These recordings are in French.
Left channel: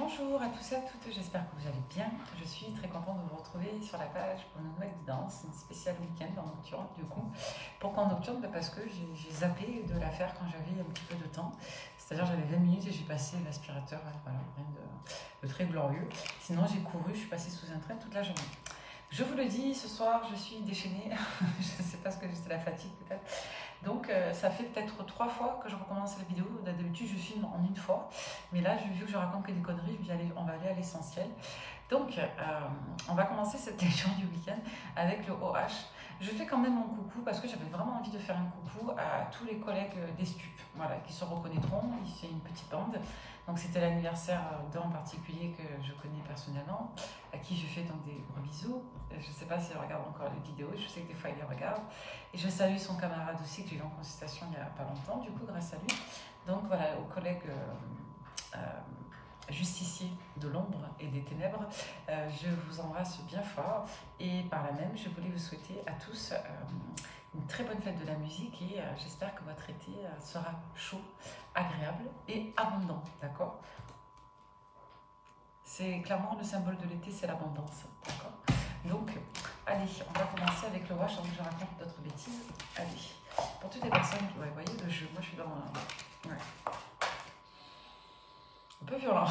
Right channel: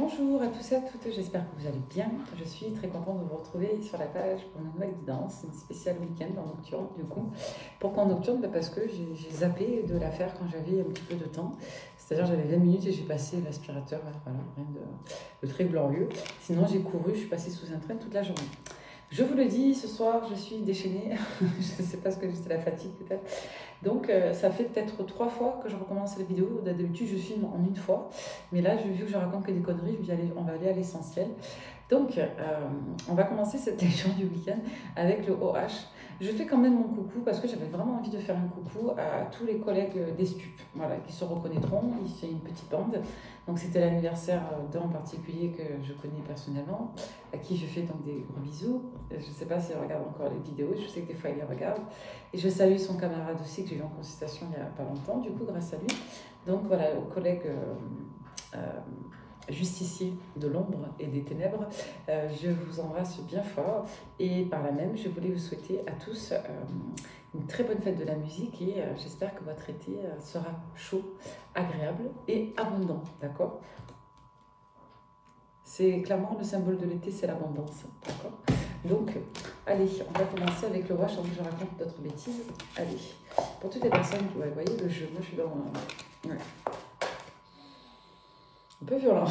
Bonjour à tous et à toutes, j'espère que vous allez bien. Je suis très contente de vous retrouver sur la page pour une nouvelle guidance, une spéciale week-end en nocturne du coup. Pourquoi en nocturne? Parce que j'ai zappé de la faire quand j'avais un petit peu de temps. C'est-à-dire j'avais 20 minutes et j'ai passé l'aspirateur, voilà, rien de très glorieux. Sinon j'ai couru, je suis passée sous un train toute la journée. Je vous le dis, ce soir je suis déchaînée, je ne sais pas ce que c'est, la fatigue peut-être. Donc ça fait peut-être 3 fois que je recommence les vidéos. D'habitude je filme en une fois, mais là vu que je raconte que des conneries, je me dis allez, on va aller à l'essentiel. Donc on va commencer cette lecture du week-end avec le OH. Je fais quand même mon coucou parce que j'avais vraiment envie de faire un coucou à tous les collègues des stupes, voilà, qui se reconnaîtront. C'est une petite bande. Donc c'était l'anniversaire d'un en particulier que je connais personnellement, à qui je fais donc des gros bisous. Je ne sais pas s'il regarde encore les vidéos, je sais que des fois il les regarde. Et je salue son camarade aussi que j'ai eu en consultation il n'y a pas longtemps, du coup grâce à lui. Donc voilà, aux collègues justiciers de l'ombre et des ténèbres, je vous embrasse bien fort. Et par là même, je voulais vous souhaiter à tous une très bonne fête de la musique et j'espère que votre été sera chaud, agréable et abondant, d'accord? C'est clairement le symbole de l'été, c'est l'abondance, d'accord? Donc, allez, on va commencer avec le wash avant que je raconte d'autres bêtises. Allez, pour toutes les personnes qui, ouais, vous voyez le jeu, moi je suis dans un... Ouais. Un peu violent.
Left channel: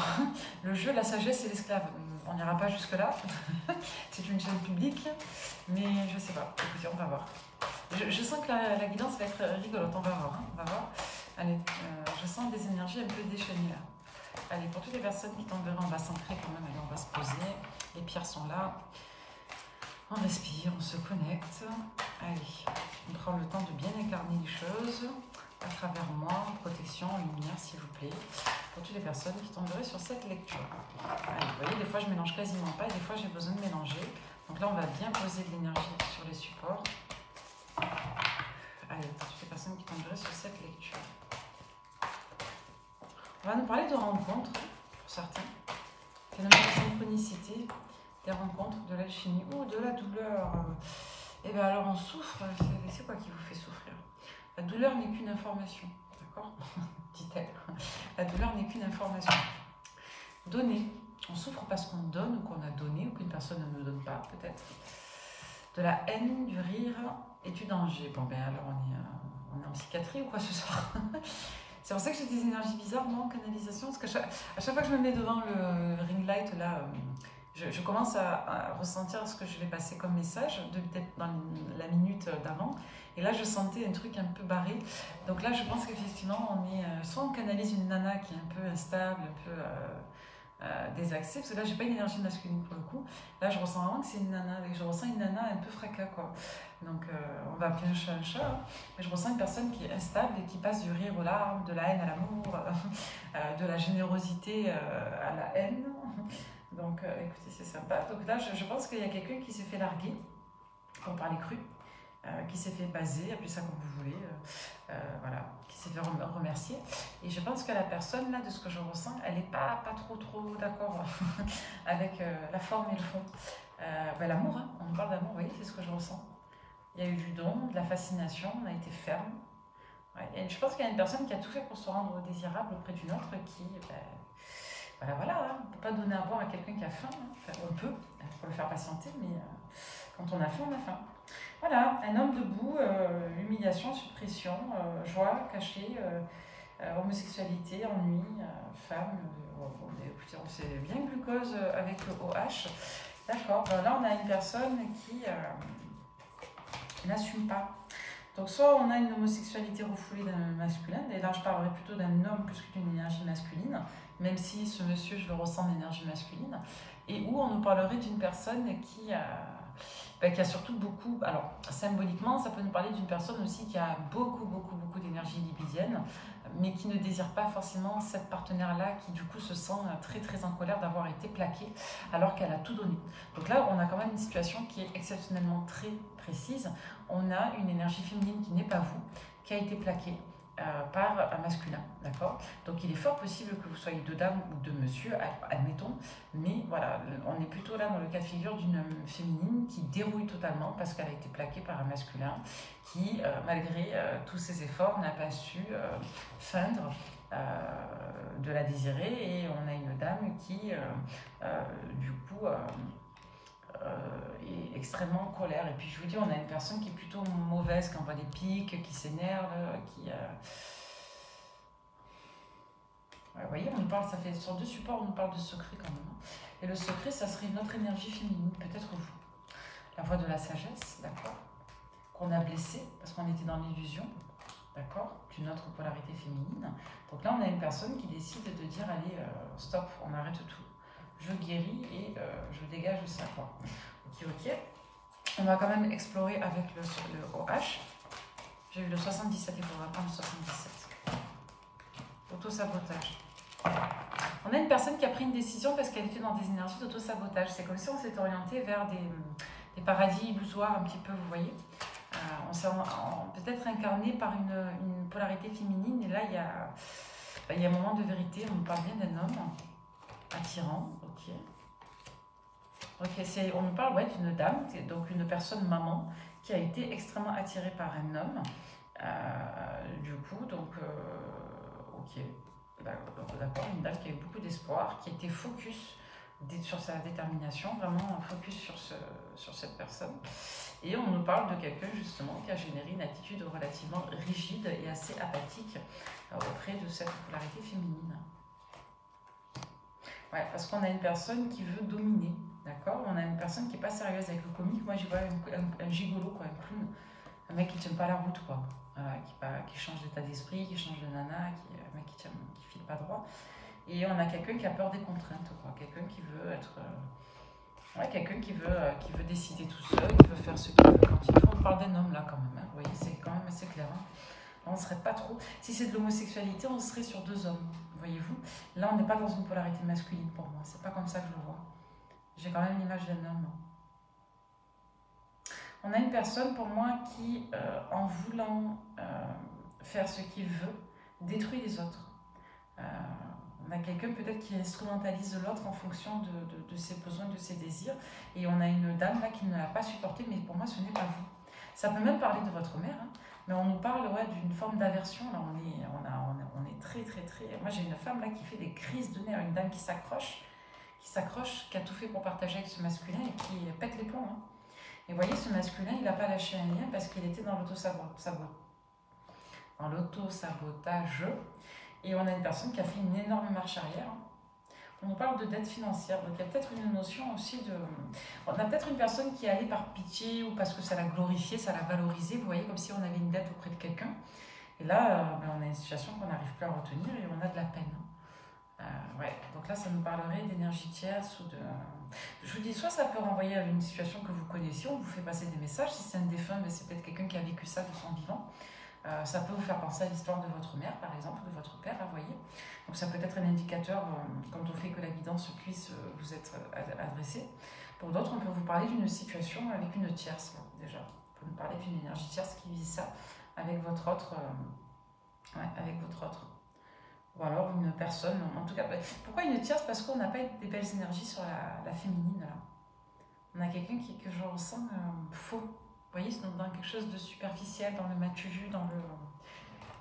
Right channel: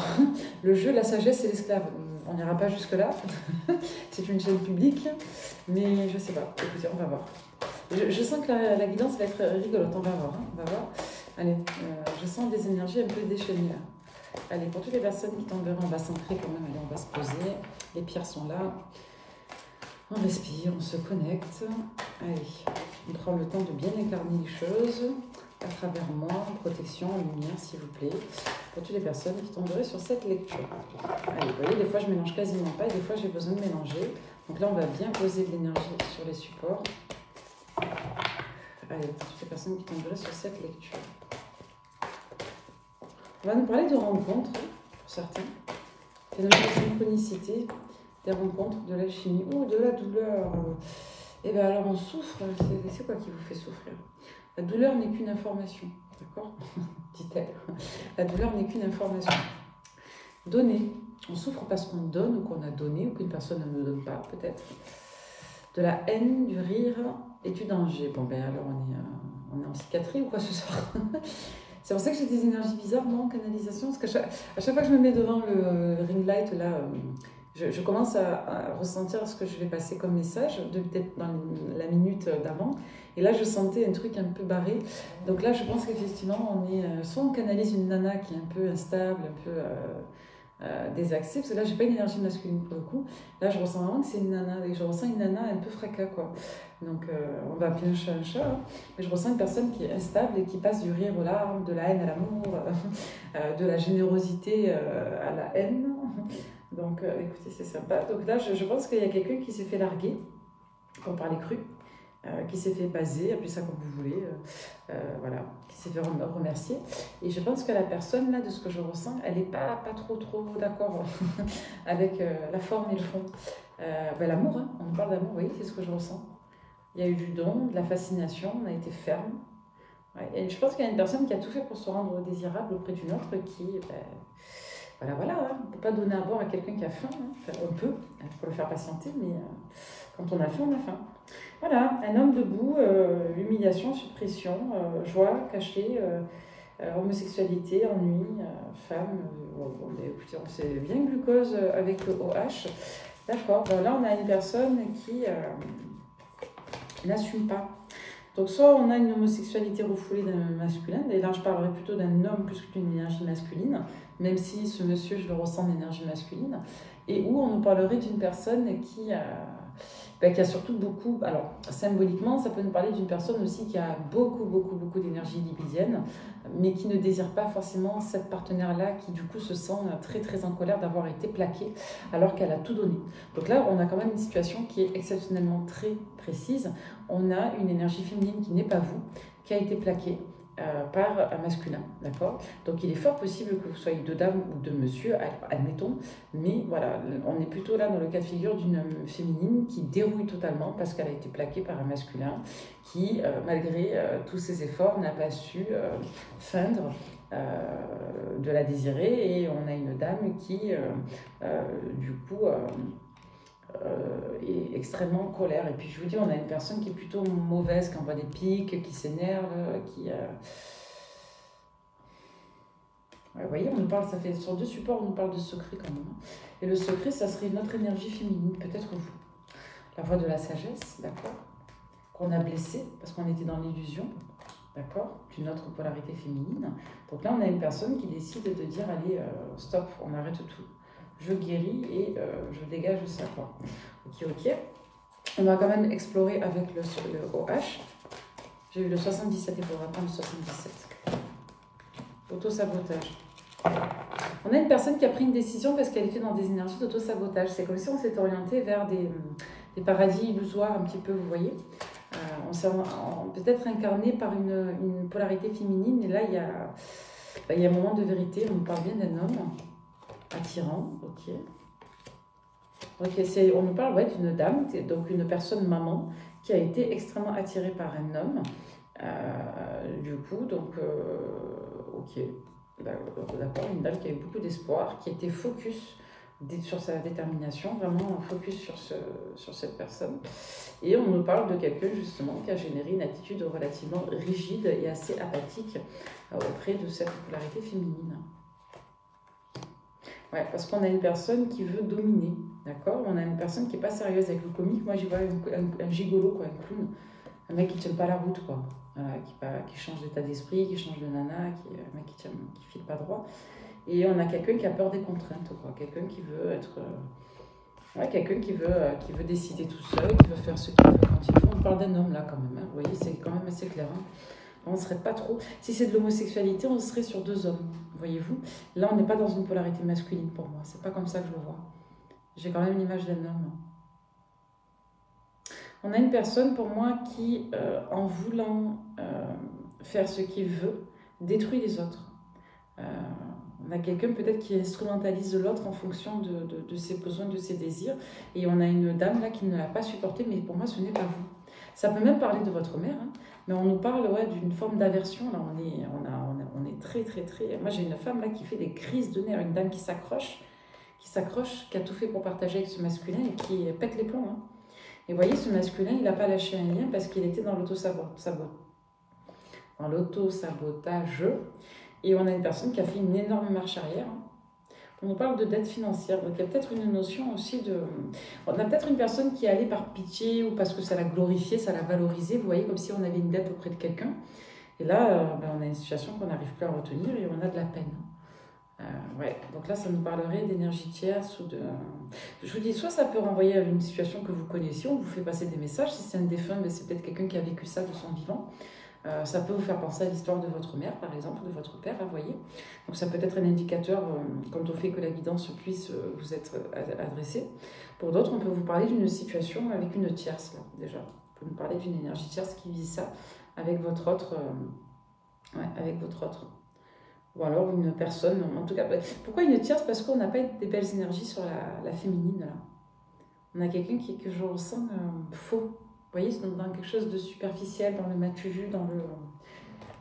Le jeu, la sagesse et l'esclave. On n'ira pas jusque-là. C'est une chaîne publique, mais je sais pas. Écoutez, on va voir. Je sens que la guidance va être rigolote. On va voir. Hein. On va voir. Allez, je sens des énergies un peu déchaînées là. Allez, pour toutes les personnes qui tomberaient, on va s'ancrer quand même. Allez, on va se poser. Les pierres sont là. On respire, on se connecte. Allez, on prend le temps de bien incarner les choses à travers moi, protection, lumière, s'il vous plaît. Pour toutes les personnes qui tomberaient sur cette lecture. Allez, vous voyez, des fois je mélange quasiment pas et des fois j'ai besoin de mélanger. Donc là, on va bien poser de l'énergie sur les supports. Allez, pour toutes les personnes qui tomberaient sur cette lecture. On va nous parler de rencontres, pour certains. Phénomène de synchronicité, des rencontres, de l'alchimie ou de la douleur. Et bien alors on souffre, c'est quoi qui vous fait souffrir? La douleur n'est qu'une information, d'accord? Dit-elle. La douleur n'est qu'une information. Donner. On souffre parce qu'on donne ou qu'on a donné ou qu'une personne ne nous donne pas, peut-être. De la haine, du rire et du danger. Bon, ben alors on est en psychiatrie ou quoi ce soir? C'est pour ça que j'ai des énergies bizarres, moi, en canalisation. Parce qu'à chaque fois que je me mets devant le ring light, là, je commence à ressentir ce que je vais passer comme message, peut-être dans la minute d'avant. Et là, je sentais un truc un peu barré. Donc là, je pense qu'effectivement, soit on canalise une nana qui est un peu instable, un peu désaxée, parce que là, j'ai pas une énergie masculine pour le coup. Là, je ressens vraiment que c'est une nana, et je ressens une nana un peu fracas, quoi. Donc, on va appeler un chat, hein. Mais je ressens une personne qui est instable et qui passe du rire aux larmes, de la haine à l'amour, de la générosité à la haine. Donc, écoutez, c'est sympa. Donc là, je pense qu'il y a quelqu'un qui s'est fait larguer, pour parler cru. Qui s'est fait baser, appelez ça comme vous voulez, voilà, qui s'est fait remercier. Et je pense que la personne, là, de ce que je ressens, elle n'est pas trop d'accord avec la forme et le fond. Ben, l'amour, hein, on parle d'amour, vous voyez, c'est ce que je ressens. Il y a eu du don, de la fascination, on a été ferme. Ouais, et je pense qu'il y a une personne qui a tout fait pour se rendre désirable auprès d'une autre qui... Ben, voilà, hein, on ne peut pas donner à boire à quelqu'un qui a faim. Hein. Enfin, on peut, pour le faire patienter, mais quand on a faim, on a faim. Voilà, un homme debout, humiliation, suppression, joie cachée, homosexualité, ennui, femme. Bon, écoutez, on sait bien glucose avec le OH. D'accord, ben là on a une personne qui n'assume pas. Donc soit on a une homosexualité refoulée d'un masculin, et là je parlerai plutôt d'un homme plus que d'une énergie masculine, même si ce monsieur, je le ressens d'énergie masculine, et où on nous parlerait d'une personne qui a surtout beaucoup, alors symboliquement, ça peut nous parler d'une personne aussi qui a beaucoup d'énergie libidienne, mais qui ne désire pas forcément cette partenaire-là, qui du coup se sent très en colère d'avoir été plaquée, alors qu'elle a tout donné. Donc là, on a quand même une situation qui est exceptionnellement très précise. On a une énergie féminine qui n'est pas vous, qui a été plaquée par un masculin, d'accord? Donc il est fort possible que vous soyez de dame ou de monsieur, admettons, mais voilà, on est plutôt là dans le cas de figure d'une féminine qui dérouille totalement parce qu'elle a été plaquée par un masculin qui, malgré tous ses efforts, n'a pas su feindre de la désirer, et on a une dame qui, du coup, est extrêmement en colère. Et puis je vous dis, on a une personne qui est plutôt mauvaise, qui envoie des piques, qui s'énerve, qui... Ouais, vous voyez, on nous parle, ça fait sur 2 supports, on nous parle de secret quand même. Et le secret, ça serait notre énergie féminine, peut-être vous. La voix de la sagesse, d'accord, qu'on a blessé parce qu'on était dans l'illusion, d'accord, d'une autre polarité féminine. Donc là, on a une personne qui décide de dire, allez, stop, on arrête tout. Je guéris et je dégage ça, quoi. Ok, ok. On va quand même explorer avec le OH. J'ai eu le 77, il faudra prendre le 77. Auto-sabotage. On a une personne qui a pris une décision parce qu'elle était dans des énergies d'auto-sabotage. C'est comme si on s'était orienté vers des paradis illusoires un petit peu, vous voyez. On s'est peut-être incarné par une polarité féminine. Et là, il y a un moment de vérité. On nous parle bien d'un homme attirant. Ok. Donc, on nous parle d'une dame, donc une personne maman, qui a été extrêmement attirée par un homme. Du coup, donc, ok. D'accord, une dame qui a eu beaucoup d'espoir, qui était focus sur sa détermination, vraiment focus sur cette personne. Et on nous parle de quelqu'un justement qui a généré une attitude relativement rigide et assez apathique auprès de cette polarité féminine. Ouais, parce qu'on a une personne qui veut dominer, d'accord. On a une personne qui n'est pas sérieuse avec le comique. Moi, j'y vois un gigolo, quoi, un clown. Un mec qui ne tient pas la route, quoi. Voilà, qui change d'état d'esprit, qui change de nana, un mec qui file pas droit. Et on a quelqu'un qui a peur des contraintes, quoi. Quelqu'un qui veut être... quelqu'un qui veut décider tout seul, qui veut faire ce qu'il veut quand il veut. On parle d'un homme, là, quand même. Hein. Vous voyez, c'est quand même assez clair. Hein. On ne serait pas trop... Si c'est de l'homosexualité, on serait sur 2 hommes, voyez-vous. Là, on n'est pas dans une polarité masculine, pour moi. C'est pas comme ça que je le vois. J'ai quand même l'image d'un homme. On a une personne, pour moi, qui, en voulant faire ce qu'il veut, détruit les autres. On a quelqu'un peut-être qui instrumentalise l'autre en fonction de ses besoins, de ses désirs. Et on a une dame là qui ne l'a pas supporté, mais pour moi, ce n'est pas vous. Ça peut même parler de votre mère, hein, mais on nous parle d'une forme d'aversion. Là, on est très, très, très... Moi, j'ai une femme là qui fait des crises de nerfs, une dame qui s'accroche, qui a tout fait pour partager avec ce masculin et qui pète les plombs. Hein. Et vous voyez, ce masculin, il n'a pas lâché un lien parce qu'il était dans l'auto-sabotage. Et on a une personne qui a fait une énorme marche arrière. On nous parle de dette financière. Donc il y a peut-être une notion aussi de... On a peut-être une personne qui est allée par pitié ou parce que ça l'a glorifié, ça l'a valorisé. Vous voyez, comme si on avait une dette auprès de quelqu'un. Et là, on a une situation qu'on n'arrive plus à retenir et on a de la peine. Ouais, donc là, ça nous parlerait d'énergie tierce ou de... Je vous dis, soit ça peut renvoyer à une situation que vous connaissiez, on vous fait passer des messages. Si c'est un défunt, ben c'est peut-être quelqu'un qui a vécu ça de son vivant. Ça peut vous faire penser à l'histoire de votre mère, par exemple, de votre père, vous voyez. Donc ça peut être un indicateur quant au fait que la guidance puisse vous être adressée. Pour d'autres, on peut vous parler d'une situation avec une tierce, là, déjà. On peut nous parler d'une énergie tierce qui vit ça avec votre autre... avec votre autre. Ou alors une personne, en tout cas... Pourquoi une tierce? Parce qu'on n'a pas des belles énergies sur la féminine, là. On a quelqu'un que je ressens faux. Vous voyez, c'est dans quelque chose de superficiel, dans le matu vu, dans le...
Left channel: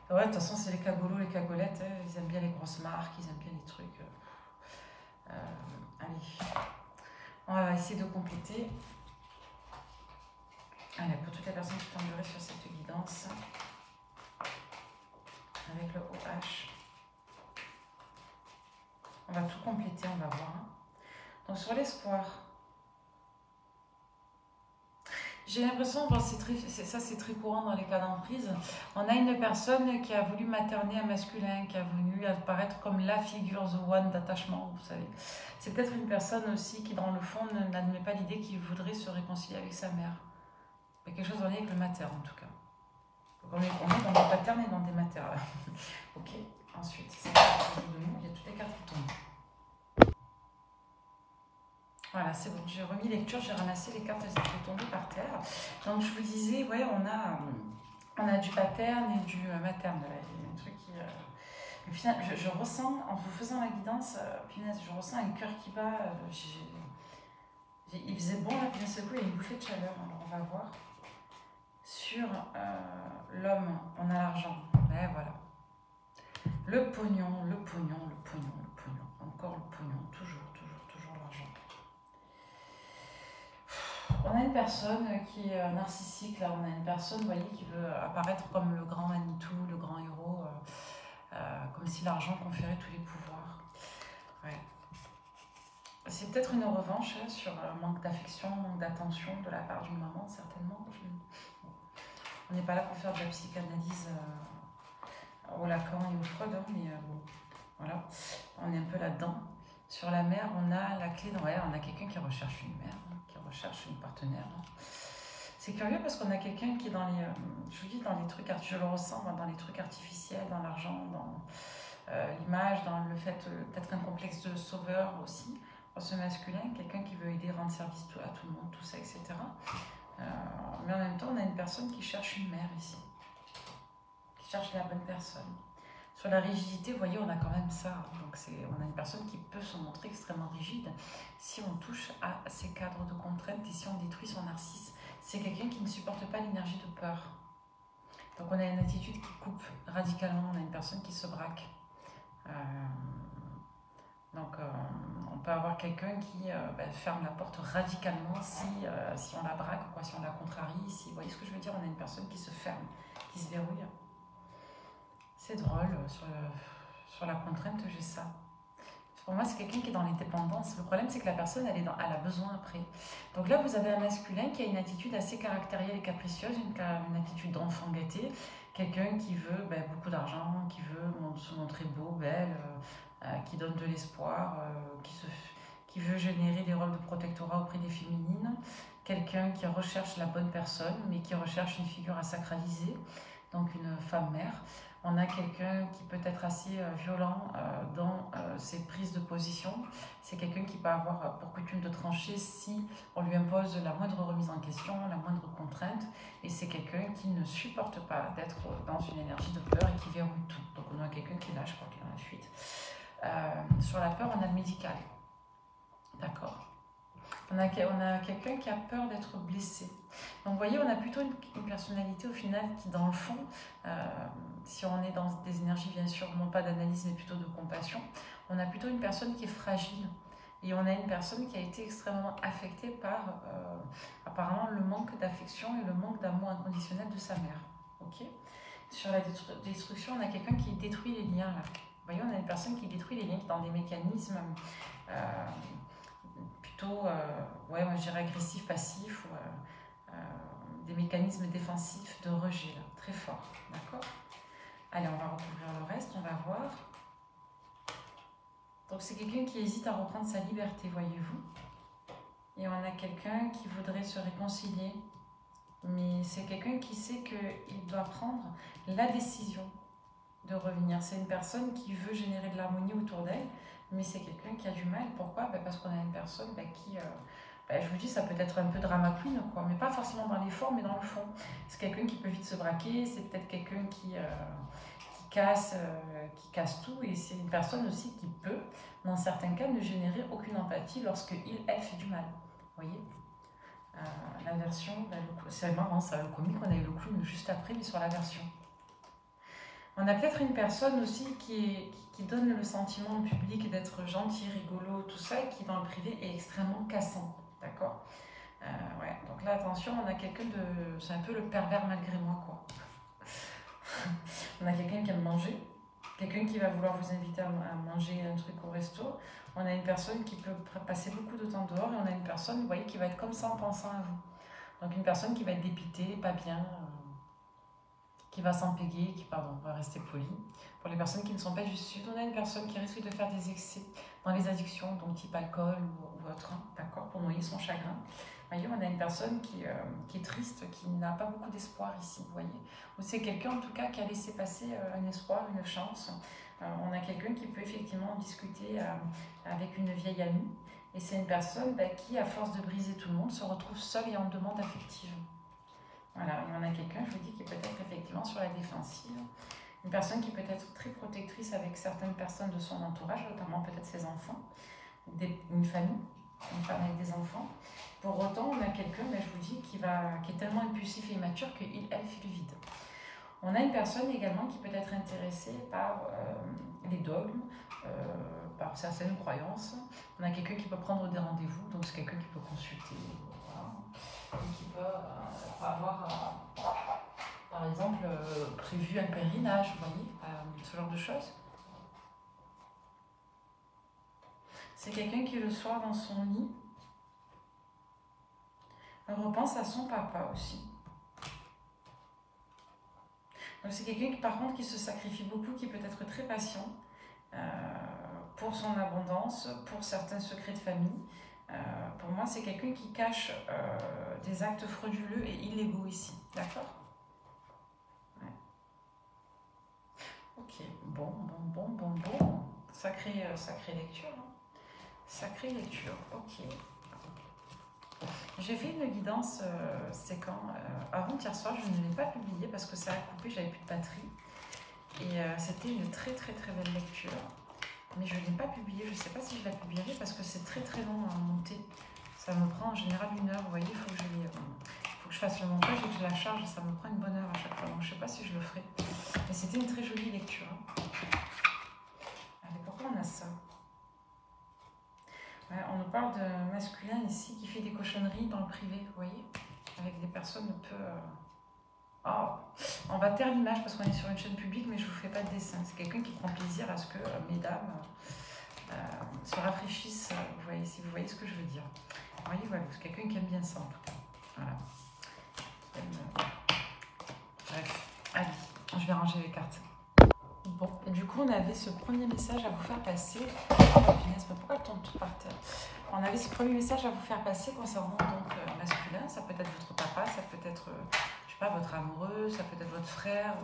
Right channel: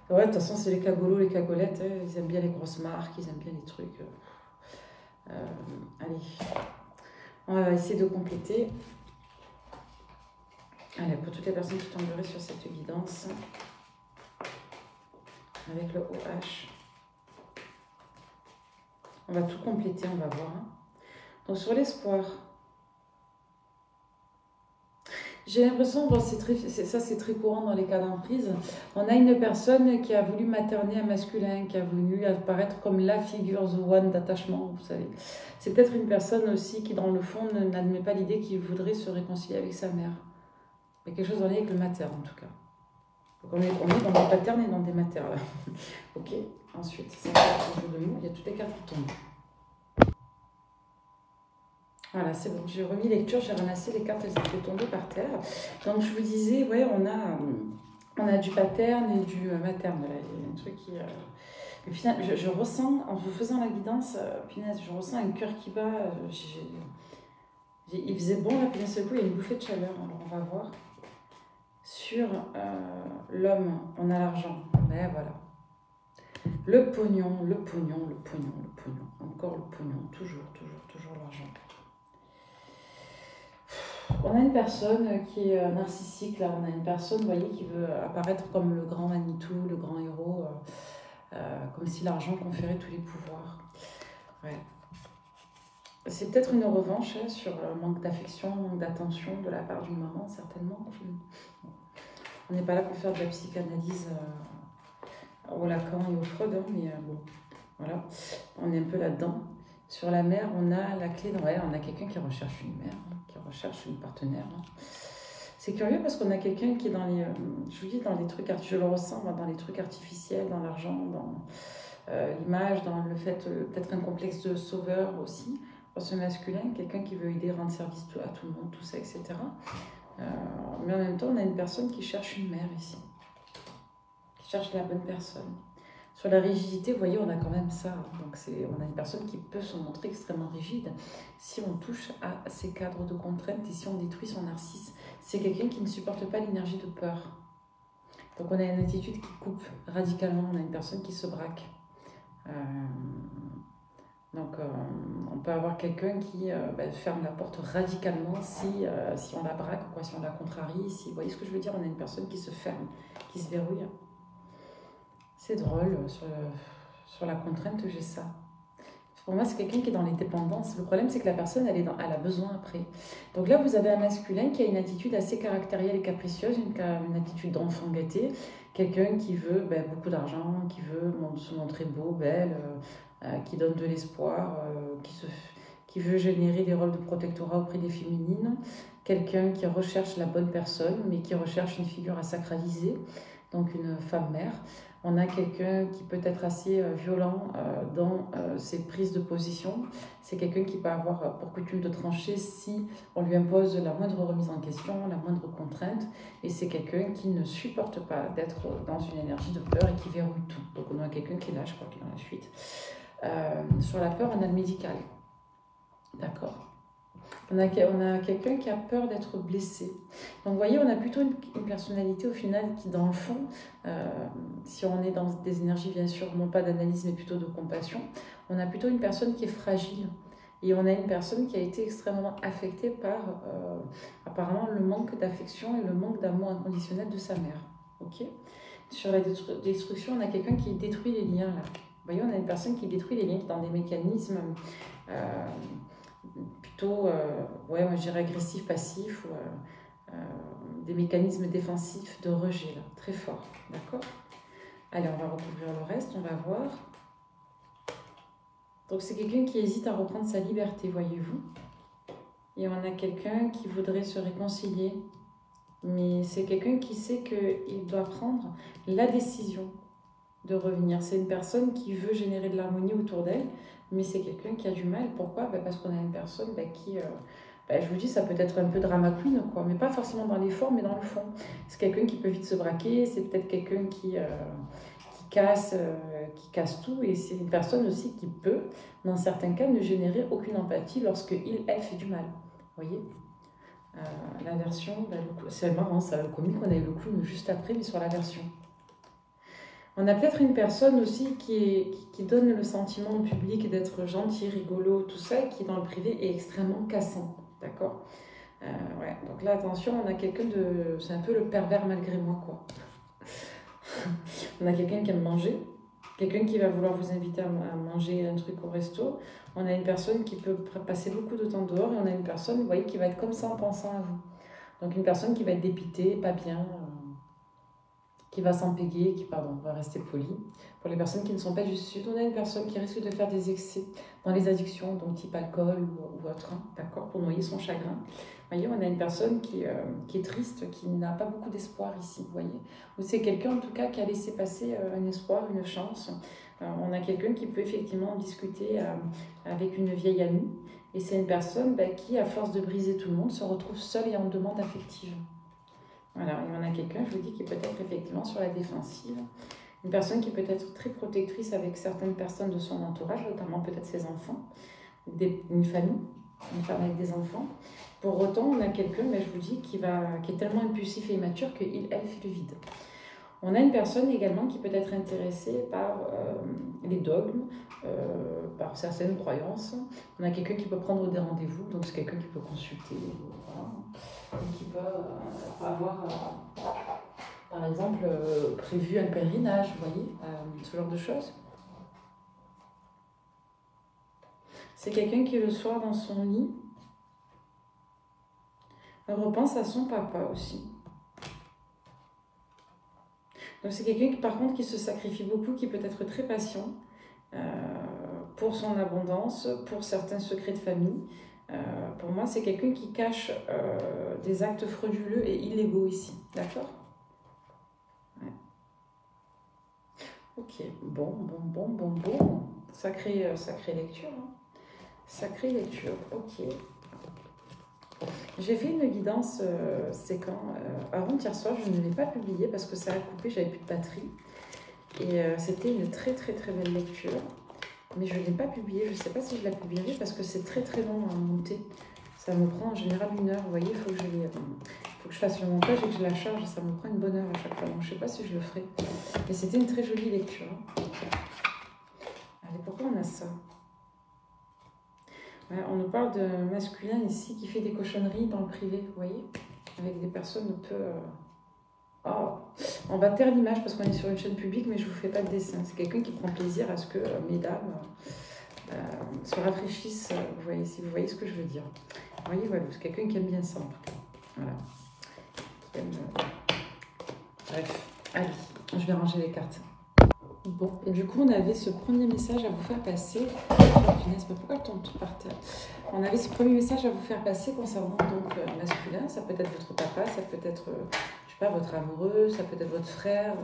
Ouais, de toute façon, c'est les cagolos, les cagolettes, hein, ils aiment bien les grosses marques, ils aiment bien les trucs. Allez, on va essayer de compléter. Allez, pour toutes les personnes qui tomberaient sur cette guidance, avec le OH, on va tout compléter, on va voir. Donc, sur l'espoir, j'ai l'impression, bon, c'est très courant dans les cas d'emprise, on a une personne qui a voulu materner un masculin, qui a voulu apparaître comme la figure, the one d'attachement, vous savez. C'est peut-être une personne aussi qui, dans le fond, n'admet pas l'idée qu'il voudrait se réconcilier avec sa mère. Il y a quelque chose en lien avec le mater, en tout cas. Donc on est dans des paternes et dans des maters, là. Ok, ensuite, c'est un jeu de mots, il y a toutes les cartes qui tombent. Voilà, c'est bon, j'ai remis lecture, j'ai ramassé les cartes, elles étaient tombées par terre. Donc je vous disais, ouais, on a du paterne et du materne. Là. Il y a un truc qui... Et puis, je ressens, en vous faisant la guidance, punaise, je ressens un cœur qui bat. Il faisait bon, là, puis d'un seul coup, il y a une bouffée de chaleur. Alors on va voir. Sur l'homme, on a l'argent. Mais voilà. Le pognon, le pognon, le pognon, le pognon. Encore le pognon, toujours, toujours, toujours l'argent. On a une personne qui est narcissique, là. On a une personne, vous voyez, qui veut apparaître comme le grand Manitou, le grand héros, comme si l'argent conférait tous les pouvoirs. Ouais. C'est peut-être une revanche sur le manque d'affection, manque d'attention de la part d'une maman, certainement. On n'est pas là pour faire de la psychanalyse au Lacan et au Freud, hein, mais bon, voilà, on est un peu là-dedans. Sur la mère, on a la clé, ouais, on a quelqu'un qui recherche une mère, hein, qui recherche une partenaire. Hein. C'est curieux parce qu'on a quelqu'un qui est dans les, je vous dis, dans les trucs, je le ressens, dans les trucs artificiels, dans l'argent, dans l'image, dans le fait, peut-être un complexe de sauveur aussi, pour ce masculin, quelqu'un qui veut aider, rendre service à tout le monde, tout ça, etc. Mais en même temps, on a une personne qui cherche une mère ici, qui cherche la bonne personne. Sur la rigidité, vous voyez, on a quand même ça. Donc on a une personne qui peut se montrer extrêmement rigide si on touche à ces cadres de contraintes et si on détruit son narcisse. C'est quelqu'un qui ne supporte pas l'énergie de peur. Donc on a une attitude qui coupe radicalement, on a une personne qui se braque. On peut avoir quelqu'un qui ferme la porte radicalement si on la braque, quoi, si on la contrarie. Si, vous voyez ce que je veux dire? On a une personne qui se ferme, qui se verrouille. C'est drôle, sur la contrainte, j'ai ça. Pour moi, c'est quelqu'un qui est dans les dépendances. Le problème, c'est que la personne, elle a besoin après. Donc là, vous avez un masculin qui a une attitude assez caractérielle et capricieuse, une attitude d'enfant gâté. Quelqu'un qui veut beaucoup d'argent, qui veut se montrer beau, belle, qui donne de l'espoir, qui veut générer des rôles de protectorat auprès des féminines. Quelqu'un qui recherche la bonne personne, mais qui recherche une figure à sacraliser, donc une femme-mère. On a quelqu'un qui peut être assez violent dans ses prises de position. C'est quelqu'un qui peut avoir pour coutume de trancher si on lui impose la moindre remise en question, la moindre contrainte. Et c'est quelqu'un qui ne supporte pas d'être dans une énergie de peur et qui verrouille tout. Donc on a quelqu'un qui est là, je crois qu'il est dans la suite. Sur la peur, on a le médical. D'accord. On a quelqu'un qui a peur d'être blessé. Donc vous voyez, on a plutôt une personnalité au final qui, dans le fond, si on est dans des énergies, bien sûr, non pas d'analyse, mais plutôt de compassion, on a plutôt une personne qui est fragile. Et on a une personne qui a été extrêmement affectée par, apparemment, le manque d'affection et le manque d'amour inconditionnel de sa mère. Okay. Sur la destruction, on a quelqu'un qui détruit les liens, là. Vous voyez, on a une personne qui détruit les liens, qui est dans des mécanismes... plutôt, ouais, moi je dirais agressif, passif, ou des mécanismes défensifs de rejet, là, très fort, d'accord? Allez, on va recouvrir le reste, on va voir. Donc c'est quelqu'un qui hésite à reprendre sa liberté, voyez-vous. Et on a quelqu'un qui voudrait se réconcilier, mais c'est quelqu'un qui sait qu'il doit prendre la décision de revenir. C'est une personne qui veut générer de l'harmonie autour d'elle, mais c'est quelqu'un qui a du mal. Pourquoi? Parce qu'on a une personne qui, je vous dis, ça peut être un peu drama queen, quoi, mais pas forcément dans les formes, mais dans le fond. C'est quelqu'un qui peut vite se braquer, c'est peut-être quelqu'un qui casse tout, et c'est une personne aussi qui peut, dans certains cas, ne générer aucune empathie lorsque elle fait du mal. Vous voyez? La version, c'est marrant ça, le comique, on a eu le clown juste après, mais sur la version. On a peut-être une personne aussi qui donne le sentiment au public d'être gentil, rigolo, tout ça, et qui dans le privé est extrêmement cassant, d'accord? Ouais. Donc là, attention, on a quelqu'un de... C'est un peu le pervers malgré moi, quoi. On a quelqu'un qui aime manger, quelqu'un qui va vouloir vous inviter à manger un truc au resto. On a une personne qui peut passer beaucoup de temps dehors, et on a une personne, vous voyez, qui va être comme ça en pensant à vous. Donc une personne qui va être dépitée, pas bien... qui va s'empéguer, on va rester poli. Pour les personnes qui ne sont pas du sud, on a une personne qui risque de faire des excès dans les addictions, donc type alcool ou autre, hein, d'accord, pour noyer son chagrin. Vous voyez, on a une personne qui est triste, qui n'a pas beaucoup d'espoir ici, vous voyez. Ou c'est quelqu'un, en tout cas, qui a laissé passer un espoir, une chance. On a quelqu'un qui peut effectivement discuter avec une vieille amie. Et c'est une personne qui, à force de briser tout le monde, se retrouve seule et en demande affective. Voilà, il y en a quelqu'un, je vous dis, qui peut être effectivement sur la défensive. Une personne qui peut être très protectrice avec certaines personnes de son entourage, notamment peut-être ses enfants, une famille, une femme avec des enfants. Pour autant, on a quelqu'un, je vous dis, qui est tellement impulsif et immature elle fait le vide. On a une personne également qui peut être intéressée par les dogmes, par certaines croyances. On a quelqu'un qui peut prendre des rendez-vous, donc c'est quelqu'un qui peut consulter, voilà, et qui peut avoir, par exemple, prévu un pèlerinage, vous voyez, ce genre de choses. C'est quelqu'un qui, le soir, dans son lit, repense à son papa aussi. Donc c'est quelqu'un qui, par contre, qui se sacrifie beaucoup, qui peut être très patient pour son abondance, pour certains secrets de famille. Pour moi, c'est quelqu'un qui cache des actes frauduleux et illégaux ici. D'accord? Ouais. Ok, bon. Sacrée lecture. Hein. Sacrée lecture, ok. J'ai fait une guidance, c'est quand avant-hier soir, je ne l'ai pas publiée parce que ça a coupé, j'avais plus de batterie. Et c'était une très belle lecture. Mais je ne l'ai pas publiée, je ne sais pas si je la publierai parce que c'est très long à monter. Ça me prend en général 1 heure, vous voyez, il faut que je fasse le montage et que je la charge, ça me prend une bonne heure à chaque fois. Donc je ne sais pas si je le ferai. Mais c'était une très jolie lecture. Allez, pourquoi on a ça? Ouais, on nous parle de masculin ici qui fait des cochonneries dans le privé, vous voyez, avec des personnes un peu... Oh, on va taire l'image parce qu'on est sur une chaîne publique, mais je ne vous fais pas de dessin. C'est quelqu'un qui prend plaisir à ce que mesdames se rafraîchissent, vous voyez, si vous voyez ce que je veux dire. Vous voyez, voilà, c'est quelqu'un qui aime bien ça en tout cas. Voilà. Bref, allez, je vais ranger les cartes. Bon, du coup, on avait ce premier message à vous faire passer. Pourquoi le tombe tout par terre? On avait ce premier message à vous faire passer concernant donc masculin. Ça peut être votre papa, ça peut être, je sais pas, votre amoureux, ça peut être votre frère,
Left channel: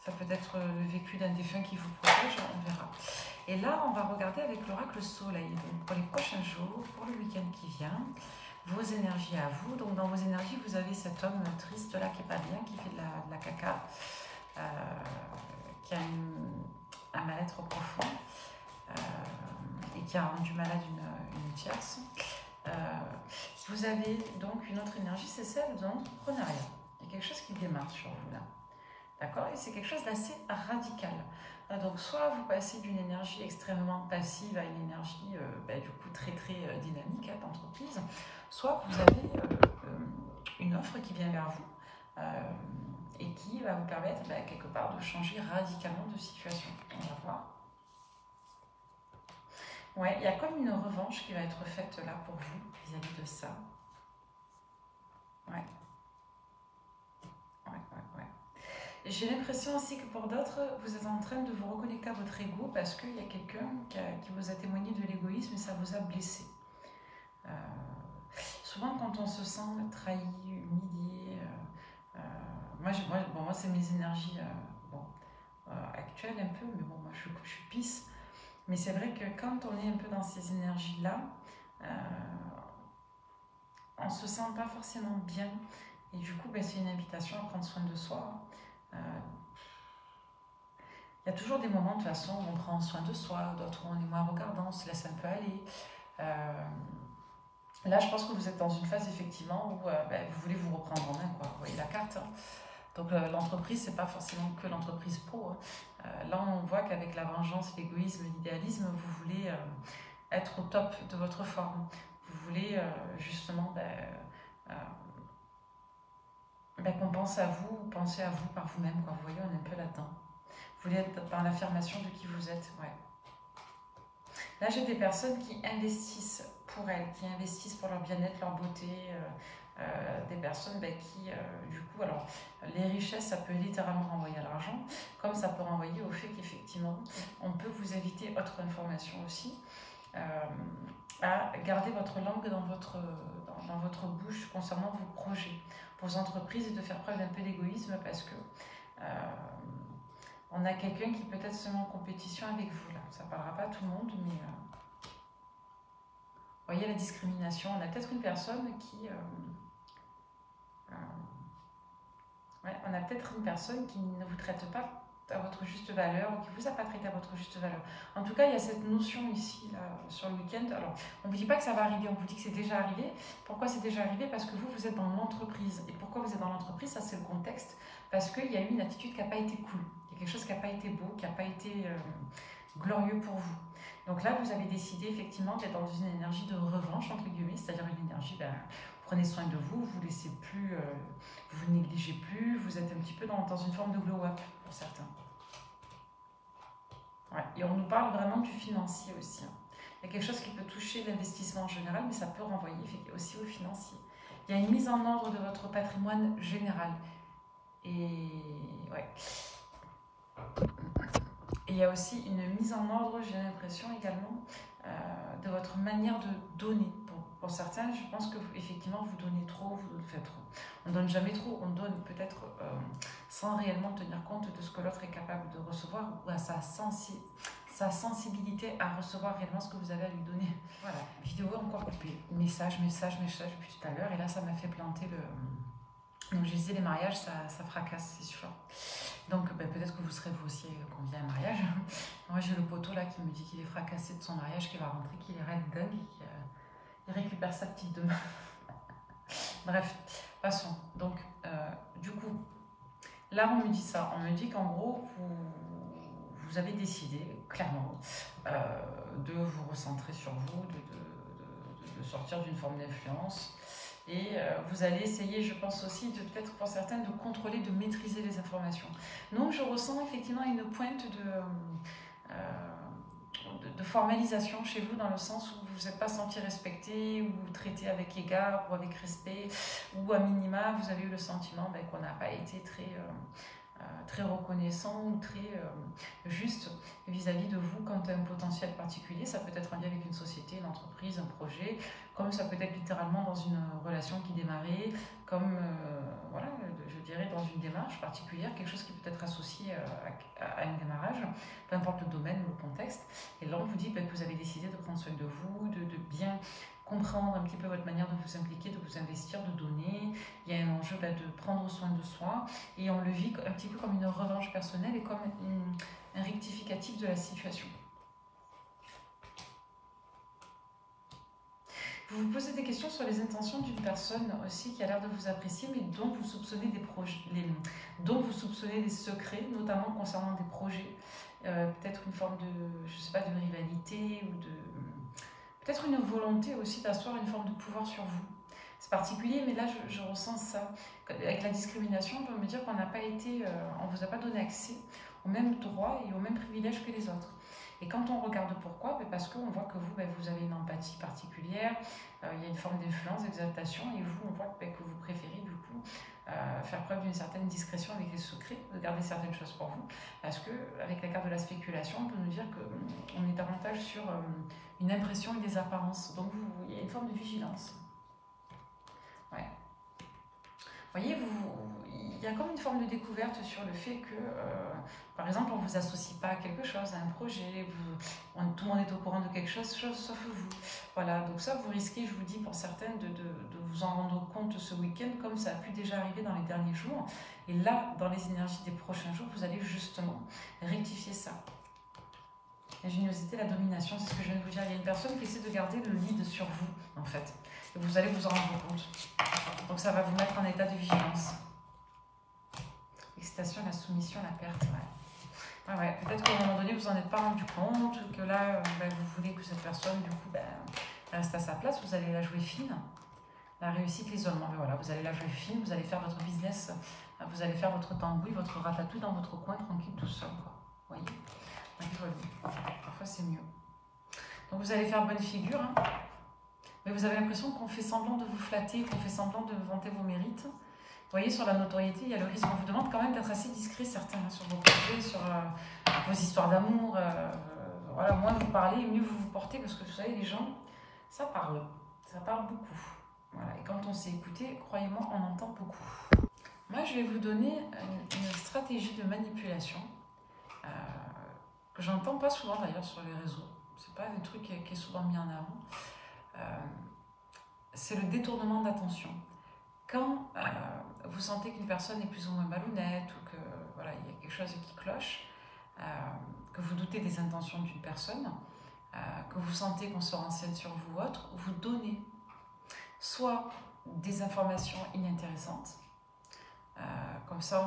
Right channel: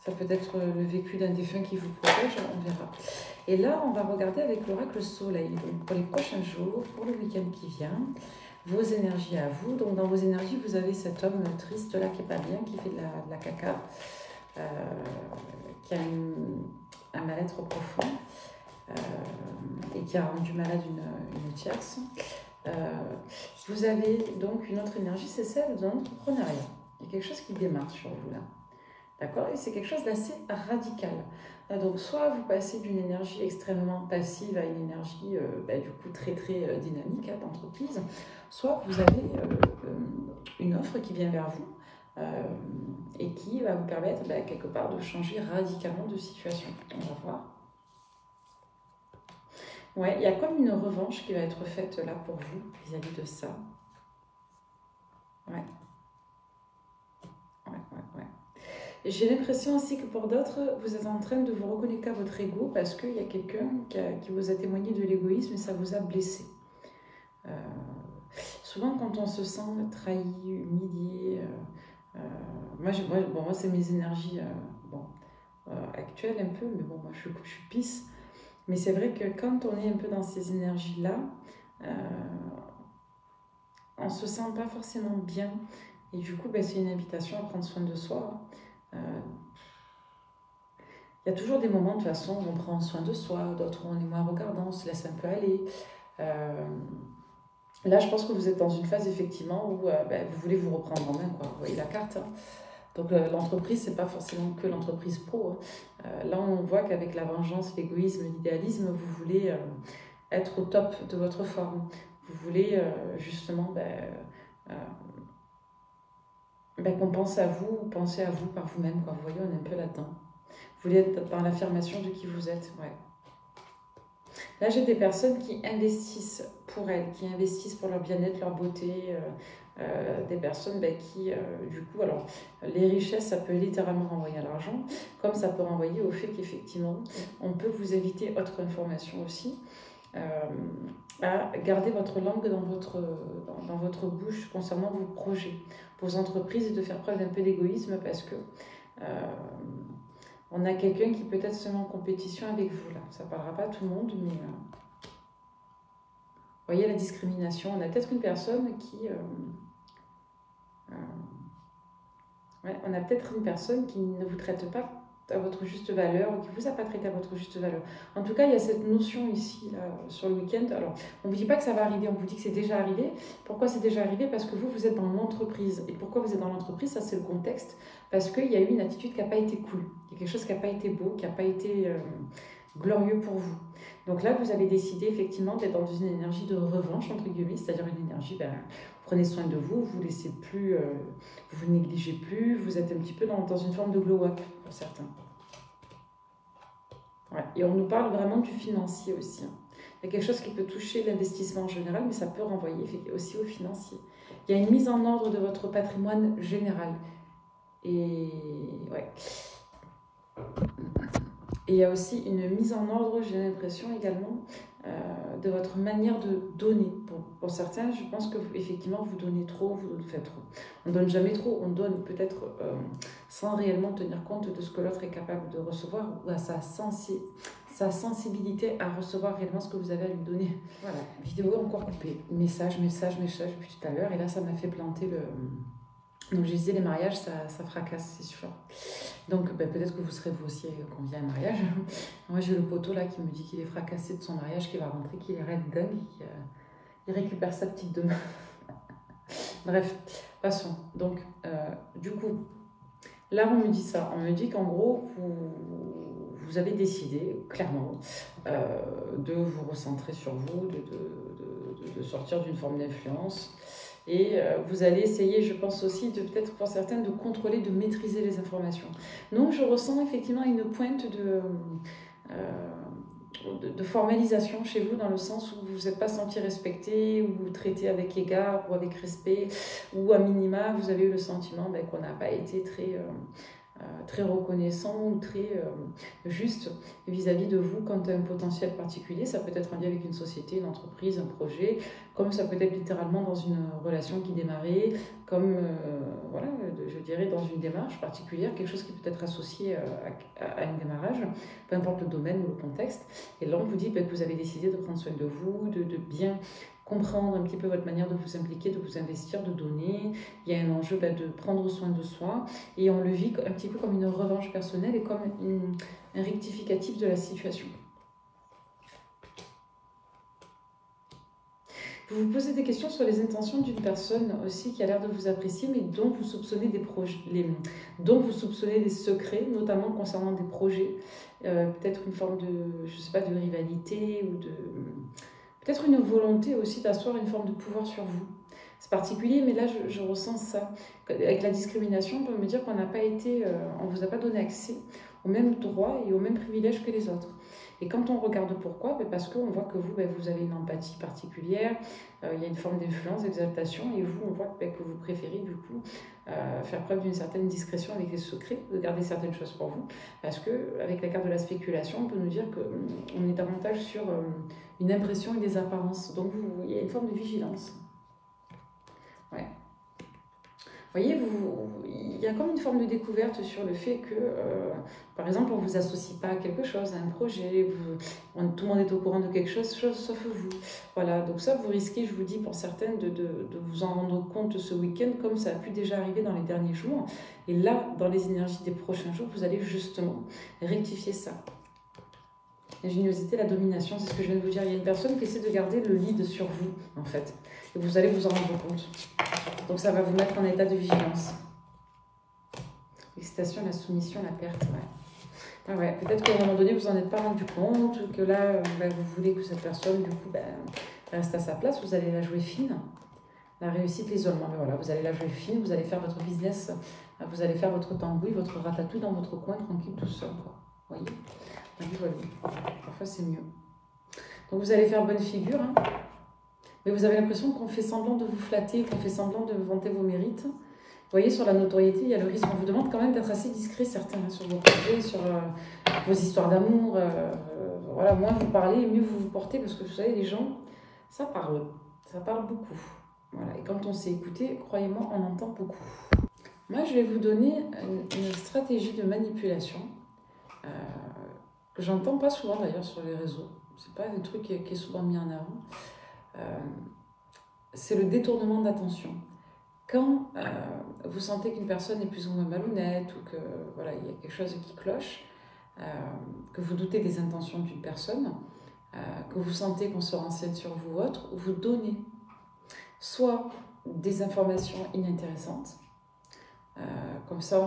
ça peut être le vécu d'un défunt qui vous protège, on verra. Et là, on va regarder avec l'oracle soleil. Donc, pour les prochains jours, pour le week-end qui vient, vos énergies à vous. Donc, dans vos énergies, vous avez cet homme triste là qui est pas bien, qui fait de la caca. Qui a un mal-être profond et qui a rendu malade une tierce. Vous avez donc une autre énergie, c'est celle de l'entrepreneuriat. Il y a quelque chose qui démarre sur vous là. D'accord? Et c'est quelque chose d'assez radical. Donc, soit vous passez d'une énergie extrêmement passive à une énergie du coup très dynamique d'entreprise, soit vous avez une offre qui vient vers vous. Et qui va vous permettre quelque part de changer radicalement de situation. On va voir. Ouais, il y a comme une revanche qui va être faite là pour vous vis-à-vis de ça. Ouais. J'ai l'impression aussi que pour d'autres, vous êtes en train de vous reconnecter à votre ego parce qu'il y a quelqu'un qui vous a témoigné de l'égoïsme et ça vous a blessé. Souvent, quand on se sent trahi, humilié, moi c'est mes énergies actuelles un peu, mais bon, moi je suis pisse. Mais c'est vrai que quand on est un peu dans ces énergies-là, on ne se sent pas forcément bien. Et du coup, c'est une invitation à prendre soin de soi. Il y a toujours des moments de toute façon où on prend soin de soi, d'autres où on est moins regardant, on se laisse un peu aller. Là, je pense que vous êtes dans une phase effectivement où vous voulez vous reprendre en main, quoi. Vous voyez la carte, hein. Donc l'entreprise, c'est pas forcément que l'entreprise pro. Hein. Là, on voit qu'avec la vengeance, l'égoïsme, l'idéalisme, vous voulez être au top de votre forme. Vous voulez justement qu'on pense à vous, pensez à vous par vous-même. Vous voyez, on est un peu là-dedans. Vous voulez être dans l'affirmation de qui vous êtes. Ouais. Là, j'ai des personnes qui investissent pour elles, qui investissent pour leur bien-être, leur beauté. Des personnes qui, du coup, alors, les richesses, ça peut littéralement renvoyer à l'argent, comme ça peut renvoyer au fait qu'effectivement, on peut vous éviter autre information aussi, à garder votre langue dans votre bouche concernant vos projets, vos entreprises, et de faire preuve d'un peu d'égoïsme parce que on a quelqu'un qui peut être seulement en compétition avec vous, là. Ça ne parlera pas à tout le monde, mais... vous voyez la discrimination. On a peut-être une personne qui... on a peut-être une personne qui ne vous traite pas à votre juste valeur ou qui ne vous a pas traité à votre juste valeur. En tout cas, il y a cette notion ici, là, sur le week-end. Alors, on ne vous dit pas que ça va arriver, on vous dit que c'est déjà arrivé. Pourquoi c'est déjà arrivé? Parce que vous êtes dans l'entreprise. Et pourquoi vous êtes dans l'entreprise? Ça, c'est le contexte. Parce qu'il y a eu une attitude qui n'a pas été cool. Il y a quelque chose qui n'a pas été beau, qui n'a pas été glorieux pour vous. Donc là, vous avez décidé effectivement d'être dans une énergie de revanche, entre guillemets, c'est-à-dire une énergie, prenez soin de vous, vous laissez plus, vous vous négligez plus, vous êtes un petit peu dans une forme de glow-up pour certains. Ouais. Et on nous parle vraiment du financier aussi. Il y a quelque chose qui peut toucher l'investissement en général, mais ça peut renvoyer aussi au financier. Il y a une mise en ordre de votre patrimoine général. Et ouais. Et il y a aussi une mise en ordre, j'ai l'impression également, de votre manière de donner. Pour certains, je pense que effectivement vous donnez trop, vous faites trop. On ne donne jamais trop, on donne peut-être sans réellement tenir compte de ce que l'autre est capable de recevoir ou à sa sensibilité à recevoir réellement ce que vous avez à lui donner. Voilà, vidéo encore coupée. Message depuis tout à l'heure. Et là, ça m'a fait planter le... Donc je disais, les mariages, ça fracasse, c'est sûr. Donc peut-être que vous serez vous aussi conviés à un mariage. Moi j'ai le poteau là qui me dit qu'il est fracassé de son mariage, qu'il va rentrer, qu'il est raide dingue, qu'il récupère sa petite demain. Bref, passons. Donc du coup, là on me dit ça, on me dit qu'en gros vous avez décidé clairement de vous recentrer sur vous, de sortir d'une forme d'influence. Et vous allez essayer, je pense aussi, de peut-être pour certaines, de contrôler, de maîtriser les informations. Donc je ressens effectivement une pointe de formalisation chez vous, dans le sens où vous ne vous êtes pas senti respecté, ou traité avec égard, ou avec respect, ou à minima, vous avez eu le sentiment qu'on n'a pas été très reconnaissant ou très juste vis-à-vis de vous quant à un potentiel particulier. Ça peut être en lien avec une société, une entreprise, un projet, comme ça peut être littéralement dans une relation qui démarrait, comme voilà, je dirais dans une démarche particulière, quelque chose qui peut être associé à un démarrage, peu importe le domaine ou le contexte. Et là on vous dit que vous avez décidé de prendre soin de vous, de bien comprendre un petit peu votre manière de vous impliquer, de vous investir, de donner. Il y a un enjeu de prendre soin de soi, et on le vit un petit peu comme une revanche personnelle et comme un rectificatif de la situation. Vous vous posez des questions sur les intentions d'une personne aussi qui a l'air de vous apprécier, mais dont vous soupçonnez dont vous soupçonnez des secrets, notamment concernant des projets, peut-être une forme de, je sais pas, de rivalité ou de... Peut-être une volonté aussi d'asseoir une forme de pouvoir sur vous. C'est particulier, mais là, je ressens ça. Avec la discrimination, on peut me dire qu'on n'a pas été, on ne vous a pas donné accès aux mêmes droits et aux mêmes privilèges que les autres. Et quand on regarde pourquoi, parce qu'on voit que vous, vous avez une empathie particulière, il y a une forme d'influence, d'exaltation, et vous, on voit que vous préférez du coup faire preuve d'une certaine discrétion avec les secrets, de garder certaines choses pour vous, parce qu'avec la carte de la spéculation, on peut nous dire qu'on est davantage sur une impression et des apparences. Donc il y a une forme de vigilance. Ouais. Vous voyez, il y a comme une forme de découverte sur le fait que, par exemple, on ne vous associe pas à quelque chose, à un projet, tout le monde est au courant de quelque chose sauf vous. Voilà, donc ça, vous risquez, je vous dis, pour certaines, de vous en rendre compte ce week-end, comme ça a pu déjà arriver dans les derniers jours. Et là, dans les énergies des prochains jours, vous allez justement rectifier ça. L'ingéniosité, la domination, c'est ce que je viens de vous dire. Il y a une personne qui essaie de garder le lead sur vous, en fait. Et vous allez vous en rendre compte. Donc ça va vous mettre en état de vigilance. L'excitation, la soumission, la perte. Ouais. Peut-être qu'à un moment donné, vous n'en êtes pas rendu compte, que là, vous voulez que cette personne, du coup, reste à sa place. Vous allez la jouer fine. La réussite, l'isolement. Voilà, vous allez la jouer fine, vous allez faire votre business, vous allez faire votre tambouille, votre ratatouille dans votre coin, tranquille, tout seul. Vous voyez? Voilà. Parfois, c'est mieux. Donc, vous allez faire bonne figure, hein. Mais vous avez l'impression qu'on fait semblant de vous flatter, qu'on fait semblant de vanter vos mérites. Vous voyez, sur la notoriété, il y a le risque. On vous demande quand même d'être assez discret, certains, sur vos projets, sur vos histoires d'amour. Voilà, moins vous parlez, mieux vous vous portez, parce que vous savez, les gens, ça parle beaucoup. Voilà. Et quand on sait écouter, croyez-moi, on entend beaucoup. Moi, je vais vous donner une stratégie de manipulation que j'entends pas souvent d'ailleurs sur les réseaux. C'est pas un truc qui est souvent mis en avant. C'est le détournement d'attention. Quand vous sentez qu'une personne est plus ou moins malhonnête ou que voilà, il y a quelque chose qui cloche, que vous doutez des intentions d'une personne, que vous sentez qu'on se renseigne sur vous ou autre, vous donnez soit des informations inintéressantes, comme ça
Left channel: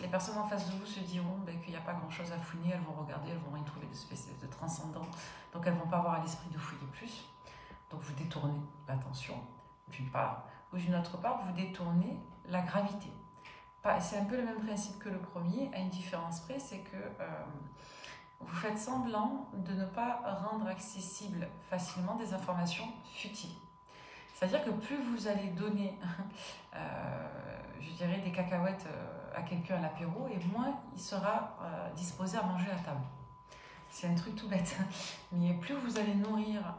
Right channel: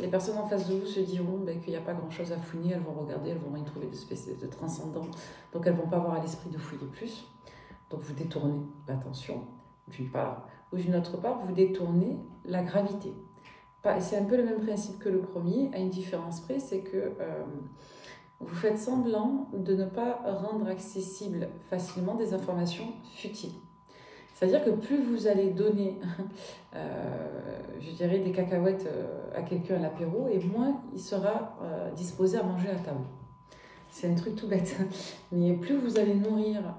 les personnes en face de vous se diront qu'il n'y a pas grand chose à fouiner, elles vont regarder, elles vont rien trouver de transcendant, donc elles ne vont pas avoir à l'esprit de fouiller plus, donc vous détournez l'attention d'une part, ou d'une autre part vous détournez la gravité. C'est un peu le même principe que le premier, à une différence près, c'est que vous faites semblant de ne pas rendre accessibles facilement des informations futiles. C'est-à-dire que plus vous allez donner, je dirais, des cacahuètes à quelqu'un à l'apéro, et moins il sera disposé à manger à table. C'est un truc tout bête. Mais plus vous allez nourrir...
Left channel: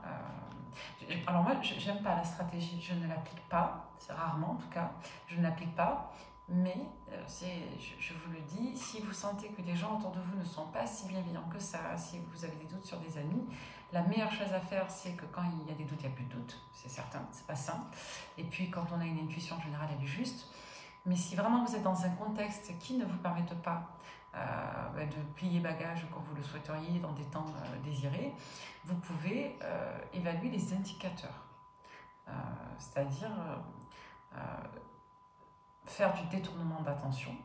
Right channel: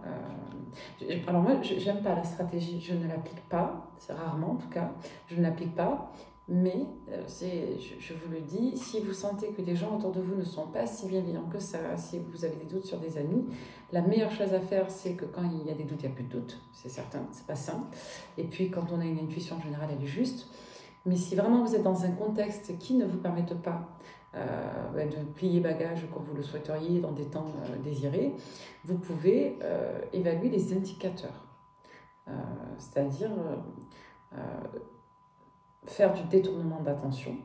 alors moi, j'aime pas la stratégie, je ne l'applique pas, c'est rarement en tout cas, je ne l'applique pas. Mais, je vous le dis, si vous sentez que des gens autour de vous ne sont pas si bienveillants que ça, si vous avez des doutes sur des amis, la meilleure chose à faire, c'est que quand il y a des doutes, il n'y a plus de doutes, c'est certain, c'est pas simple. Et puis, quand on a une intuition générale, elle est juste. Mais si vraiment vous êtes dans un contexte qui ne vous permette pas de plier bagages comme vous le souhaiteriez dans des temps désirés, vous pouvez évaluer les indicateurs. C'est-à-dire... faire du détournement d'attention,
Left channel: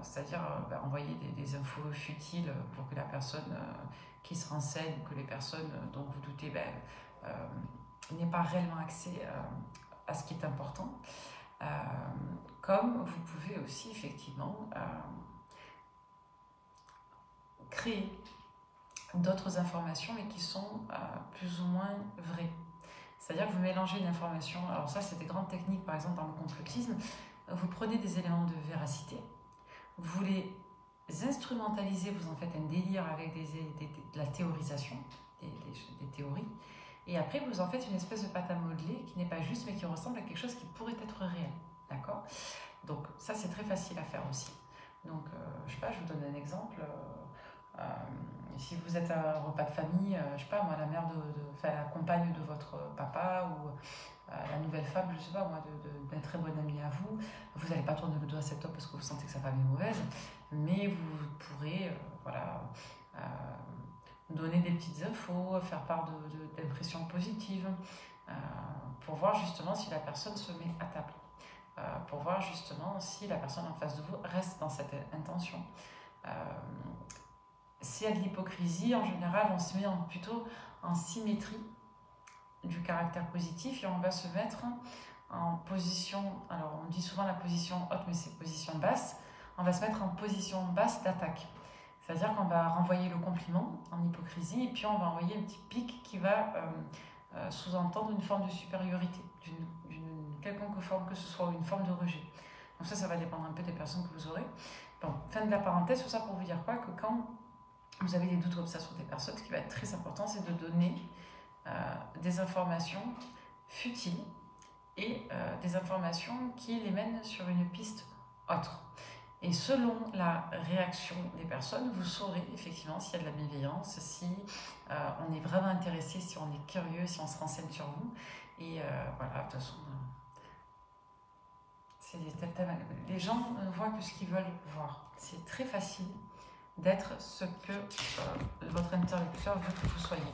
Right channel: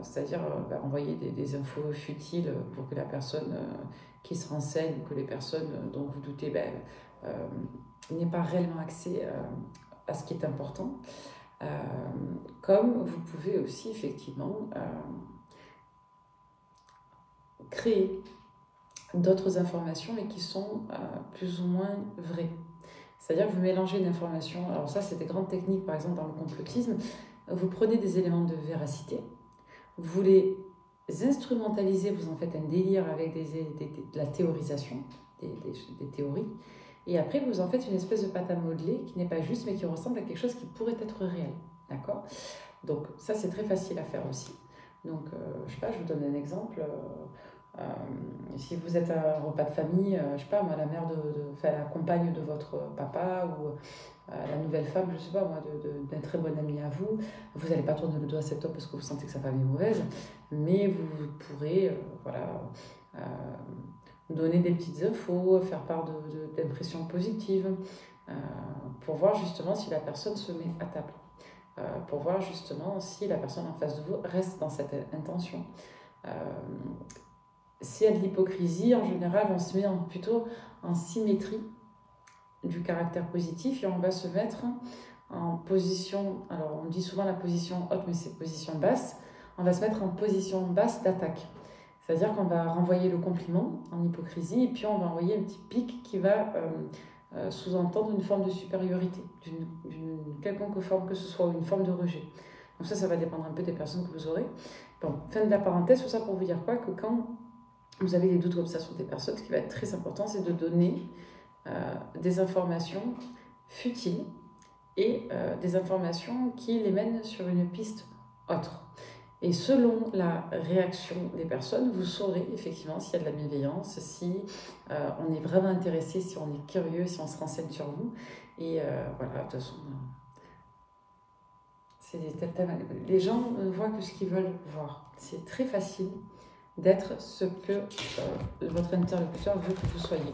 c'est-à-dire envoyer des infos futiles pour que la personne qui se renseigne, que les personnes dont vous doutez n'aient pas réellement accès à ce qui est important. Comme vous pouvez aussi effectivement créer d'autres informations mais qui sont plus ou moins vraies. C'est-à-dire que vous mélangez une information, alors ça c'est des grandes techniques par exemple dans le complotisme, vous prenez des éléments de véracité, vous les instrumentalisez, vous en faites un délire avec de la théorisation, des théories, et après vous en faites une espèce de pâte à modeler qui n'est pas juste mais qui ressemble à quelque chose qui pourrait être réel, d'accord? Donc ça c'est très facile à faire aussi. Donc je sais pas, je vous donne un exemple. Si vous êtes à un repas de famille, je sais pas moi, la mère la compagne de votre papa ou la nouvelle femme, je sais pas moi, d'un très bon ami à vous, vous n'allez pas tourner le dos à cet homme parce que vous sentez que sa femme est mauvaise, mais vous pourrez donner des petites infos, faire part d'impressions positives, pour voir justement si la personne se met à table, pour voir justement si la personne en face de vous reste dans cette intention. S'il y a de l'hypocrisie, en général, on se met plutôt en symétrie du caractère positif et on va se mettre en position, alors on dit souvent la position haute, mais c'est position basse, on va se mettre en position basse d'attaque. C'est-à-dire qu'on va renvoyer le compliment en hypocrisie et puis on va envoyer un petit pic qui va sous-entendre une forme de supériorité, d'une quelconque forme que ce soit, ou une forme de rejet. Donc ça va dépendre un peu des personnes que vous aurez. Bon, fin de la parenthèse, tout ça pour vous dire quoi, que quand vous avez des doutes comme ça sur des personnes, ce qui va être très important, c'est de donner des informations futiles et des informations qui les mènent sur une piste autre. Et selon la réaction des personnes, vous saurez effectivement s'il y a de la bienveillance, si on est vraiment intéressé, si on est curieux, si on se renseigne sur vous. Et voilà, de toute façon, les gens ne voient que ce qu'ils veulent voir. C'est très facile d'être ce que votre interlocuteur veut que vous soyez.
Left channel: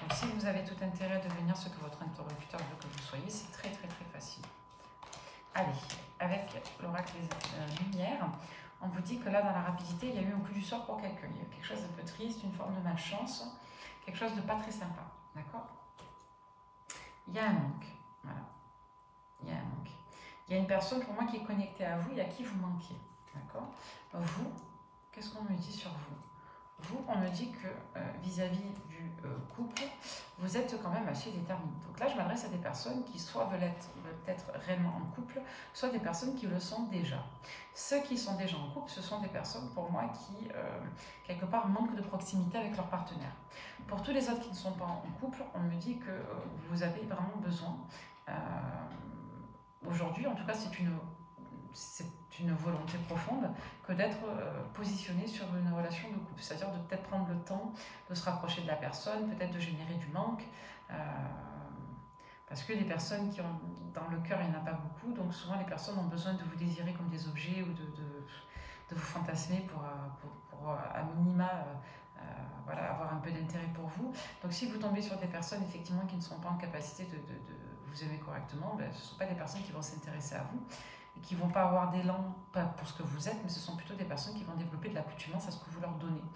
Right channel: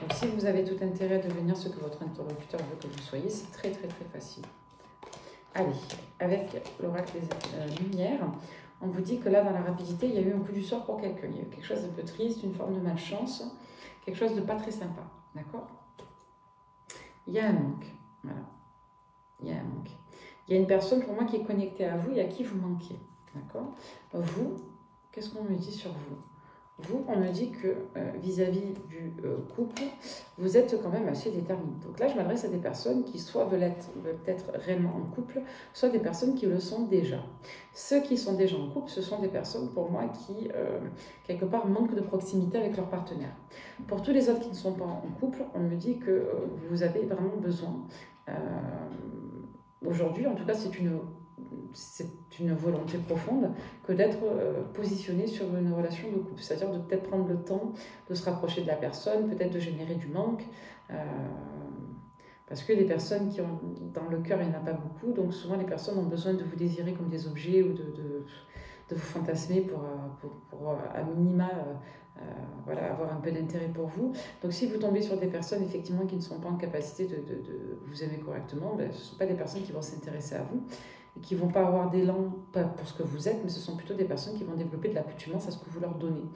Donc si vous avez tout intérêt à devenir ce que votre interlocuteur veut que vous soyez, c'est très très très facile. Allez, avec l'oracle des lumières, on vous dit que là, dans la rapidité, il y a eu un coup du sort pour quelqu'un. Il y a eu quelque chose d'un peu triste, une forme de malchance, quelque chose de pas très sympa. D'accord? Il y a un manque. Voilà. Il y a un manque. Il y a une personne pour moi qui est connectée à vous et à qui vous manquez. D'accord? Vous, qu'est-ce qu'on me dit sur vous? Vous, on me dit que vis-à-vis du couple, vous êtes quand même assez déterminé. Donc là, je m'adresse à des personnes qui soit veulent être réellement en couple, soit des personnes qui le sont déjà. Ceux qui sont déjà en couple, ce sont des personnes, pour moi, qui, quelque part, manquent de proximité avec leur partenaire. Pour tous les autres qui ne sont pas en couple, on me dit que vous avez vraiment besoin, aujourd'hui, en tout cas, c'est une volonté profonde que d'être positionné sur une relation de couple, c'est-à-dire de peut-être prendre le temps de se rapprocher de la personne, peut-être de générer du manque, Parce que les personnes qui ont dans le cœur, il n'y en a pas beaucoup, donc souvent les personnes ont besoin de vous désirer comme des objets ou de vous fantasmer pour à minima voilà, avoir un peu d'intérêt pour vous. Donc si vous tombez sur des personnes effectivement qui ne sont pas en capacité de vous aimer correctement, ben, ce ne sont pas des personnes qui vont s'intéresser à vous et qui ne vont pas avoir d'élan, pas pour ce que vous êtes, mais ce sont plutôt des personnes qui vont développer de l'accoutumance à ce que vous leur donnez.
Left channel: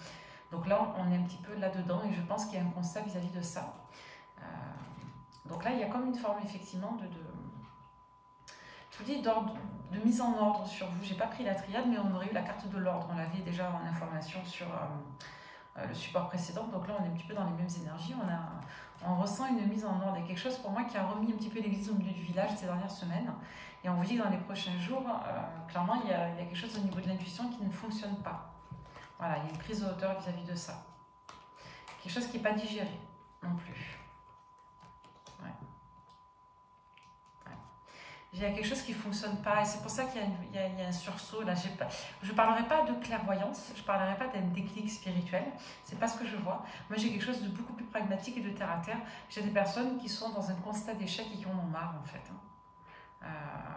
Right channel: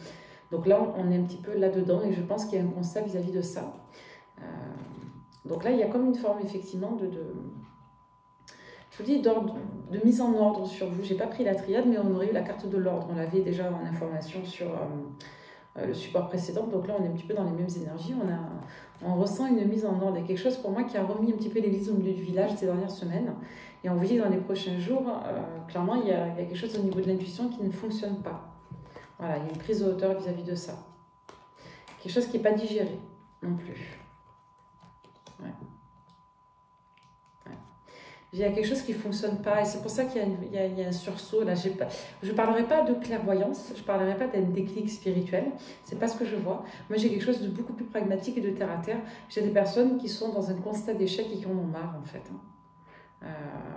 Donc là, on est un petit peu là-dedans et je pense qu'il y a un constat vis-à-vis de ça. Donc là, il y a comme une forme effectivement je vous dis, de mise en ordre sur vous. Je n'ai pas pris la triade, mais on aurait eu la carte de l'ordre. On l'avait déjà en information sur le support précédent. Donc là, on est un petit peu dans les mêmes énergies. On ressent une mise en ordre. Il y a quelque chose pour moi qui a remis un petit peu l'église au milieu du village ces dernières semaines. Et on vous dit que dans les prochains jours, clairement, il y a quelque chose au niveau de l'intuition qui ne fonctionne pas. Voilà, il y a une prise de hauteur vis-à-vis de ça. Quelque chose qui n'est pas digéré non plus. Ouais. Il y a quelque chose qui ne fonctionne pas et c'est pour ça qu'il y a un sursaut. Là, je ne parlerai pas de clairvoyance, je ne parlerai pas d'un déclic spirituel, ce n'est pas ce que je vois. Moi, j'ai quelque chose de beaucoup plus pragmatique et de terre à terre. J'ai des personnes qui sont dans un constat d'échec et qui en ont marre, en fait.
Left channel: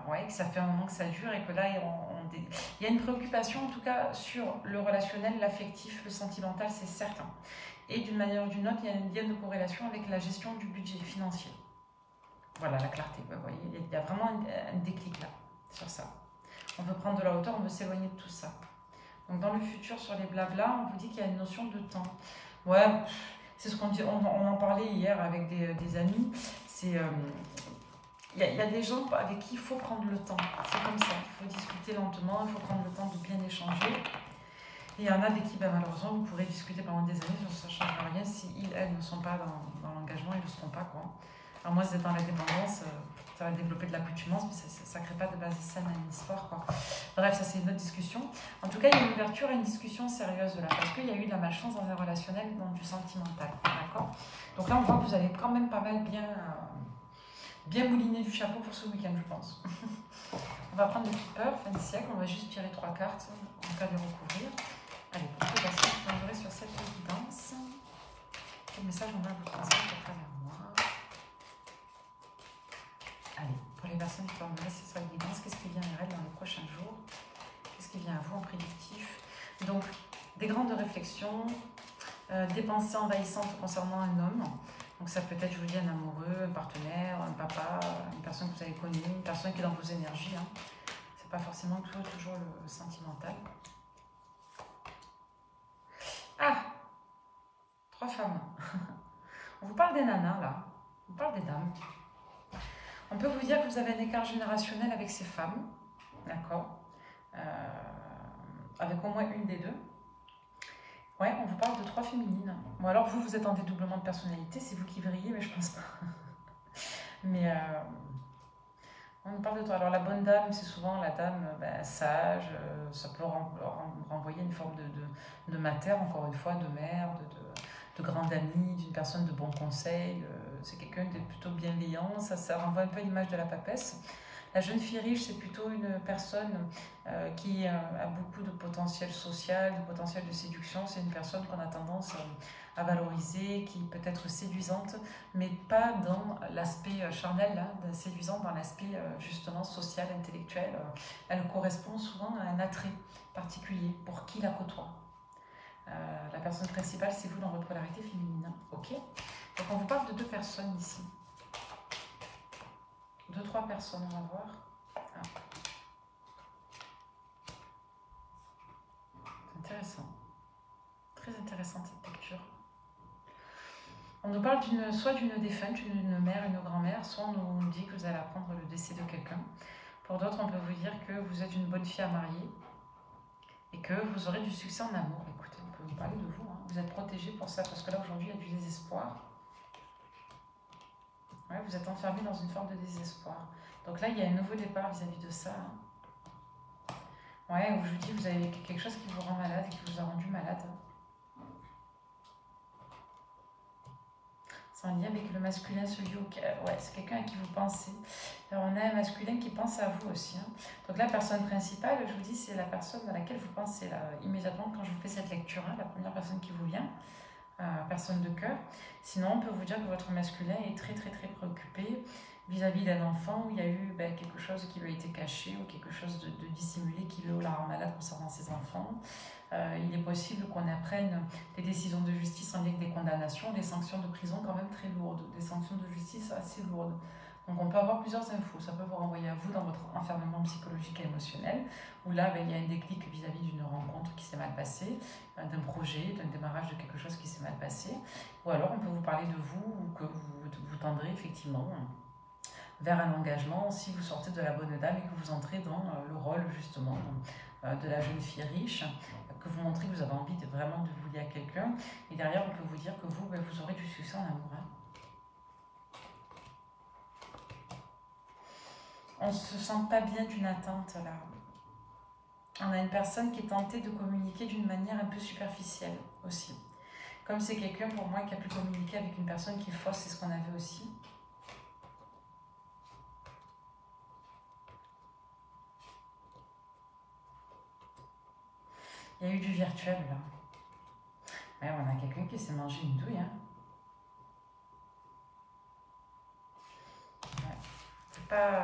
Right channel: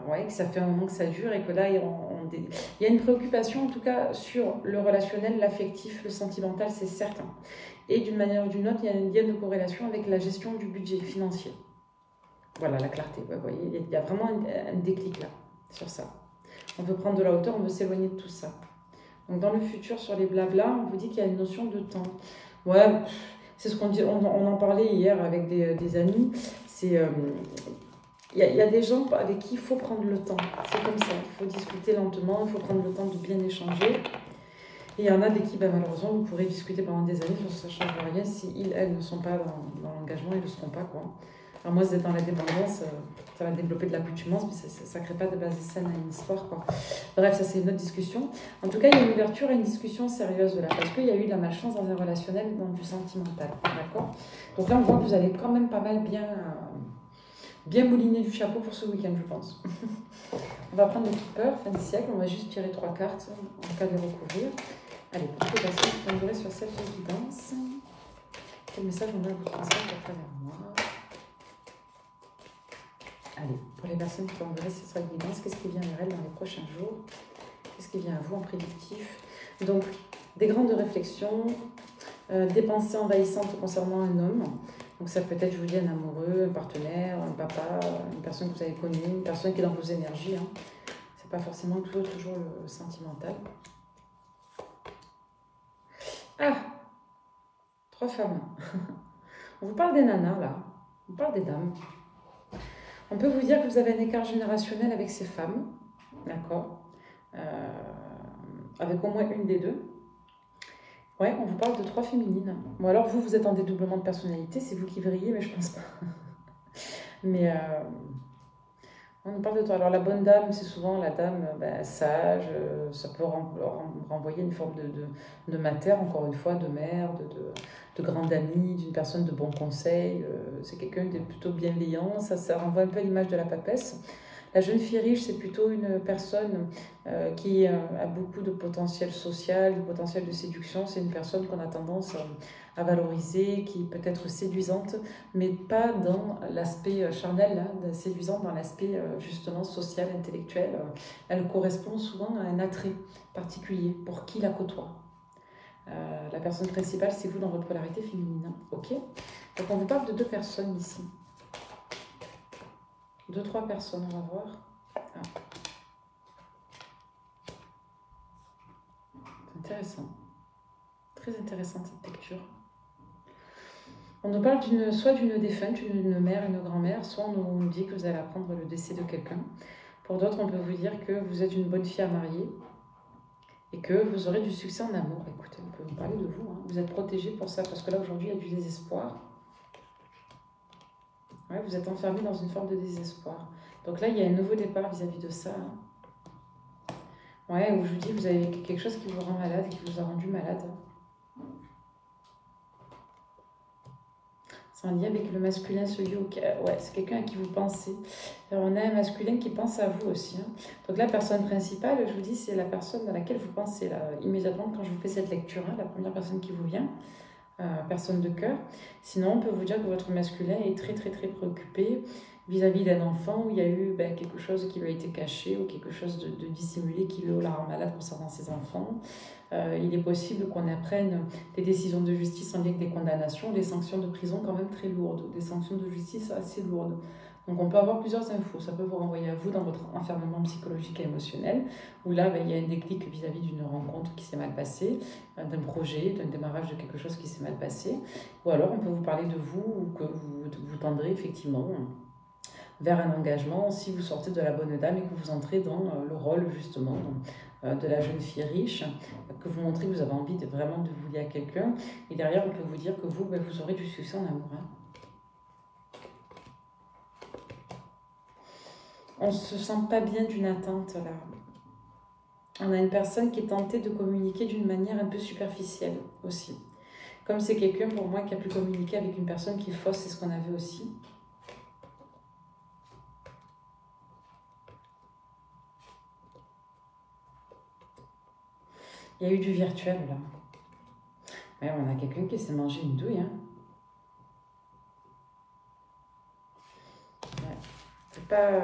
Ouais, que ça fait un moment que ça dure et que là, il y a une préoccupation, en tout cas, sur le relationnel, l'affectif, le sentimental, c'est certain. Et d'une manière ou d'une autre, il y a une ligne de corrélation avec la gestion du budget financier. Voilà, la clarté. Vous voyez, il y a vraiment un déclic là, sur ça. On veut prendre de la hauteur, on veut s'éloigner de tout ça. Donc, dans le futur, sur les blablas, on vous dit qu'il y a une notion de temps. Ouais, c'est ce qu'on dit. On en parlait hier avec des amis. C'est... il y a des gens avec qui il faut prendre le temps. C'est comme ça. Il faut discuter lentement, il faut prendre le temps de bien échanger. Et il y en a avec qui, ben, malheureusement, vous pourrez discuter pendant des années, ça ne change rien. Si ils, elles ne sont pas dans l'engagement, ils ne le seront pas, quoi. Alors moi, c'est dans la dépendance, ça va développer de l'accoutumance, mais ça ne crée pas de base saine à une histoire, quoi. Bref, ça c'est une autre discussion. En tout cas, il y a une ouverture à une discussion sérieuse là, parce qu'il y a eu de la malchance dans un relationnel, dans du sentimental, d'accord. Donc là, on voit que vous allez quand même pas mal bien mouliner du chapeau pour ce week-end, je pense. On va prendre le keeper, fin de siècle, on va juste tirer 3 cartes en cas de recouvrir. Allez, pour toutes les personnes qui tomberaient sur cette évidence, quel message on a à vous transmettre à travers moi? Allez, pour les personnes qui tomberaient sur cette guidance, qu'est-ce qui vient vers elles dans les prochains jours? Qu'est-ce qui vient à vous en prédictif? Donc, des grandes réflexions, des pensées envahissantes concernant un homme. Donc ça peut être, je vous dis, un amoureux, un partenaire, un papa, une personne que vous avez connue, une personne qui est dans vos énergies. Hein. C'est pas forcément toujours le sentimental. Ah, 3 femmes. On vous parle des nanas, là. On parle des dames. On peut vous dire que vous avez un écart générationnel avec ces femmes. D'accord, avec au moins une des deux. Ouais, on vous parle de 3 féminines. Bon, alors vous êtes en dédoublement de personnalité, c'est vous qui vrillez, mais je pense pas. Mais on nous parle de 3. Alors la bonne dame, c'est souvent la dame sage, ça peut renvoyer une forme de mater, encore une fois, de mère, de grande amie, d'une personne de bon conseil. C'est quelqu'un de plutôt bienveillant, ça renvoie un peu à l'image de la papesse. La jeune fille riche, c'est plutôt une personne qui a beaucoup de potentiel social, de potentiel de séduction. C'est une personne qu'on a tendance à valoriser, qui peut être séduisante, mais pas dans l'aspect charnel, hein, séduisante dans l'aspect justement social, intellectuel. Elle correspond souvent à un attrait particulier pour qui la côtoie. La personne principale, c'est vous dans votre polarité féminine. Ok. Donc on vous parle de 2 personnes ici. 2-3 personnes, on va voir. Ah. C'est intéressant. Très intéressante cette lecture. On nous parle soit d'une défunte, une mère, une grand-mère, soit on nous dit que vous allez apprendre le décès de quelqu'un. Pour d'autres, on peut vous dire que vous êtes une bonne fille à marier et que vous aurez du succès en amour. Écoutez, on peut vous parler de vous. Hein. Vous êtes protégé pour ça, parce que là, aujourd'hui, il y a du désespoir. Ouais, vous êtes enfermé dans une forme de désespoir. Donc là, il y a un nouveau départ vis-à-vis de ça. Hein. Ouais, où je vous dis, vous avez quelque chose qui vous rend malade et qui vous a rendu malade. C'est en lien avec le masculin, celui ouais, c'est quelqu'un à qui vous pensez. Alors, on a un masculin qui pense à vous aussi. Hein. Donc la personne principale, je vous dis, c'est la personne à laquelle vous pensez là, immédiatement quand je vous fais cette lecture. Hein, la première personne qui vous vient. personne de cœur. Sinon, on peut vous dire que votre masculin est très préoccupé vis-à-vis d'un enfant où il y a eu quelque chose qui lui a été caché ou quelque chose de dissimulé qui le rend malade concernant ses enfants. Il est possible qu'on apprenne des décisions de justice en lien avec des condamnations, des sanctions de prison quand même très lourdes, des sanctions de justice assez lourdes. Donc on peut avoir plusieurs infos, ça peut vous renvoyer à vous dans votre enfermement psychologique et émotionnel, où là il y a un déclic vis-à-vis d'une rencontre qui s'est mal passée, d'un projet, d'un démarrage de quelque chose qui s'est mal passé, ou alors on peut vous parler de vous, ou que vous tendrez effectivement vers un engagement si vous sortez de la bonne dame et que vous entrez dans le rôle justement de la jeune fille riche, que vous montrez que vous avez envie vraiment de vous lier à quelqu'un, et derrière on peut vous dire que vous, vous aurez du succès en amour. On ne se sent pas bien d'une attente là. On a une personne qui est tentée de communiquer d'une manière un peu superficielle aussi. Comme c'est quelqu'un pour moi qui a pu communiquer avec une personne qui est fausse, c'est ce qu'on avait aussi. Il y a eu du virtuel là. Ouais, on a quelqu'un qui s'est mangé une douille. Hein. Ouais. C'est pas...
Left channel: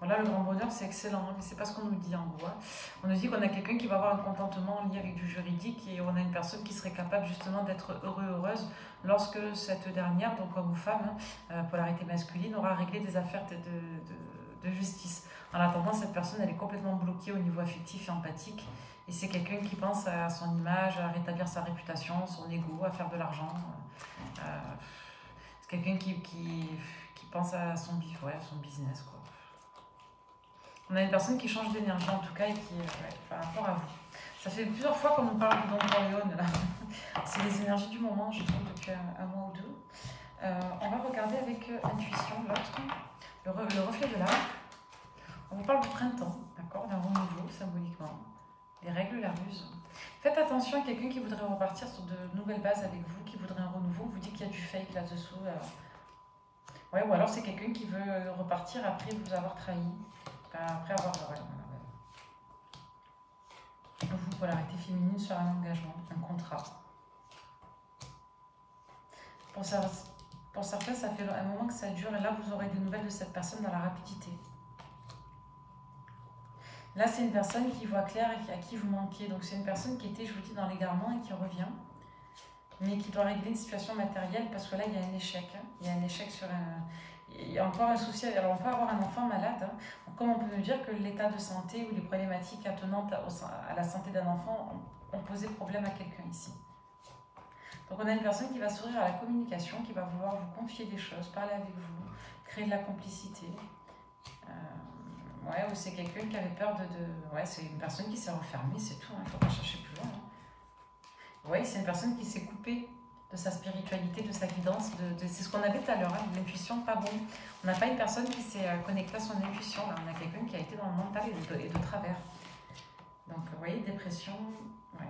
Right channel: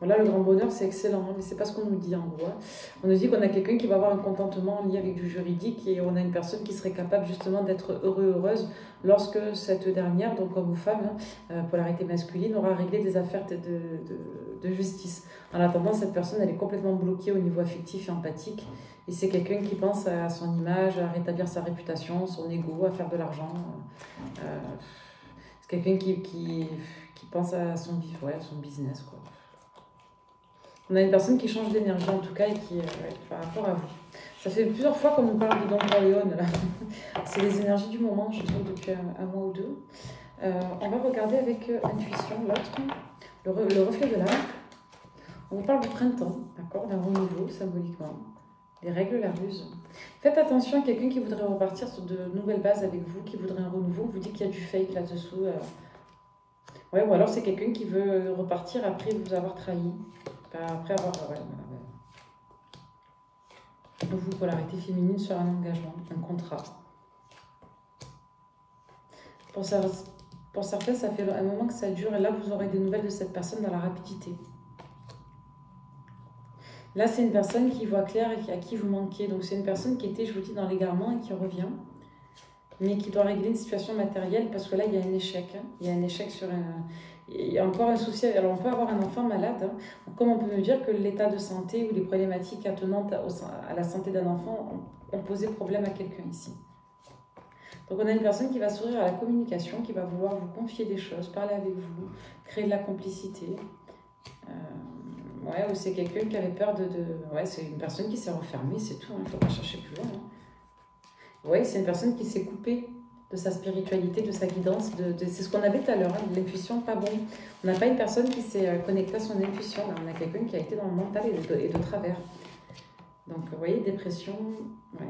Voilà, le grand bonheur, c'est excellent, hein, mais c'est pas ce qu'on nous dit en gros. Hein. On nous dit qu'on a quelqu'un qui va avoir un contentement lié avec du juridique et on a une personne qui serait capable justement d'être heureuse lorsque cette dernière, donc homme ou femme, polarité masculine, aura réglé des affaires de justice. En attendant, cette personne, elle est complètement bloquée au niveau affectif et empathique. Et c'est quelqu'un qui pense à son image, à rétablir sa réputation, son ego, à faire de l'argent. C'est quelqu'un qui pense à son business, quoi. On a une personne qui change d'énergie en tout cas et qui par rapport à vous. Ça fait plusieurs fois qu'on nous parle de Don Corleone là. C'est les énergies du moment, je trouve, depuis un mois ou deux. On va regarder avec intuition l'autre, le reflet de l'âme. On vous parle du printemps, d'accord, d'un renouveau symboliquement. Les règles, la ruse. Faites attention à quelqu'un qui voudrait repartir sur de nouvelles bases avec vous, qui voudrait un renouveau, vous dit qu'il y a du fake là-dessous. Ouais, ou alors c'est quelqu'un qui veut repartir après vous avoir trahi. Après avoir... Vous, polarité féminine sur un engagement, un contrat. Pour certains, ça fait un moment que ça dure et là, vous aurez des nouvelles de cette personne dans la rapidité. Là, c'est une personne qui voit clair et à qui vous manquez. Donc, c'est une personne qui était, je vous dis, dans l'égarement et qui revient, mais qui doit régler une situation matérielle parce que là, il y a un échec. Hein. Il y a un échec sur un... Il y a encore un souci. Alors, on peut avoir un enfant malade, hein. Comme on peut nous dire que l'état de santé ou les problématiques attenantes à la santé d'un enfant ont posé problème à quelqu'un ici. Donc, on a une personne qui va s'ouvrir à la communication, qui va vouloir vous confier des choses, parler avec vous, créer de la complicité. Ouais, ou c'est quelqu'un qui avait peur de... Ouais, c'est une personne qui s'est refermée, c'est tout, il ne faut pas chercher plus loin. Hein. Ouais, c'est une personne qui s'est coupée de sa spiritualité, de sa guidance, c'est ce qu'on avait tout à l'heure, hein, de l'intuition, pas bon. On n'a pas une personne qui s'est connectée à son intuition, là, on a quelqu'un qui a été dans le mental et de travers. Donc, vous voyez, dépression, ouais.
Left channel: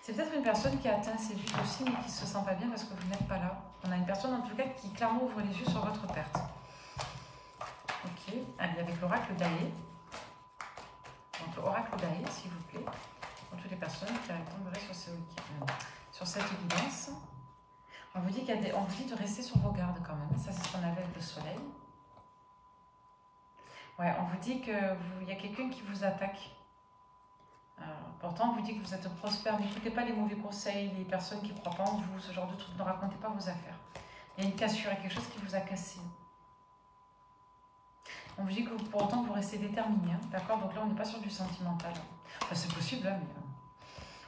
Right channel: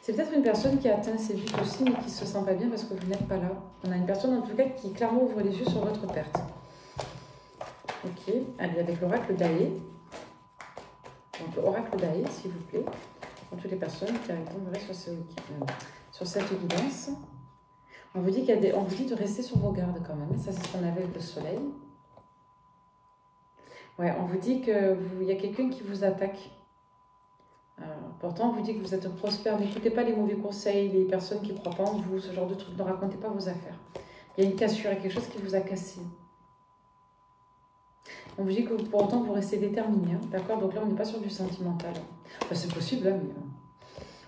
C'est peut-être une personne qui a atteint ses buts aussi, mais qui ne se sent pas bien parce que vous n'êtes pas là. On a une personne, en tout cas, qui clairement ouvre les yeux sur votre perte. Ok, allez, avec l'oracle d'Aé. Donc, oracle d'Aé, s'il vous plaît, pour toutes les personnes qui tomberaient sur cette guidance. On vous dit on vous dit de rester sur vos gardes quand même. Ça, c'est ce qu'on avait avec le soleil. Ouais, on vous dit qu'il y a quelqu'un qui vous attaque. Pourtant, on vous dit que vous êtes prospère. N'écoutez pas les mauvais conseils, les personnes qui ne croient pas en vous, ce genre de trucs. Ne racontez pas vos affaires. Il y a une cassure, il y a quelque chose qui vous a cassé. On vous dit que pour autant, vous restez déterminé. Hein, d'accord? Donc là, on n'est pas sur du sentimental. Enfin, c'est possible, hein, mais...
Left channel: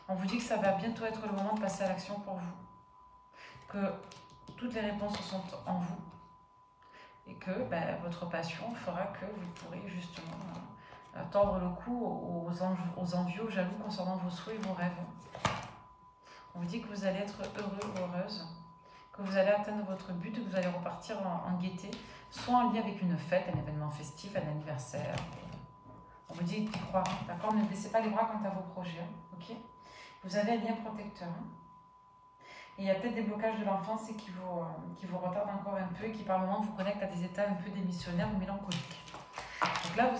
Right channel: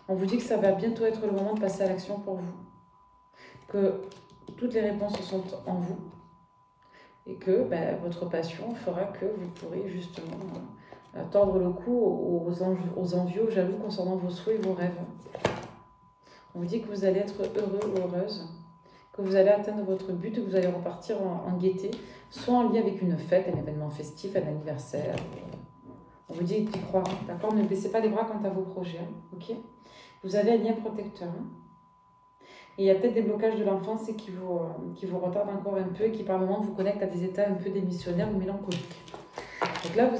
On vous dit que ça va bientôt être le moment de passer à l'action pour vous. Que toutes les réponses sont en vous. Et que votre passion fera que vous pourrez justement tordre le cou aux envieux, aux jaloux concernant vos souhaits et vos rêves. On vous dit que vous allez être heureux ou heureuse, que vous allez atteindre votre but, que vous allez repartir en gaieté, soit en lien avec une fête, un événement festif, un anniversaire. On vous dit d'y croire, d'accord? Ne baissez pas les bras quant à vos projets, hein, ok? Vous avez un lien protecteur. Hein. Et il y a peut-être des blocages de l'enfance qui vous retardent encore un peu et qui par moments vous connectent à des états un peu démissionnaires ou mélancoliques. Donc là,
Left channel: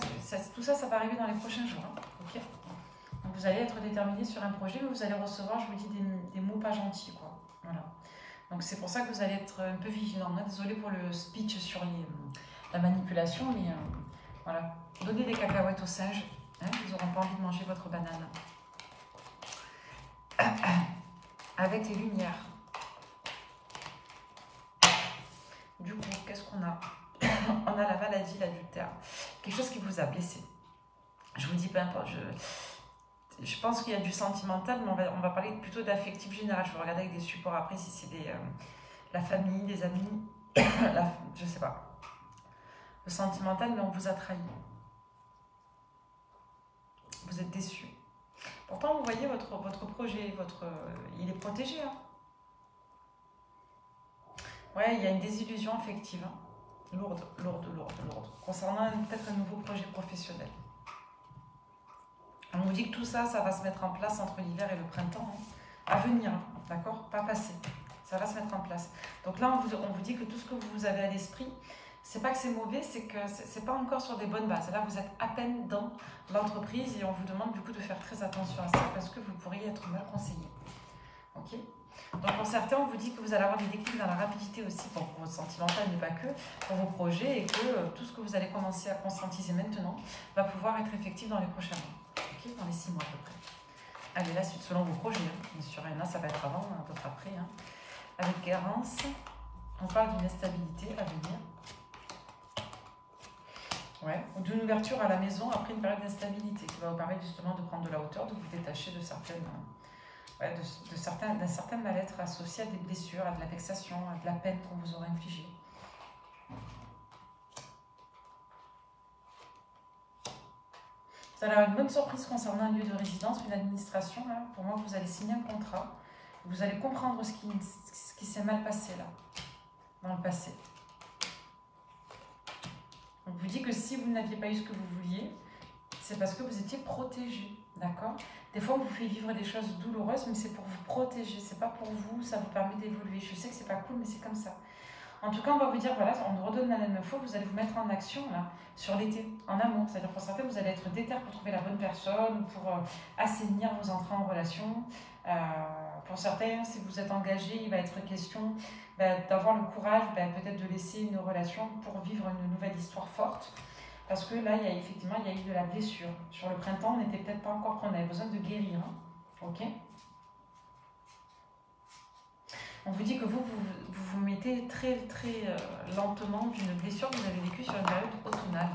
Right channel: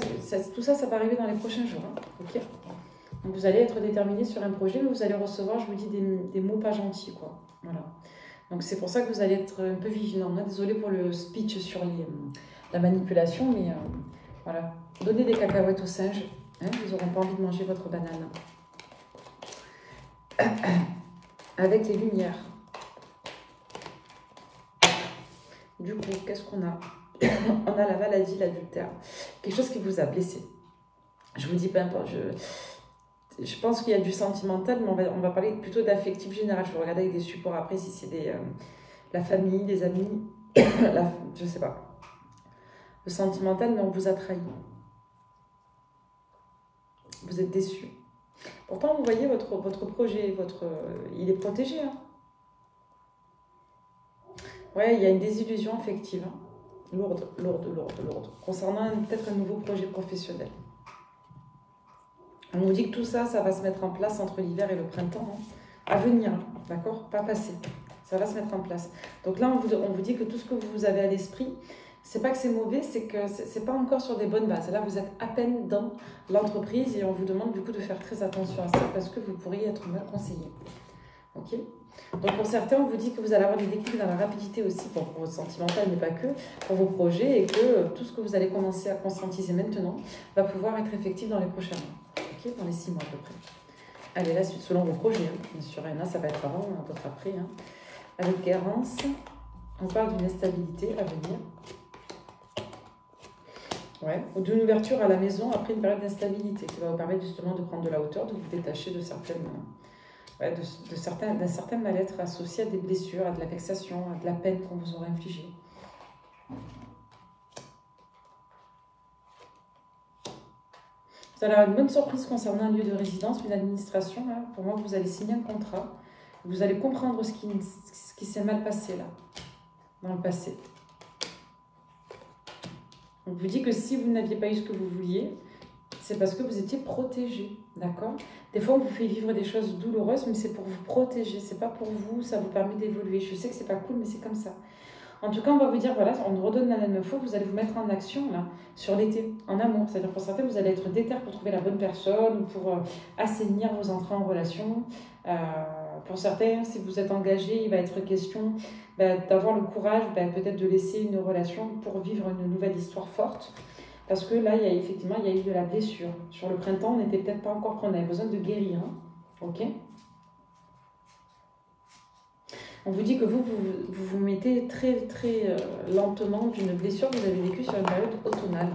tout ça va arriver dans les prochains jours. Hein, okay. Vous allez être déterminé sur un projet, mais vous allez recevoir, je vous dis, des mots pas gentils, quoi. Voilà. Donc c'est pour ça que vous allez être un peu vigilant. Désolée pour le speech sur la manipulation, mais voilà. Donnez des cacahuètes aux singes, hein, ils n'auront pas envie de manger votre banane. Avec les lumières. Du coup, qu'est-ce qu'on a? On a la maladie, l'adultère. Quelque chose qui vous a blessé. Je vous dis peu importe, je pense qu'il y a du sentimental, mais on va parler plutôt d'affectif général. Je vais regarder avec des supports après si c'est la famille, des amis, je sais pas. Le sentimental, mais on vous a trahi. Vous êtes déçu. Pourtant, vous voyez votre projet, il est protégé. Hein. Ouais, il y a une désillusion affective. Hein. Lourde. Concernant peut-être un nouveau projet professionnel. On vous dit que tout ça, ça va se mettre en place entre l'hiver et le printemps. Hein. À venir, d'accord? Pas passer. Ça va se mettre en place. Donc là, on vous dit que tout ce que vous avez à l'esprit, c'est pas que c'est mauvais, c'est que c'est pas encore sur des bonnes bases. Là, vous êtes à peine dans l'entreprise et on vous demande du coup de faire très attention à ça parce que vous pourriez être mal conseillé. Ok? Donc pour certains, on vous dit que vous allez avoir des déclics dans la rapidité aussi pour votre sentimental, mais pas que, pour vos projets et que tout ce que vous allez commencer à conscientiser maintenant va pouvoir être effectif dans les prochains mois. Ok? Dans les 6 mois à peu près. Allez, la suite selon vos projets. Hein. Bien sûr, il y en a, ça va être avant, d'autres après. Hein. Avec Garance, on parle d'une instabilité à venir. Ouais. Ou d'une ouverture à la maison après une période d'instabilité qui va vous permettre justement de prendre de la hauteur, de vous détacher de certaines... d'un certain mal-être associé à des blessures, à de la vexation, à de la peine qu'on vous aurait infligée. Vous allez avoir une bonne surprise concernant un lieu de résidence, une administration. Hein. Pour moi, vous allez signer un contrat. Vous allez comprendre ce qui s'est mal passé là, dans le passé. On vous dit que si vous n'aviez pas eu ce que vous vouliez, c'est parce que vous étiez protégé, d'accord? Des fois, on vous fait vivre des choses douloureuses, mais c'est pour vous protéger, c'est pas pour vous, ça vous permet d'évoluer. Je sais que c'est pas cool, mais c'est comme ça. En tout cas, on va vous dire, voilà, on vous redonne la même info, vous allez vous mettre en action, là, sur l'été, en amour. C'est-à-dire pour certains, vous allez être déter pour trouver la bonne personne, pour assainir vos entrées en relation. Pour certains, si vous êtes engagé, il va être question d'avoir le courage, peut-être de laisser une relation pour vivre une nouvelle histoire forte. Parce que là, il y a eu de la blessure. Sur le printemps, on n'était peut-être pas encore prêt, on avait besoin de guérir. Hein. Ok? On vous dit que vous mettez très lentement d'une blessure que vous avez vécue sur une période automnale.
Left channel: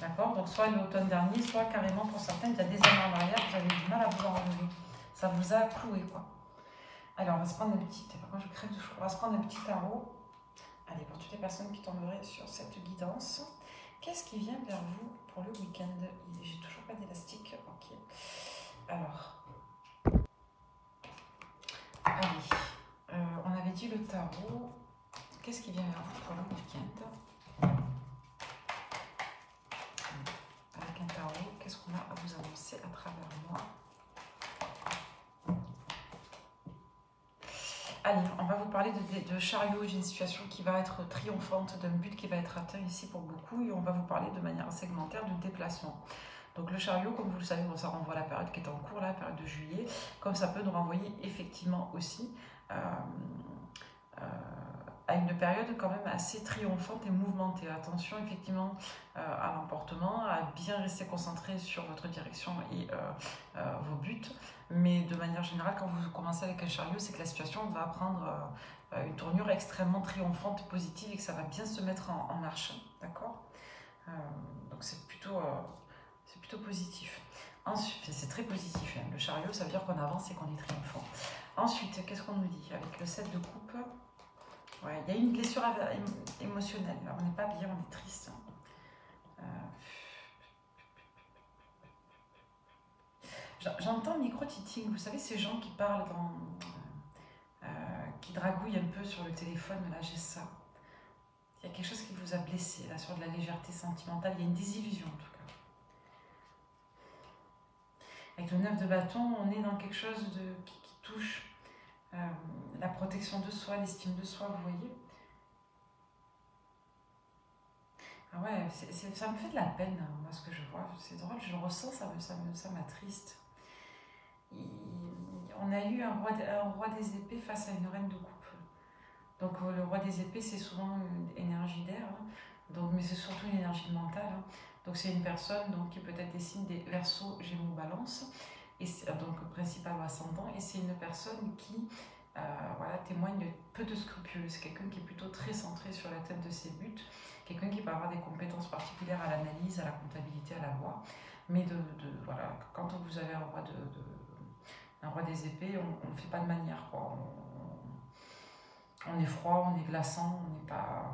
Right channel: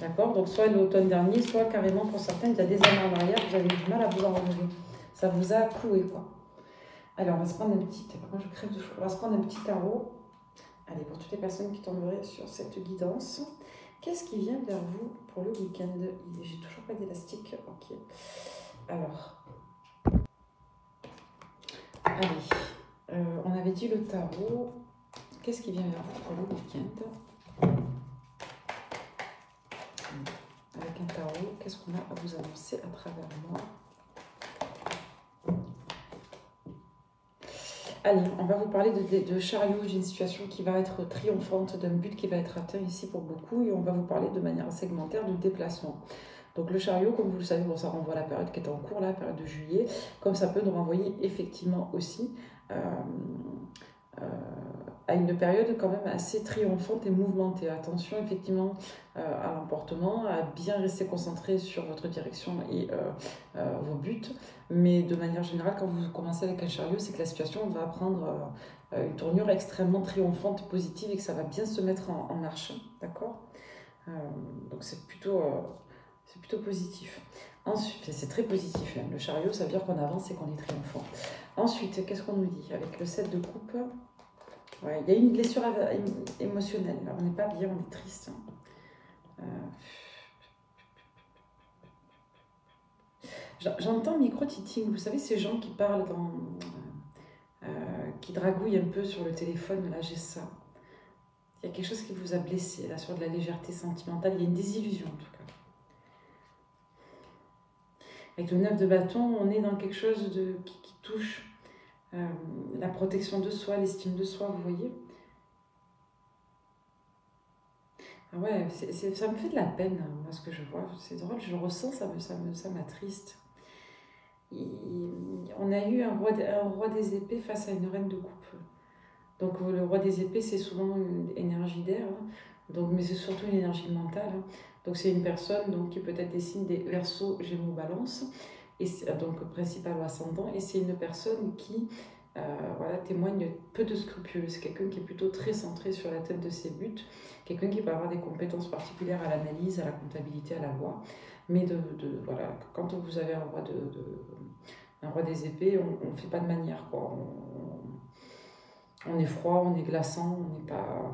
D'accord? Donc soit l'automne dernier, soit carrément pour certaines, il y a des années en arrière, vous avez du mal à vous en relever. Ça vous a cloué, quoi. Alors, on va se prendre un petit... Moi, je crève de chaud. On va se prendre un petit tarot. Allez, pour toutes les personnes qui tomberaient sur cette guidance, qu'est-ce qui vient vers vous pour le week-end? J'ai toujours pas d'élastique. Ok. Alors... Allez, on avait dit le tarot. Qu'est-ce qui vient vers vous pour le week-end? Avec un tarot, qu'est-ce qu'on a à vous annoncer à travers moi? Allez, on va vous parler de chariot. J'ai une situation qui va être triomphante, d'un but qui va être atteint ici pour beaucoup. Et on va vous parler de manière segmentaire de déplacement. Donc le chariot, comme vous le savez, bon, ça renvoie à la période qui est en cours, la période de juillet, comme ça peut nous renvoyer effectivement aussi à une période quand même assez triomphante et mouvementée. Attention effectivement à l'emportement, à bien rester concentré sur votre direction et vos buts, mais de manière générale, quand vous commencez avec un chariot, c'est que la situation va prendre une tournure extrêmement triomphante, positive, et que ça va bien se mettre en marche, d'accord? Donc c'est plutôt positif. Ensuite, c'est très positif. Hein. Le chariot, ça veut dire qu'on avance et qu'on est triomphant. Ensuite, qu'est-ce qu'on nous dit? Avec le 7 de coupe, ouais, il y a une blessure émotionnelle. Là, on n'est pas bien, on est triste. J'entends micro-titting. Vous savez, ces gens qui parlent, qui dragouillent un peu sur le téléphone. Là, j'ai ça. Il y a quelque chose qui vous a blessé, là, sur de la légèreté sentimentale. Il y a une désillusion, en tout cas. Avec le 9 de bâton, on est dans quelque chose qui touche la protection de soi, l'estime de soi, vous voyez. Ah ouais, ça me fait de la peine, moi, ce que je vois. C'est drôle, je le ressens, ça m'attriste. On a eu un roi des épées face à une reine de coupe. Donc le roi des épées, c'est souvent une énergie d'air, hein. Donc, mais c'est surtout une énergie mentale, hein. Donc c'est une personne donc, qui peut être des signes des Verseau, Gémeaux, Balance, et donc principal ou ascendant, et c'est une personne qui voilà, témoigne peu de scrupules. C'est quelqu'un qui est plutôt très centré sur la tête de ses buts, quelqu'un qui peut avoir des compétences particulières à l'analyse, à la comptabilité, à la loi. Mais voilà, quand vous avez un roi des épées, on ne fait pas de manière, quoi. On est froid, on est glaçant, on n'est pas.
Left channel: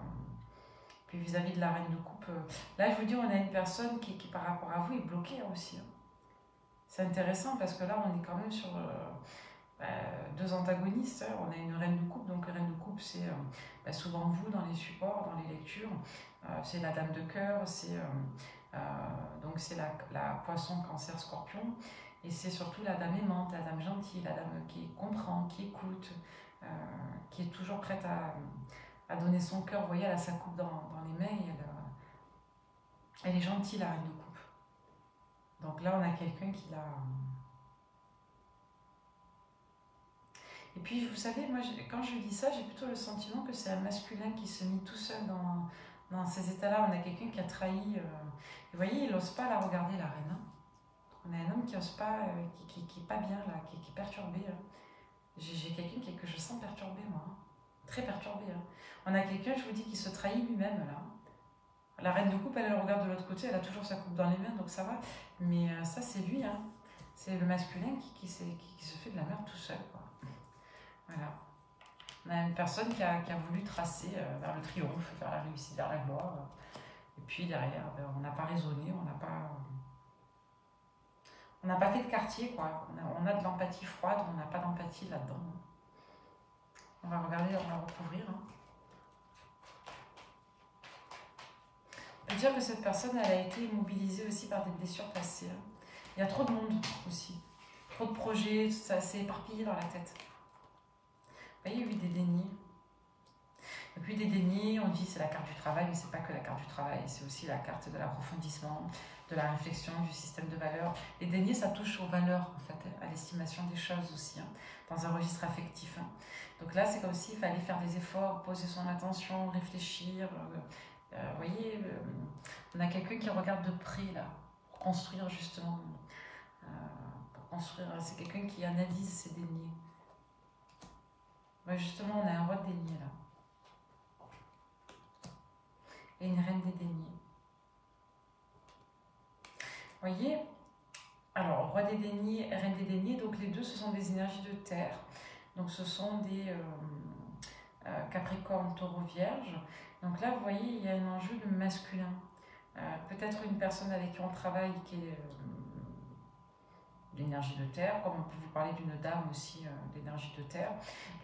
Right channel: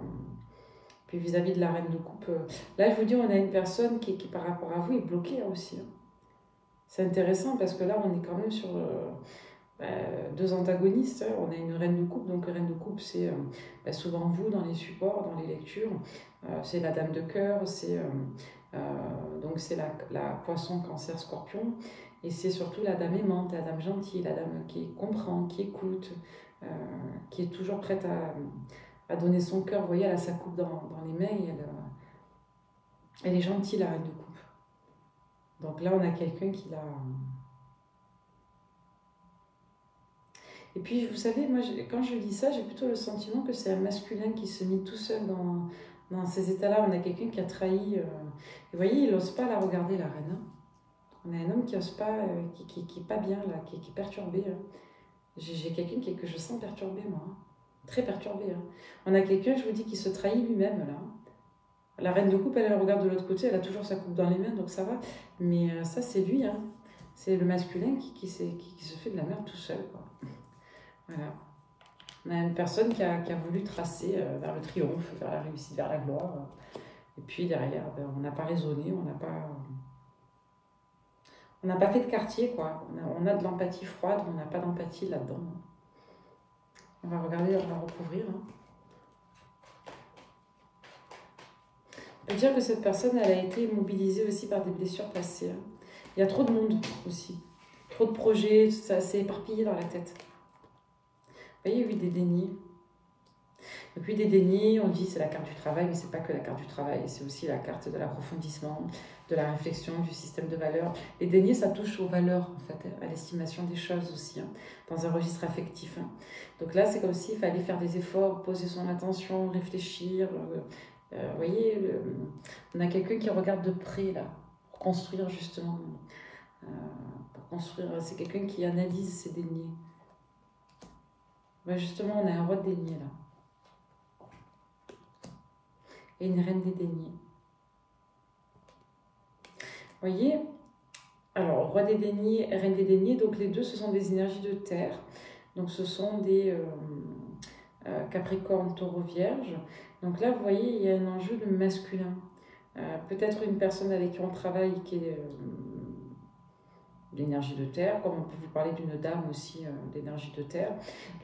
Puis vis-à-vis de la reine de coupe, là je vous dis, on a une personne qui par rapport à vous est bloquée hein, aussi, hein. C'est intéressant parce que là on est quand même sur deux antagonistes, hein. On a une reine de coupe, donc la reine de coupe c'est souvent vous dans les supports, dans les lectures, c'est la dame de cœur, donc c'est la poisson, cancer, scorpion, et c'est surtout la dame aimante, la dame gentille, la dame qui comprend, qui écoute, euh, qui est toujours prête à donner son cœur. Vous voyez, elle a sa coupe dans les mains et elle est gentille, la reine de coupe. Donc là, on a quelqu'un qui l'a. Et puis, vous savez, moi, quand je dis ça, j'ai plutôt le sentiment que c'est un masculin qui se mit tout seul dans ces états-là. On a quelqu'un qui a trahi. Et vous voyez, il n'ose pas la regarder, la reine, hein. On a un homme qui n'ose pas, qui n'est pas bien, là, qui est perturbé, hein. J'ai quelqu'un que je sens perturbé, moi, hein. Très perturbé, hein. On a quelqu'un, je vous dis, qui se trahit lui-même, là. La reine de coupe, elle regarde de l'autre côté, elle a toujours sa coupe dans les mains, donc ça va. Mais ça, c'est lui, hein. C'est le masculin qui se fait de la merde tout seul, quoi. Voilà. On a une personne qui a voulu tracer vers le triomphe, vers la réussite, vers la gloire. Et puis derrière, ben, on n'a pas raisonné, on n'a pas fait de quartier, quoi. On a de l'empathie froide, on n'a pas d'empathie là-dedans. On va regarder, on va recouvrir, hein. On peut dire que cette personne, elle a été mobilisée aussi par des blessures passées, hein. Il y a trop de monde aussi. Trop de projets, ça s'est éparpillé dans la tête. Vous voyez, oui, des dénis. Et puis des dénis, on dit c'est la carte du travail, mais c'est pas que la carte du travail, c'est aussi la carte de l'approfondissement, de la réflexion, du système de valeurs. Les dénis, ça touche aux valeurs, en fait, à l'estimation des choses aussi, hein, dans un registre affectif, hein. Donc là, c'est comme s'il fallait faire des efforts, poser son attention, réfléchir. Vous voyez, on a quelqu'un qui regarde de près, là, pour construire justement. Pour construire, c'est quelqu'un qui analyse ses dénis. Ouais, justement, on a un roi de denier, là. Et une reine des deniers. Vous voyez, alors roi des deniers, reine des deniers, donc les deux ce sont des énergies de terre, donc ce sont des Capricorne, Taureau, Vierge. Donc là vous voyez il y a un enjeu de masculin, peut-être une personne avec qui on travaille qui est d'énergie de terre, comme on peut vous parler d'une dame aussi d'énergie de terre.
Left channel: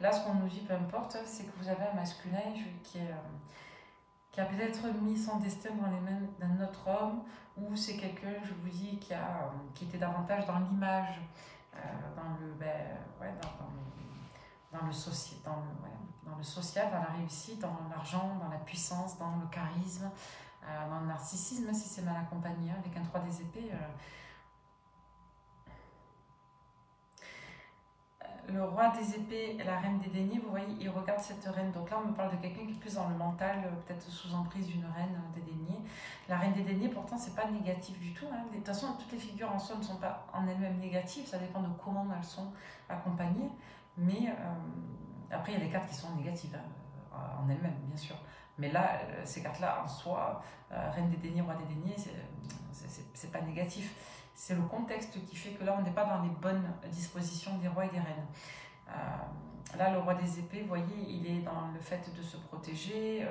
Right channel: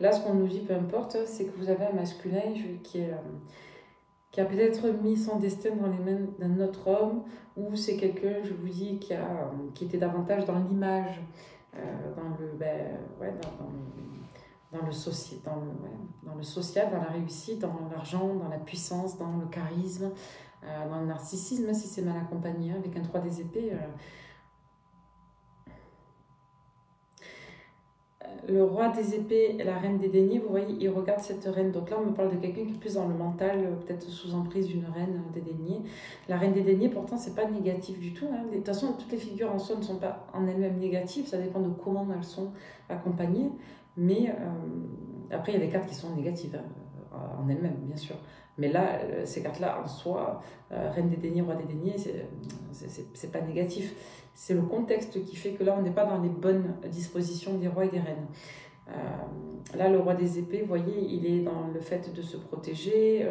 Là ce qu'on nous dit, peu importe, c'est que vous avez un masculin qui a peut-être mis son destin dans les mains d'un autre homme, ou c'est quelqu'un, je vous dis, qui était davantage dans l'image, dans le social, dans la réussite, dans l'argent, dans la puissance, dans le charisme, dans le narcissisme, même si c'est mal accompagné, hein, avec un 3 des épées. Le roi des épées et la reine des deniers, vous voyez, ils regardent cette reine. Donc là, on me parle de quelqu'un qui est plus dans le mental, peut-être sous emprise d'une reine des deniers. La reine des deniers, pourtant, c'est pas négatif du tout, hein. De toute façon, toutes les figures en soi ne sont pas en elles-mêmes négatives. Ça dépend de comment elles sont accompagnées. Mais après, il y a des cartes qui sont négatives en elles-mêmes, bien sûr. Mais là, ces cartes-là, en soi, reine des deniers, roi des deniers, c'est pas négatif. C'est le contexte qui fait que là, on n'est pas dans les bonnes dispositions des rois et des reines. Là, le roi des épées, vous voyez, il est dans le fait de se protéger.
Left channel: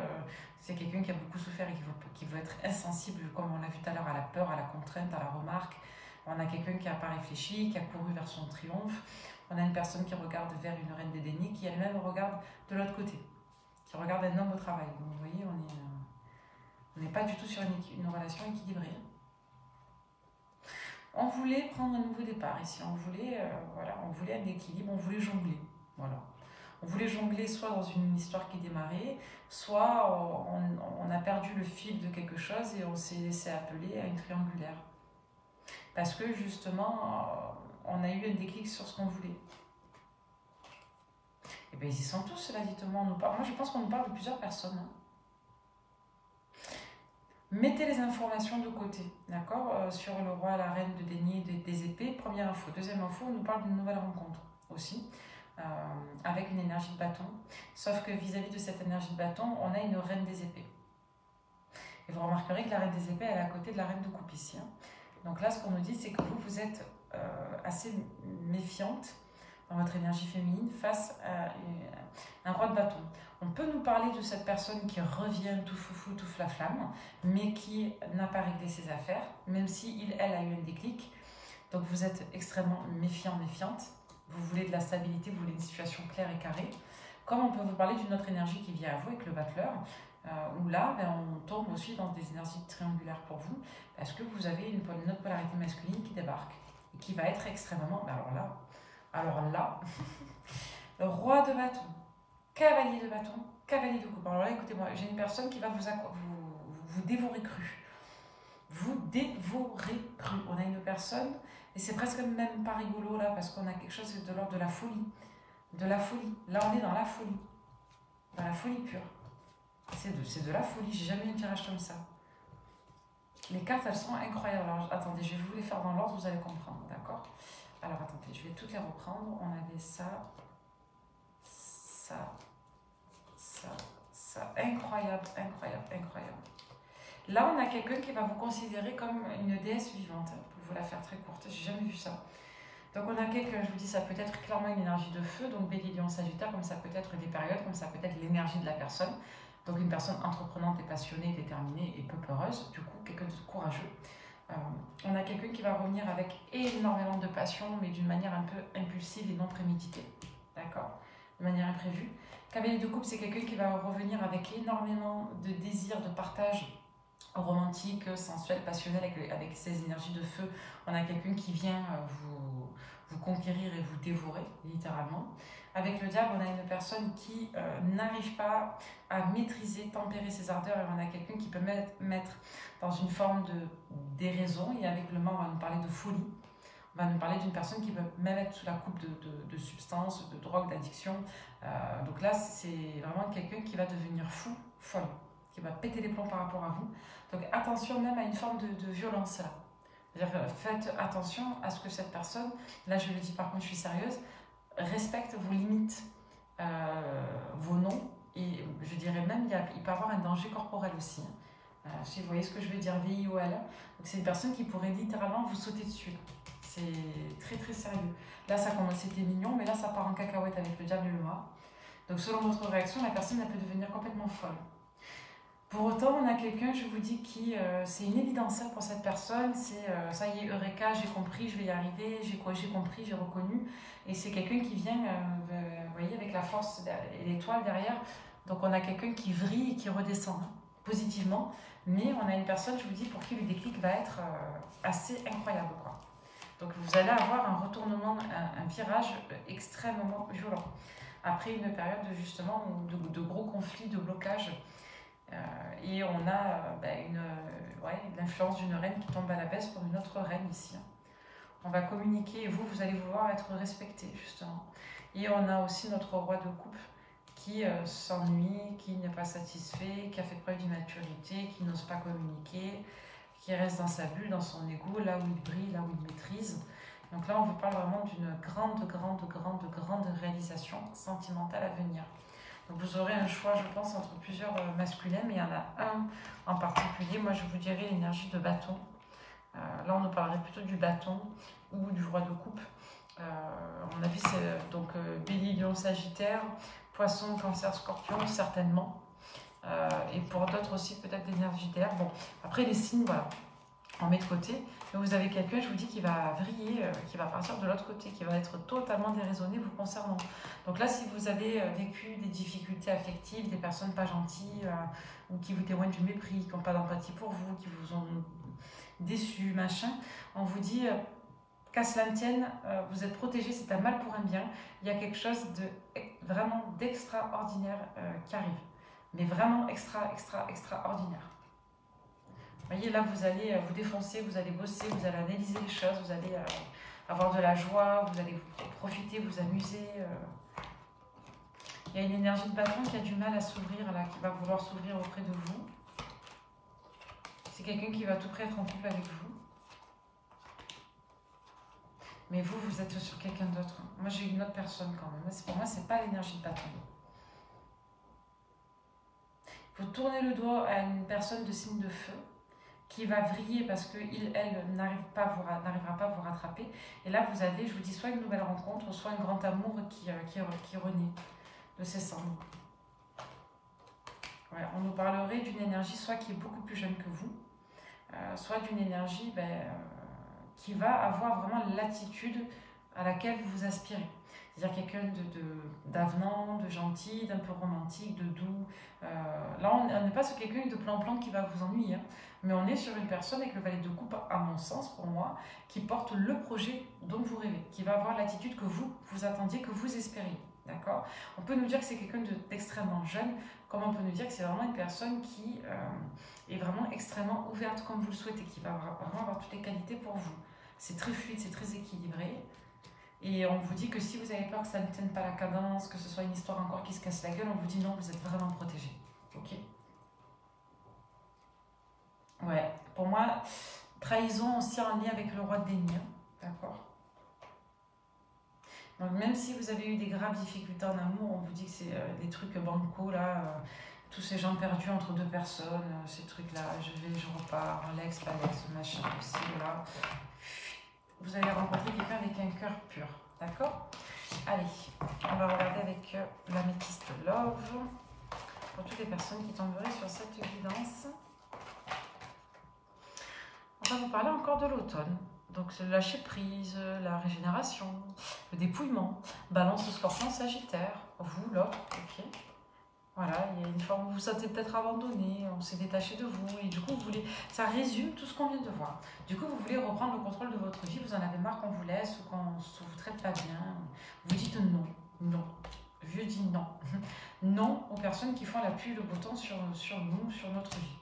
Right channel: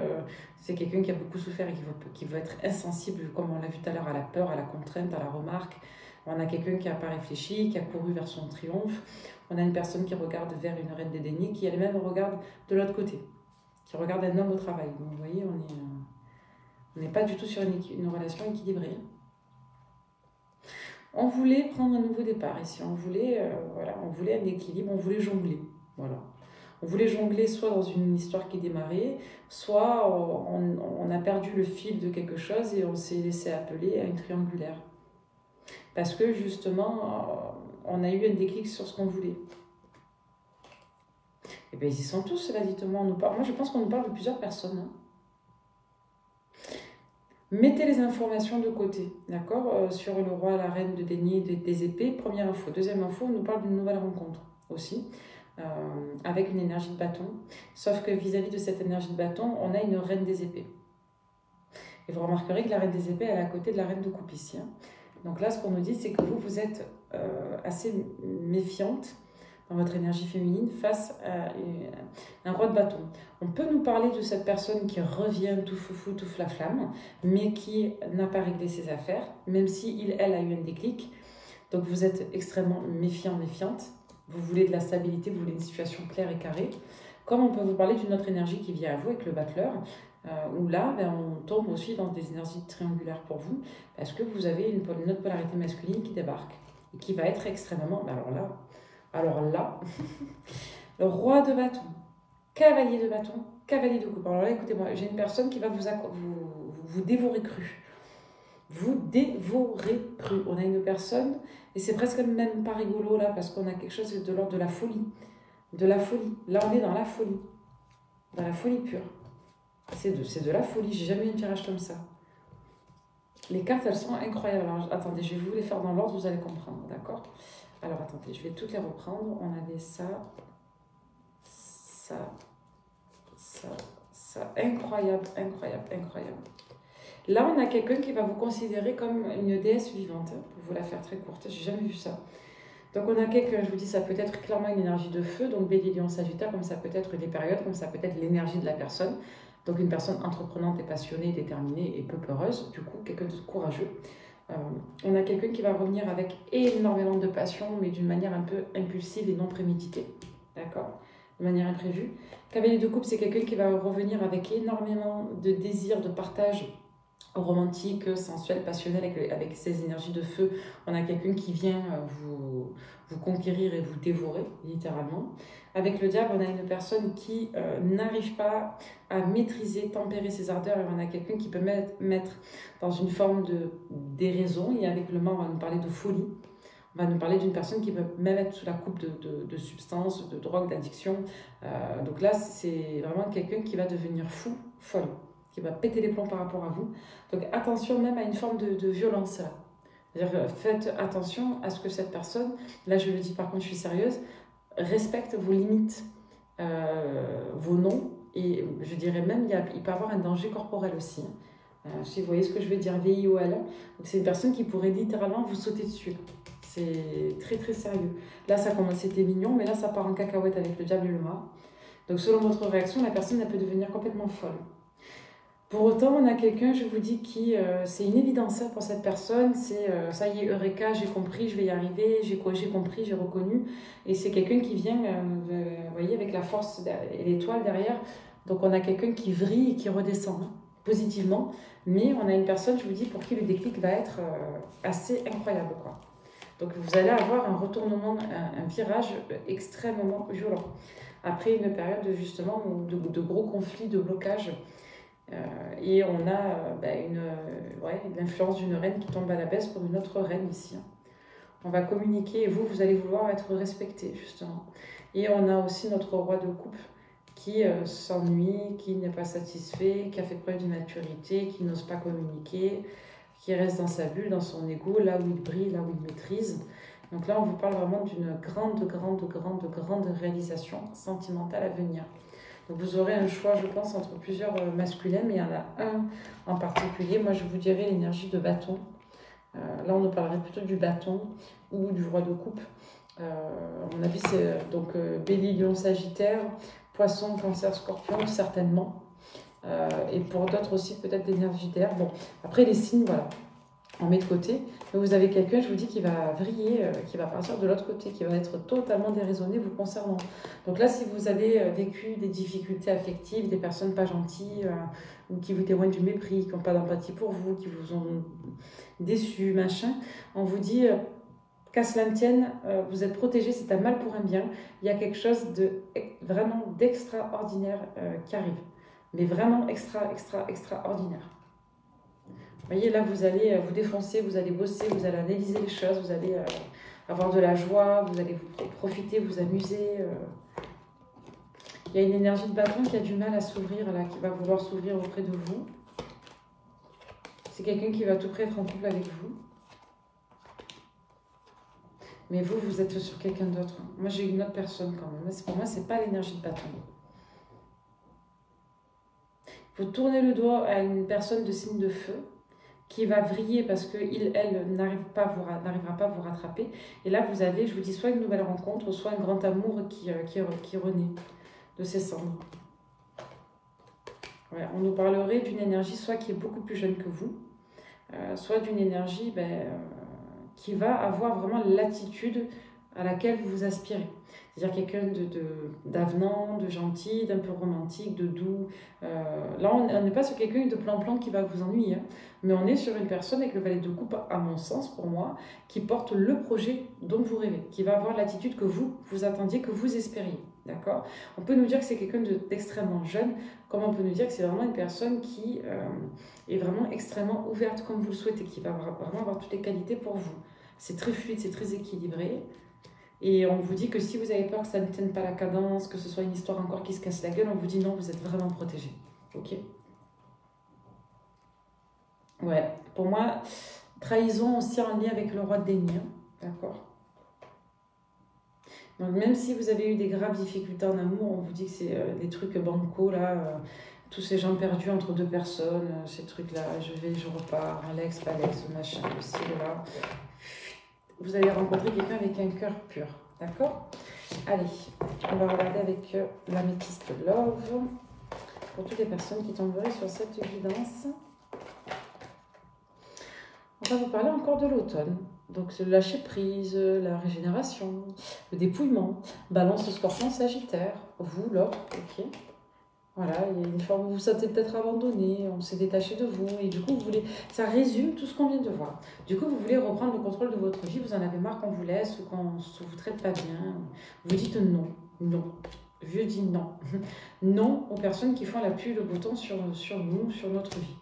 C'est quelqu'un qui a beaucoup souffert et qui veut être insensible, comme on l'a vu tout à l'heure, à la peur, à la contrainte, à la remarque. On a quelqu'un qui n'a pas réfléchi, qui a couru vers son triomphe. On a une personne qui regarde vers une reine des deniers, qui elle-même regarde de l'autre côté, qui regarde un homme au travail. Donc, vous voyez, on n'est pas du tout sur une relation équilibrée. On voulait prendre un nouveau départ ici, on voulait un équilibre, on voulait jongler. Voilà. On voulait jongler soit dans une histoire qui démarrait, soit on a perdu le fil de quelque chose et on s'est laissé appeler à une triangulaire. Parce que justement, on a eu un déclic sur ce qu'on voulait. Et bien, ils y sont tous, cela dit. Moi, je pense qu'on nous parle de plusieurs personnes. Hein. Mettez les informations de côté, d'accord, sur le roi, la reine de denier, des épées. Première info. Deuxième info, on nous parle d'une nouvelle rencontre aussi, avec une énergie de bâton. Sauf que vis-à-vis de cette énergie de bâton, on a une reine des épées. Et vous remarquerez que la reine des épées, elle est à côté de la reine de coupe ici. Hein. Donc là, ce qu'on nous dit, c'est que vous êtes assez méfiante dans votre énergie féminine face à un roi de bâton. On peut nous parler de cette personne qui revient tout foufou, tout flaflamme, mais qui n'a pas réglé ses affaires, même si elle a eu un déclic. Donc vous êtes extrêmement méfiant, méfiante. Vous voulez de la stabilité, vous voulez une situation claire et carrée. Comme on peut vous parler d'une autre énergie qui vient à vous avec le battleur, où là, on tombe aussi dans des énergies triangulaires pour vous, parce que vous avez une autre polarité masculine qui débarque, et qui va être extrêmement... Alors là, le roi de bâton, cavalier de bâton, cavalier de coupe. Alors là, écoutez-moi, j'ai une personne qui va vous dévorer cru. Vous dévorer cru. On a une personne, et c'est presque même pas rigolo là, parce qu'on a quelque chose de l'ordre de la folie. De la folie. Là, on est dans la folie. Dans la folie pure. C'est de la folie. J'ai jamais eu un tirage comme ça. Les cartes, elles sont incroyables. Alors, attendez, je vais vous les faire dans l'ordre, vous allez comprendre, d'accord ? Alors, attendez, je vais toutes les reprendre. On avait ça, ça, ça, ça. Incroyable, incroyable, incroyable. Là, on a quelqu'un qui va vous considérer comme une déesse vivante, pour vous la faire très courte. J'ai jamais vu ça. Donc, on a quelqu'un, je vous dis, ça peut être clairement une énergie de feu, donc Bélier, Lion, Sagittaire, comme ça peut être des périodes, comme ça peut être l'énergie de la personne. Donc, une personne entreprenante et passionnée, déterminée et peu peureuse, du coup, quelqu'un de courageux. On a quelqu'un qui va revenir avec énormément de passion, mais d'une manière un peu impulsive et non préméditée. D'accord ? De manière imprévue. Cavalier de coupe, c'est quelqu'un qui va revenir avec énormément de désir, de partage romantique, sensuel, passionnel, avec ses énergies de feu. On a quelqu'un qui vient vous conquérir et vous dévorer, littéralement. Avec le diable, on a une personne qui n'arrive pas à maîtriser, tempérer ses ardeurs, et on a quelqu'un qui peut mettre dans une forme de déraison, et avec le mort, on va nous parler de folie. On va nous parler d'une personne qui peut même être sous la coupe de substances, de drogue, d'addiction. Donc là, c'est vraiment quelqu'un qui va devenir fou, folle, qui va péter les plombs par rapport à vous. Donc attention même à une forme de violence là. C'est-à-dire, faites attention à ce que cette personne, là je le dis par contre, je suis sérieuse, respecte vos limites, vos noms, et je dirais même, il peut y avoir un danger corporel aussi. Si vous voyez ce que je veux dire, VIOL. Donc c'est une personne qui pourrait littéralement vous sauter dessus. C'est très très sérieux. Là ça commence, c'était mignon, mais là ça part en cacahuète avec le diable et le mort. Donc selon votre réaction, la personne elle peut devenir complètement folle. Pour autant, on a quelqu'un, je vous dis, qui, c'est une évidence pour cette personne, c'est ça y est, Eureka, j'ai compris, je vais y arriver, j'ai compris, j'ai reconnu. Et c'est quelqu'un qui vient, vous voyez, avec la force et l'étoile derrière. Donc on a quelqu'un qui vrille et qui redescend positivement. Mais on a une personne, je vous dis, pour qui le déclic va être assez incroyable, quoi. Donc vous allez avoir un retournement, un virage extrêmement violent. Après une période justement de gros conflits, de blocages. Et on a l'influence d'une reine qui tombe à la baisse pour une autre reine ici. On va communiquer et vous allez vouloir être respecté justement. Et on a aussi notre roi de coupe qui s'ennuie, qui n'est pas satisfait, qui a fait preuve d'immaturité, qui n'ose pas communiquer, qui reste dans sa bulle, dans son ego, là où il brille, là où il maîtrise. Donc là, on vous parle vraiment d'une grande réalisation sentimentale à venir. Donc vous aurez un choix, je pense, entre plusieurs masculins, mais il y en a un en particulier. Moi, je vous dirais l'énergie de bâton. Là, on nous parlerait plutôt du bâton ou du roi de coupe. À mon avis, c'est donc Bélier, Lion, Sagittaire, Poisson, Cancer, Scorpion, certainement. Et pour d'autres aussi, peut-être d'énergie d'air. Bon, après, les signes, voilà, on met de côté. Mais vous avez quelqu'un, je vous dis, qui va vriller, qui va partir de l'autre côté, qui va être totalement déraisonné vous concernant. Donc là, si vous avez vécu des difficultés affectives, des personnes pas gentilles, ou qui vous témoignent du mépris, qui n'ont pas d'empathie pour vous, qui vous ont déçu, machin, on vous dit, qu'à cela ne tienne, vous êtes protégé, c'est un mal pour un bien. Il y a quelque chose de vraiment d'extraordinaire qui arrive. Mais vraiment extraordinaire. Vous voyez, là, vous allez vous défoncer, vous allez bosser, vous allez analyser les choses, vous allez avoir de la joie, vous allez profiter, vous amuser. Il y a une énergie de bâton qui a du mal à s'ouvrir, là, qui va vouloir s'ouvrir auprès de vous. C'est quelqu'un qui va tout près être en couple avec vous. Mais vous, vous êtes sur quelqu'un d'autre. Moi, j'ai une autre personne quand même. Pour moi, ce n'est pas l'énergie de bâton. Vous tournez le doigt à une personne de signe de feu qui va vriller parce qu'elle n'arrivera pas à vous rattraper. Et là, vous avez, je vous dis, soit une nouvelle rencontre, soit un grand amour qui renaît de ses cendres. Ouais, on nous parlerait d'une énergie soit qui est beaucoup plus jeune que vous, soit d'une énergie qui va avoir vraiment l'attitude à laquelle vous aspirez. C'est-à-dire quelqu'un d'avenant, de gentil, d'un peu romantique, de doux. Là, on n'est pas sur quelqu'un de plan-plan qui va vous ennuyer, hein, mais on est sur une personne avec le valet de coupe, à mon sens, pour moi, qui porte le projet dont vous rêvez, qui va avoir l'attitude que vous attendiez, que vous espériez. D'accord? On peut nous dire que c'est quelqu'un d'extrêmement jeune, comme on peut nous dire que c'est vraiment une personne qui est vraiment extrêmement ouverte comme vous le souhaitez, qui va vraiment avoir toutes les qualités pour vous. C'est très fluide, c'est très équilibré. Et on vous dit que si vous avez peur que ça ne tienne pas la cadence, que ce soit une histoire encore qui se casse la gueule, on vous dit non, vous êtes vraiment protégé. Ok? Ouais, pour moi, trahison aussi en lien avec le roi de denier. D'accord? Donc même si vous avez eu des graves difficultés en amour, on vous dit que c'est des trucs bancals, là, tous ces gens perdus entre deux personnes, ces trucs-là, je repars, Alex, Palex, machin, aussi, là. Vous allez rencontrer quelqu'un avec un cœur pur, d'accord? Allez, on va regarder avec l'améthyste Love, pour toutes les personnes qui tomberaient sur cette guidance. On va vous parler encore de l'automne. Donc, le lâcher prise, la régénération, le dépouillement, balance, scorpion, sagittaire, vous, l'autre, ok. Voilà, il y a une forme où vous vous sentez peut-être abandonné, on s'est détaché de vous, et du coup, vous voulez, ça résume tout ce qu'on vient de voir. Du coup, vous voulez reprendre le contrôle de votre vie, vous en avez marre qu'on vous laisse ou qu'on ne vous traite pas bien. Vous dites non, non. Je dis non. Non aux personnes qui font la pluie et le beau temps sur nous, sur notre vie.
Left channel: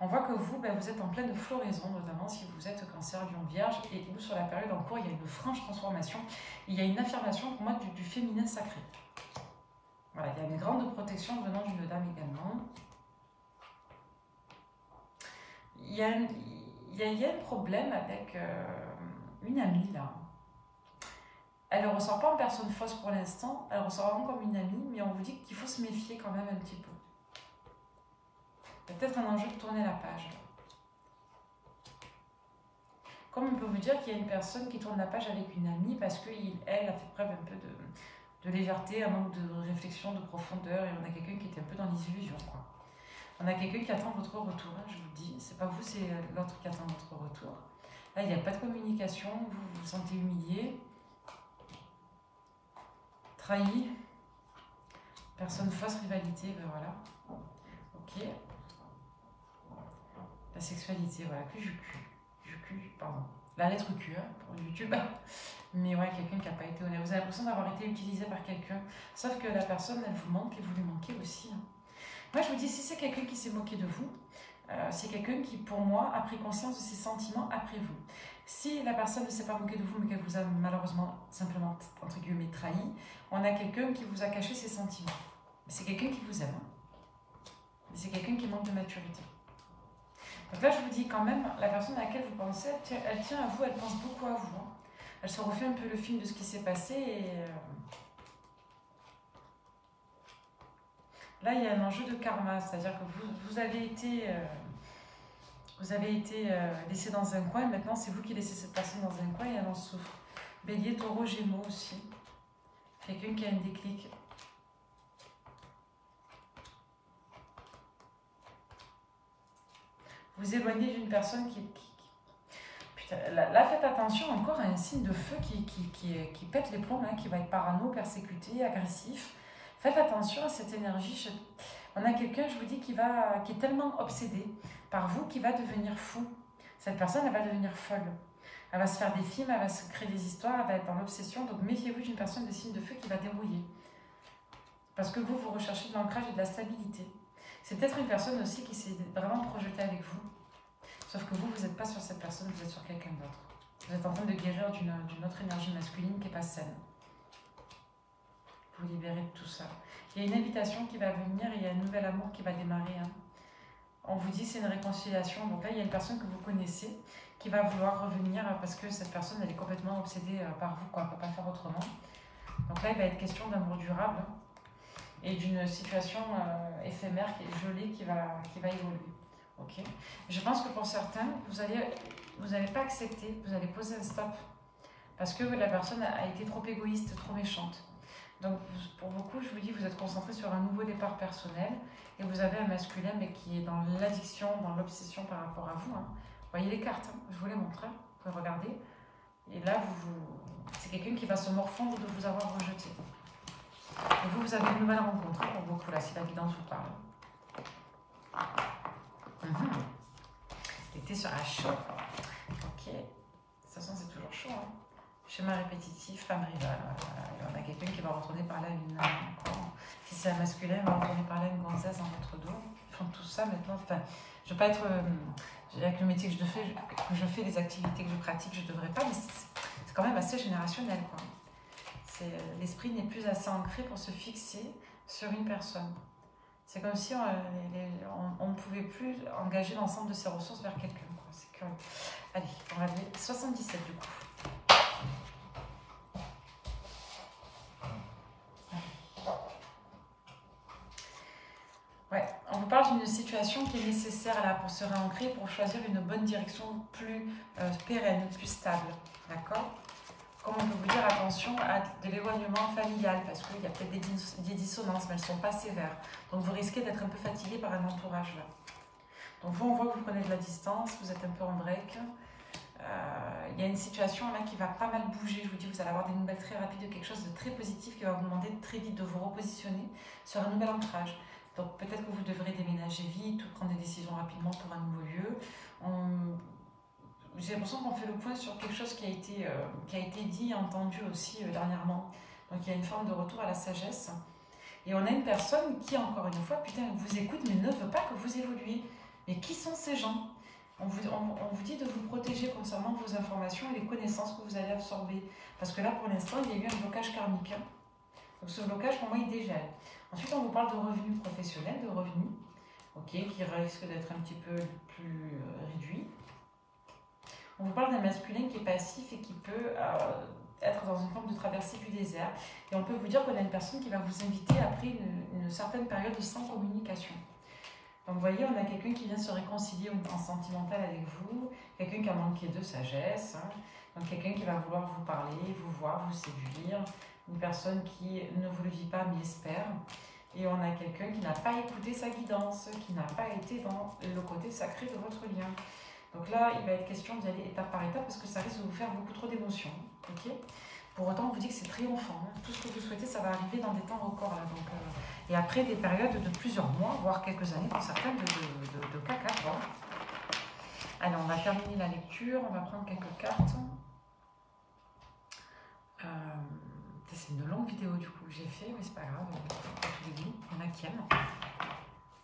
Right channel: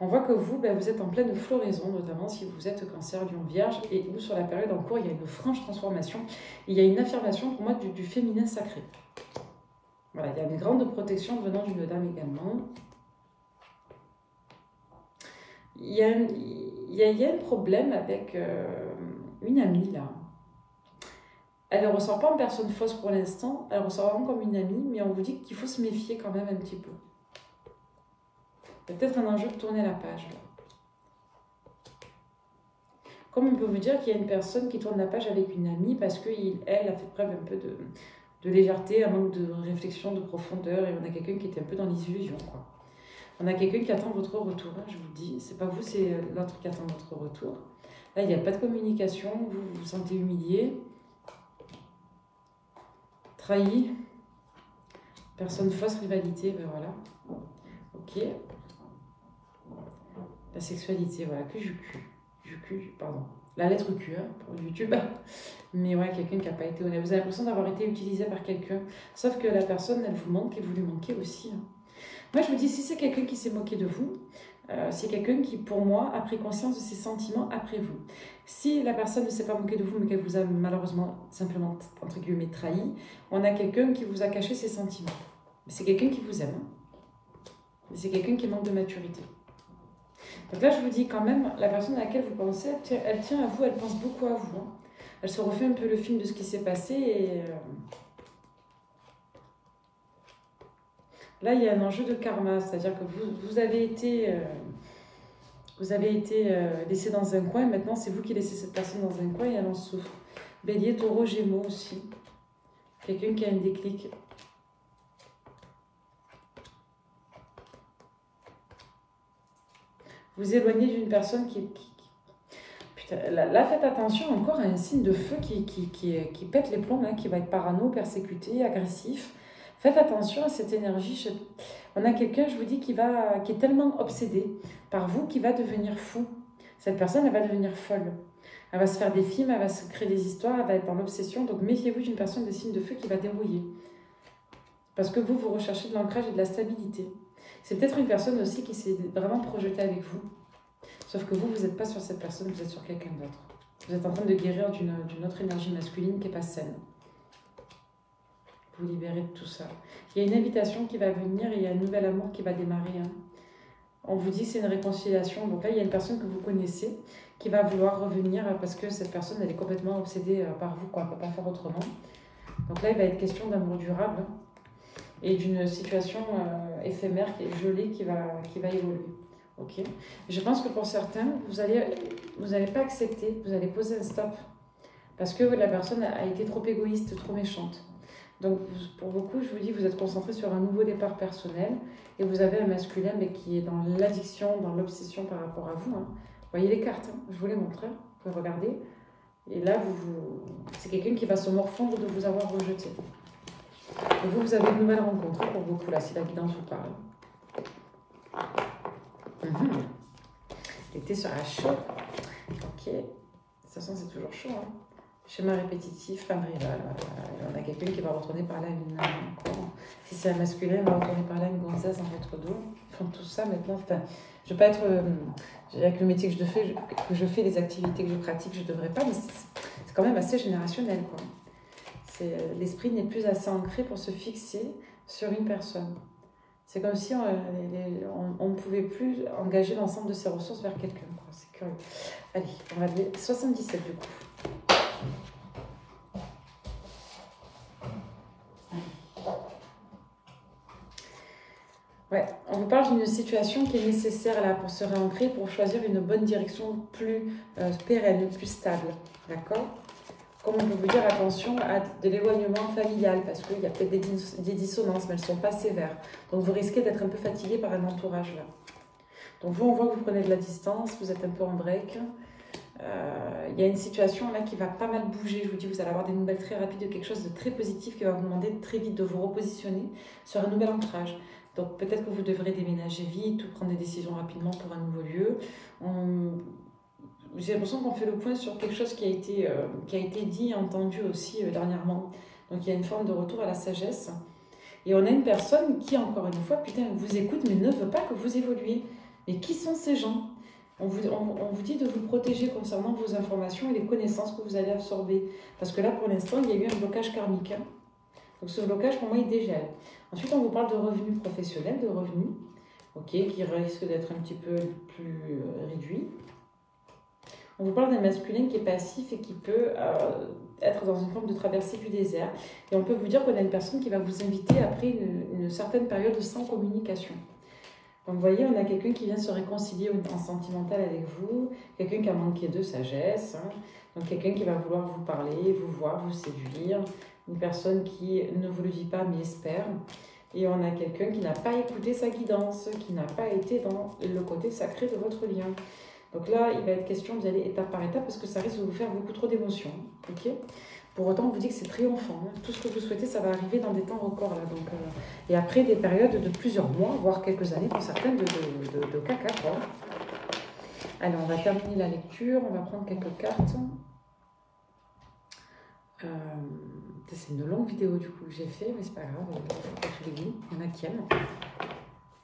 On voit que vous, vous êtes en pleine floraison, notamment si vous êtes cancer, lion, vierge, et où sur la période en cours, il y a une franche transformation. Il y a une affirmation pour moi du féminin sacré. Voilà, il y a une grande protection venant d'une dame également. Il y a un problème avec une amie là. Elle ne ressort pas en personne fausse pour l'instant, elle ressort vraiment comme une amie, mais on vous dit qu'il faut se méfier quand même un petit peu. Il y a peut-être un enjeu de tourner la page. Comme on peut vous dire qu'il y a une personne qui tourne la page avec une amie parce qu'elle a fait preuve un peu de légèreté, un manque de réflexion, de profondeur, et on a quelqu'un qui était un peu dans les illusions, quoi. On a quelqu'un qui attend votre retour, hein, je vous le dis. C'est pas vous, c'est l'autre qui attend votre retour. Là, il n'y a pas de communication, vous vous sentez humilié, trahi, personne fausse, rivalité, ben voilà. Ok. La sexualité, voilà, que Q, pardon. La lettre Q, hein, pour YouTube. Mais ouais, quelqu'un qui n'a pas été honnête. Vous avez l'impression d'avoir été utilisé par quelqu'un. Sauf que la personne, elle vous manque et vous lui manquez aussi. Hein. Moi, je vous dis, si c'est quelqu'un qui s'est moqué de vous, c'est quelqu'un qui, pour moi, a pris conscience de ses sentiments après vous. Si la personne ne s'est pas moquée de vous, mais qu'elle vous a malheureusement, simplement, entre guillemets, trahi, on a quelqu'un qui vous a caché ses sentiments. Mais c'est quelqu'un qui vous aime. Hein. Mais c'est quelqu'un qui manque de maturité. Donc là, je vous dis quand même, la personne à laquelle vous pensez, elle tient à vous, elle pense beaucoup à vous. Hein. Elle se refait un peu le film de ce qui s'est passé et... Là, il y a un enjeu de karma, c'est-à-dire que vous avez été laissé dans un coin, maintenant c'est vous qui laissez cette personne dans un coin et elle en souffre. Bélier, taureau, gémeaux aussi. Quelqu'un qui a un déclic. Vous éloignez d'une personne Putain, là, faites attention encore à un signe de feu qui pète les plombs, hein, qui va être parano, persécuté, agressif. Faites attention à cette énergie. On a quelqu'un, je vous dis, qui est tellement obsédé par vous qu'il va devenir fou. Cette personne, elle va devenir folle. Elle va se faire des films, elle va se créer des histoires, elle va être dans l'obsession. Donc méfiez-vous d'une personne de signe de feu qui va dérouiller. Parce que vous, vous recherchez de l'ancrage et de la stabilité. C'est peut-être une personne aussi qui s'est vraiment projetée avec vous. Sauf que vous, vous n'êtes pas sur cette personne, vous êtes sur quelqu'un d'autre. Vous êtes en train de guérir d'une autre énergie masculine qui n'est pas saine. Vous libérez de tout ça. Il y a une invitation qui va venir et il y a un nouvel amour qui va démarrer. Hein. On vous dit que c'est une réconciliation. Donc là, il y a une personne que vous connaissez qui va vouloir revenir parce que cette personne, elle est complètement obsédée par vous, quoi. Elle ne peut pas faire autrement. Donc là, il va être question d'amour durable et d'une situation éphémère, gelée qui va évoluer. Okay. Je pense que pour certains, vous n'allez pas accepter, vous allez poser un stop parce que la personne a été trop égoïste, trop méchante. Donc pour beaucoup, je vous dis, vous êtes concentré sur un nouveau départ personnel et vous avez un masculin mais qui est dans l'addiction, dans l'obsession par rapport à vous. Hein. Vous voyez les cartes, hein, je vous les montre, hein, vous pouvez regarder. Et là, c'est quelqu'un qui va se morfondre de vous avoir rejeté. Et vous avez une nouvelle rencontre pour beaucoup, là, si la guidance vous parle. L'été sera chaud. Ok. De toute façon, c'est toujours chaud. Hein. Schéma répétitif, femme rivale. On a quelqu'un qui va retourner par là une encore. Si c'est un masculin, il va retourner par là une gonzesse dans votre dos. Ils font tout ça maintenant. Enfin, je ne veux pas être. Avec le métier que je fais, les activités que je pratique, je ne devrais pas, mais c'est quand même assez générationnel, quoi. L'esprit n'est plus assez ancré pour se fixer sur une personne. C'est comme si on ne pouvait plus engager l'ensemble de ses ressources vers quelqu'un. C'est curieux. Allez, on va aller 77 du coup. Ouais, on vous parle d'une situation qui est nécessaire là pour se réancrer, pour choisir une bonne direction plus pérenne, plus stable. D'accord ? Comme on peut vous dire, attention à de l'éloignement familial, parce qu'il y a peut-être des dissonances, mais elles ne sont pas sévères. Donc vous risquez d'être un peu fatigué par un entourage là. Donc vous, on voit que vous prenez de la distance, vous êtes un peu en break. Il y a une situation là qui va pas mal bouger. Je vous dis, vous allez avoir des nouvelles très rapides de quelque chose de très positif qui va vous demander très vite de vous repositionner sur un nouvel ancrage. Donc peut-être que vous devrez déménager vite ou prendre des décisions rapidement pour un nouveau lieu. J'ai l'impression qu'on fait le point sur quelque chose qui a été dit et entendu aussi dernièrement. Donc il y a une forme de retour à la sagesse. Et on a une personne qui, encore une fois, putain, vous écoute mais ne veut pas que vous évoluiez. Mais qui sont ces gens ? On vous dit de vous protéger concernant vos informations et les connaissances que vous allez absorber. Parce que là, pour l'instant, il y a eu un blocage karmique. Hein. Donc ce blocage, pour moi, il dégèle. Ensuite, on vous parle de revenus professionnels, de revenus, qui risquent d'être un petit peu plus réduits. On vous parle d'un masculin qui est passif et qui peut être dans une forme de traversée du désert. Et on peut vous dire qu'on a une personne qui va vous inviter après une certaine période sans communication. Donc vous voyez, on a quelqu'un qui vient se réconcilier en sentimental avec vous, quelqu'un qui a manqué de sagesse, hein. Donc quelqu'un qui va vouloir vous parler, vous voir, vous séduire, une personne qui ne vous le dit pas mais espère. Et on a quelqu'un qui n'a pas écouté sa guidance, qui n'a pas été dans le côté sacré de votre lien. Donc là, il va être question d'y aller étape par étape parce que ça risque de vous faire beaucoup trop d'émotions. Okay, pour autant, on vous dit que c'est triomphant. Hein. Tout ce que vous souhaitez, ça va arriver dans des temps records. Là. Donc, et après des périodes de plusieurs mois, voire quelques années pour certaines de caca. Quoi. Allez, on va terminer la lecture. On va prendre quelques cartes. C'est une longue vidéo du coup que j'ai fait, mais c'est pas grave. Il faut pas tous les goûts. Il y en a qui aiment.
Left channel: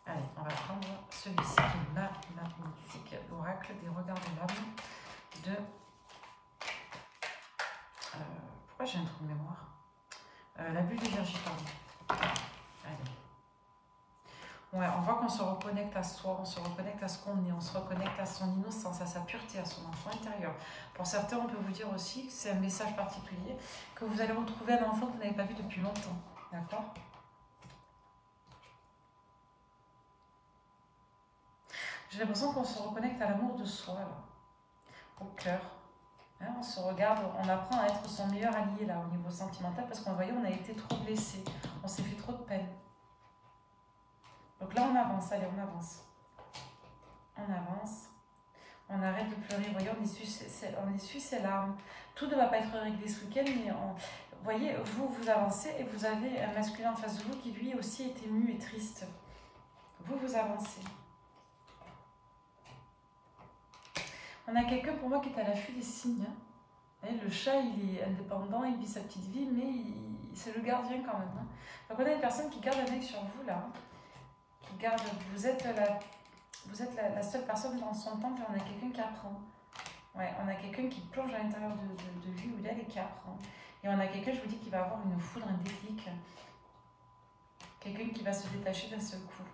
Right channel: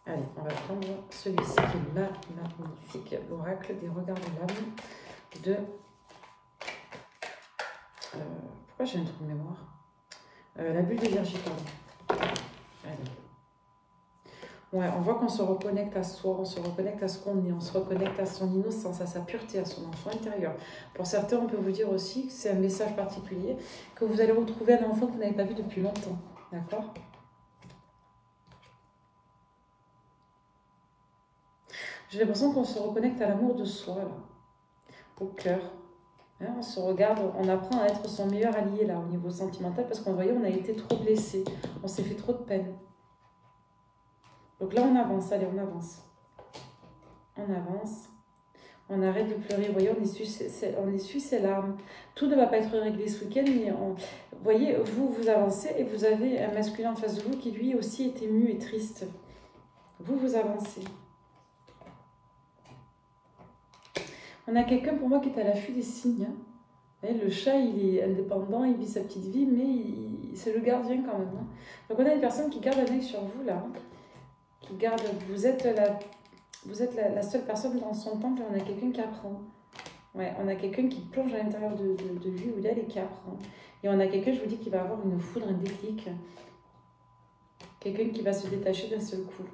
Allez, on va prendre celui-ci qui est magnifique, l'oracle des regards de l'âme de... pourquoi j'ai un trou de mémoire la bulle de Virgiton. Allez. Ouais, on voit qu'on se reconnecte à soi, on se reconnecte à ce qu'on est, on se reconnecte à son innocence, à sa pureté, à son enfant intérieur. Pour certains, on peut vous dire aussi que c'est un message particulier, que vous allez retrouver un enfant que vous n'avez pas vu depuis longtemps. D'accord ? J'ai l'impression qu'on se reconnecte à l'amour de soi, là, au cœur. Hein, on se regarde, on apprend à être son meilleur allié là, au niveau sentimental, parce qu'on voyait, on a été trop blessé, on s'est fait trop de peine. Donc là, on avance, allez, on avance. On avance, on arrête de pleurer, vous voyez, on essuie ses larmes. Tout ne va pas être réglé ce week-end, mais vous voyez, vous avancez et vous avez un masculin en face de vous qui lui aussi est ému et triste. Vous avancez. On a quelqu'un pour moi qui est à l'affût des signes. Et le chat, il est indépendant, il vit sa petite vie, mais c'est le gardien quand même. Hein. Donc on a une personne qui garde un œil sur vous là. Hein. Qui garde, vous êtes la seule personne dans son temple et on a quelqu'un qui apprend. Ouais, on a quelqu'un qui plonge à l'intérieur de lui ou d'elle et qui apprend. Et on a quelqu'un, je vous dis, qui va avoir une foudre, un déclic. Quelqu'un qui va se détacher d'un seul coup.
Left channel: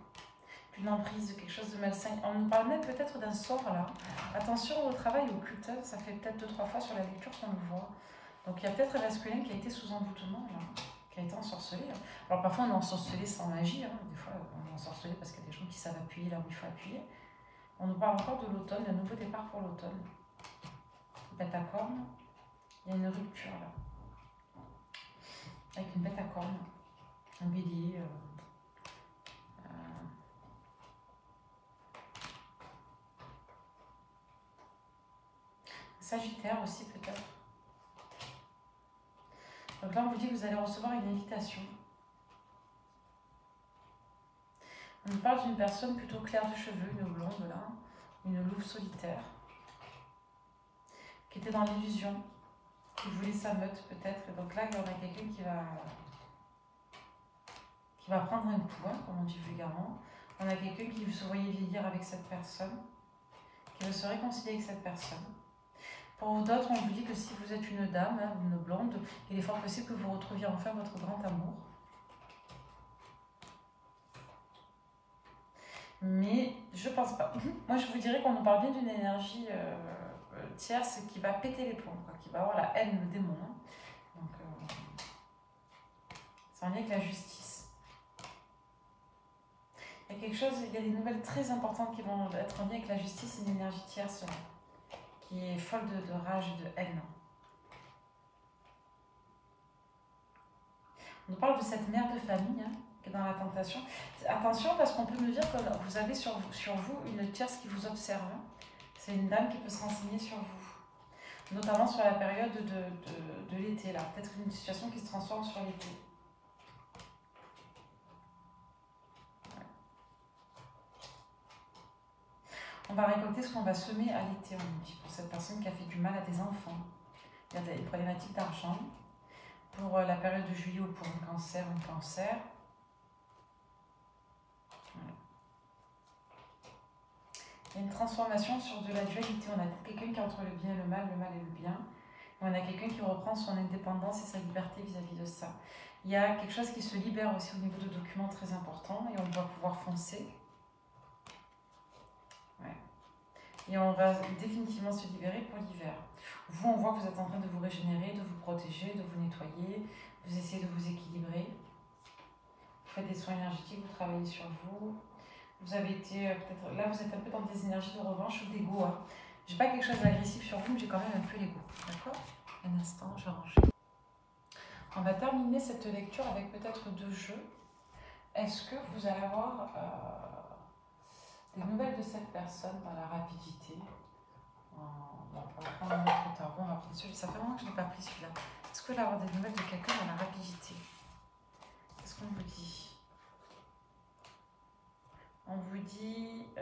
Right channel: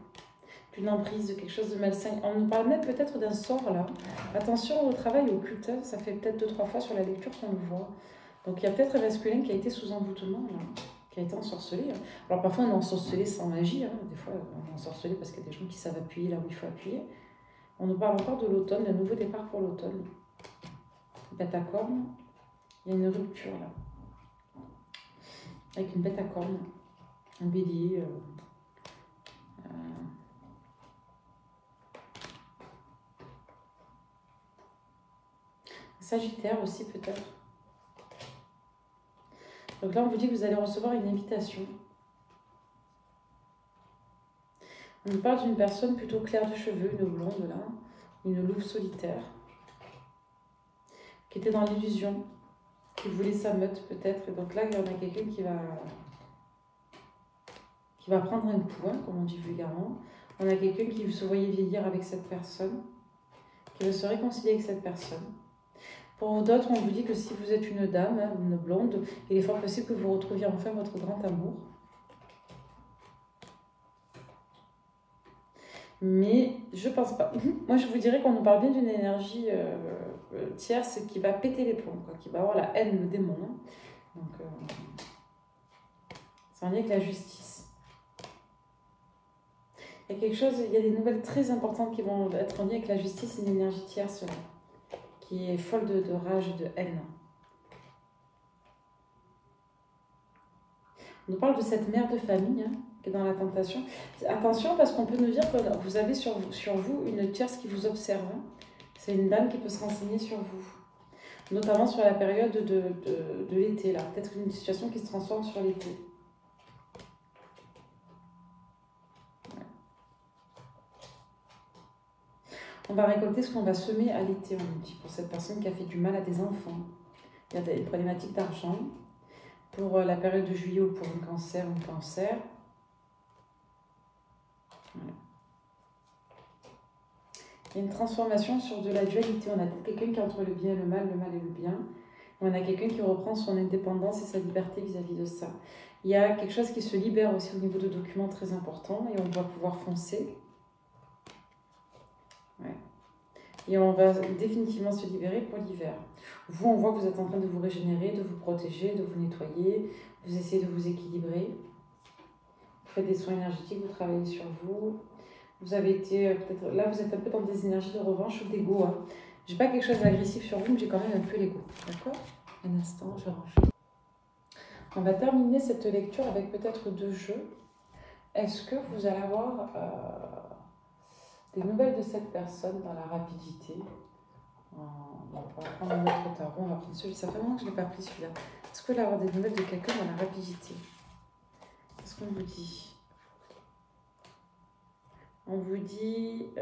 Une emprise, de quelque chose de malsain. On nous parle même peut-être d'un sort là. Attention au travail occulte, ça fait peut-être 2-3 fois sur la lecture qu'on le voit. Donc il y a peut-être un masculin qui a été sous envoûtement, là, qui a été ensorcelé. Alors parfois on est ensorcelé sans magie, hein. Des fois on est ensorcelé parce qu'il y a des gens qui savent appuyer là où il faut appuyer. On nous parle encore de l'automne, d'un nouveau départ pour l'automne. Bête à cornes, il y a une rupture là. Avec une bête à cornes, un bélier. Sagittaire aussi peut-être. Donc là on vous dit que vous allez recevoir une invitation. On nous parle d'une personne plutôt claire de cheveux, une blonde là, une louve solitaire, qui était dans l'illusion, qui voulait sa meute peut-être. Et donc là il y en a quelqu'un qui va prendre un coup, hein, comme on dit vulgairement. On a quelqu'un qui se voyait vieillir avec cette personne, qui veut se réconcilier avec cette personne. Pour d'autres, on vous dit que si vous êtes une dame, hein, une blonde, il est fort possible que vous retrouviez enfin votre grand amour. Mais je pense pas. Moi, je vous dirais qu'on nous parle bien d'une énergie tierce qui va péter les plombs, quoi, qui va avoir la haine, le démon. Hein. Donc, c'est en lien avec la justice. Il y a quelque chose, il y a des nouvelles très importantes qui vont être en lien avec la justice, une énergie tierce là, qui est folle de rage et de haine. On nous parle de cette mère de famille hein, qui est dans la tentation. Attention parce qu'on peut nous dire que vous avez sur vous une tierce qui vous observe. Hein. C'est une dame qui peut se renseigner sur vous. Notamment sur la période de l'été. Là, peut-être une situation qui se transforme sur l'été. Ouais. On va récolter ce qu'on va semer à l'été, on nous dit, pour cette personne qui a fait du mal à des enfants. Il y a des problématiques d'argent. Pour la période de juillet ou pour un cancer ou un cancer. Voilà. Il y a une transformation sur de la dualité. On a quelqu'un qui est entre le bien et le mal et le bien. Et on a quelqu'un qui reprend son indépendance et sa liberté vis-à-vis de ça. Il y a quelque chose qui se libère aussi au niveau de documents très importants et on doit pouvoir foncer. Ouais. Et on va définitivement se libérer pour l'hiver. Vous, on voit que vous êtes en train de vous régénérer, de vous protéger, de vous nettoyer. Vous essayez de vous équilibrer. Vous faites des soins énergétiques, vous travaillez sur vous. Vous avez été, peut-être, là vous êtes un peu dans des énergies de revanche ou d'ego. Hein. J'ai pas quelque chose d'agressif sur vous, mais j'ai quand même un peu l'ego. D'accord? Un instant, je range. On va terminer cette lecture avec peut-être 2 jeux. Est-ce que vous allez avoir des nouvelles de cette personne dans la rapidité? On va prendre un autre tarot, on va prendre celui-là. Ça fait longtemps que je ne l'ai pas pris celui-là. Est-ce que vous allez avoir des nouvelles de quelqu'un dans la rapidité? Qu'est-ce qu'on vous dit? On vous dit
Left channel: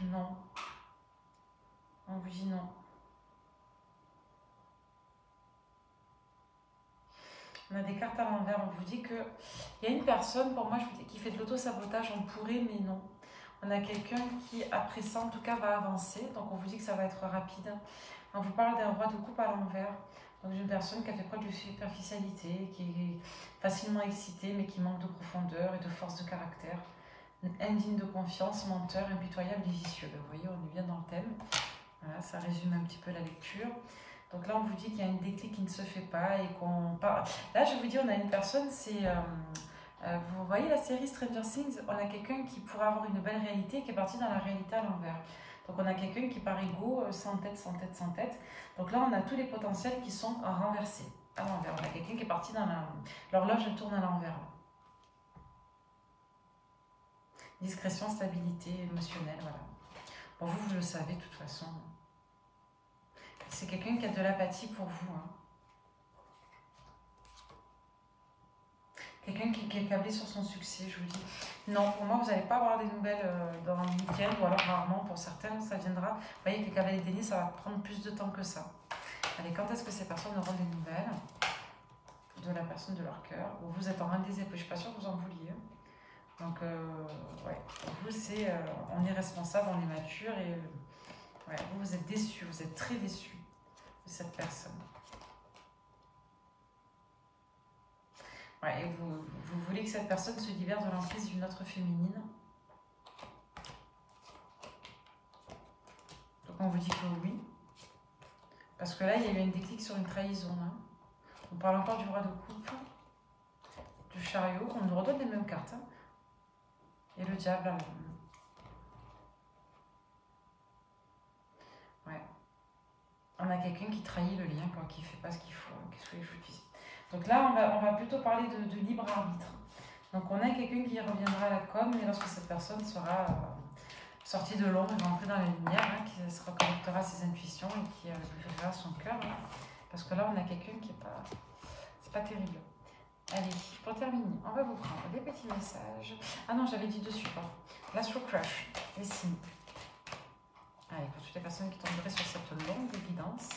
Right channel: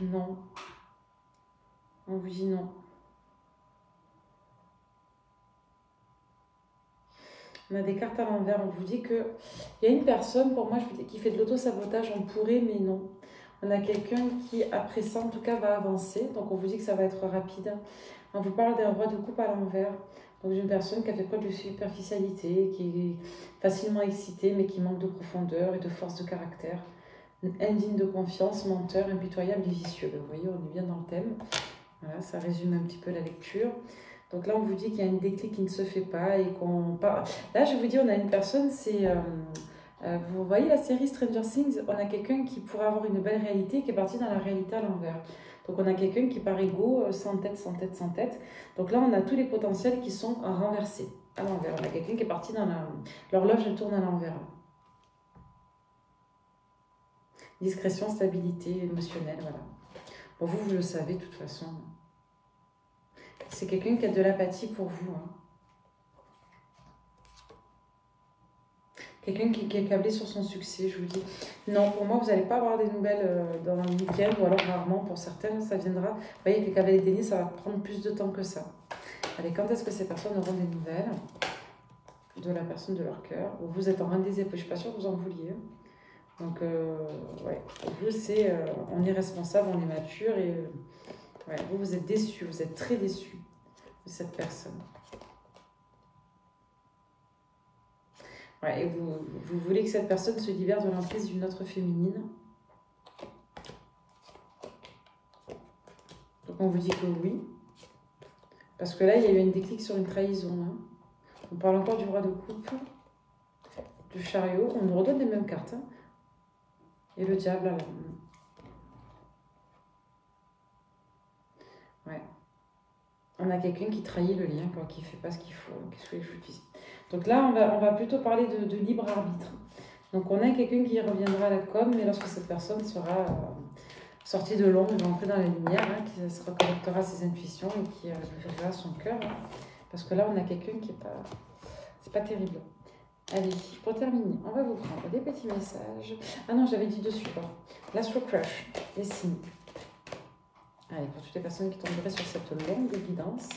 non. On vous dit non. On a des cartes à l'envers. On vous dit qu'il y a une personne, pour moi, je vous dis, qui fait de l'auto-sabotage. On pourrait, mais non. On a quelqu'un qui, après ça, en tout cas, va avancer. Donc, on vous dit que ça va être rapide. On vous parle d'un roi de coupe à l'envers. Donc, d'une personne qui a fait preuve de superficialité, qui est facilement excitée, mais qui manque de profondeur et de force de caractère. Indigne de confiance, menteur, impitoyable et vicieux. Vous voyez, on est bien dans le thème. Voilà, ça résume un petit peu la lecture. Donc là, on vous dit qu'il y a une déclic qui ne se fait pas et qu'on parle. Là, je vous dis, on a une personne, c'est... vous voyez la série Stranger Things, on a quelqu'un qui pourrait avoir une belle réalité qui est parti dans la réalité à l'envers. Donc on a quelqu'un qui par ego, sans tête, sans tête, sans tête. Donc là, on a tous les potentiels qui sont renversés à l'envers. On a quelqu'un qui est parti dans la... L'horloge, elle tourne à l'envers. Discrétion, stabilité émotionnelle, voilà. Bon, vous le savez de toute façon. C'est quelqu'un qui a de l'apathie pour vous. Hein. Quelqu'un qui est câblé sur son succès, je vous dis. Non, pour moi, vous n'allez pas avoir des nouvelles dans le week-end, ou alors rarement pour certains, ça viendra. Vous voyez, avec les cavaliers déniés, ça va prendre plus de temps que ça. Allez, quand est-ce que ces personnes auront des nouvelles de la personne de leur cœur? Vous êtes en reine des épées, je ne suis pas sûre que vous en vouliez. Donc, ouais, vous, c'est, on est responsable, on est mature, et ouais, vous êtes déçu, vous êtes très déçu de cette personne. Ouais, et vous voulez que cette personne se libère de l'emprise d'une autre féminine. Donc on vous dit que oui. Parce que là, il y a eu un déclic sur une trahison. Hein. On parle encore du roi de coupe, du chariot. On nous redonne les mêmes cartes. Hein. Et le diable, alors. Ouais. On a quelqu'un qui trahit le lien, quoi, qui ne fait pas ce qu'il faut. Qu'est-ce que les foutus. Donc là, on va plutôt parler de libre arbitre. Donc on a quelqu'un qui reviendra à la com, mais lorsque cette personne sera sortie de l'ombre, elle va entrer dans la lumière, hein, qui se reconnectera à ses intuitions et qui ouvrira son cœur. Hein, parce que là, on a quelqu'un qui est pas... C'est pas terrible. Allez, pour terminer, on va vous prendre des petits messages. Ah non, j'avais dit dessus, quoi. L'Astro Crush, les signes. Allez, pour toutes les personnes qui tomberaient sur cette longue guidance,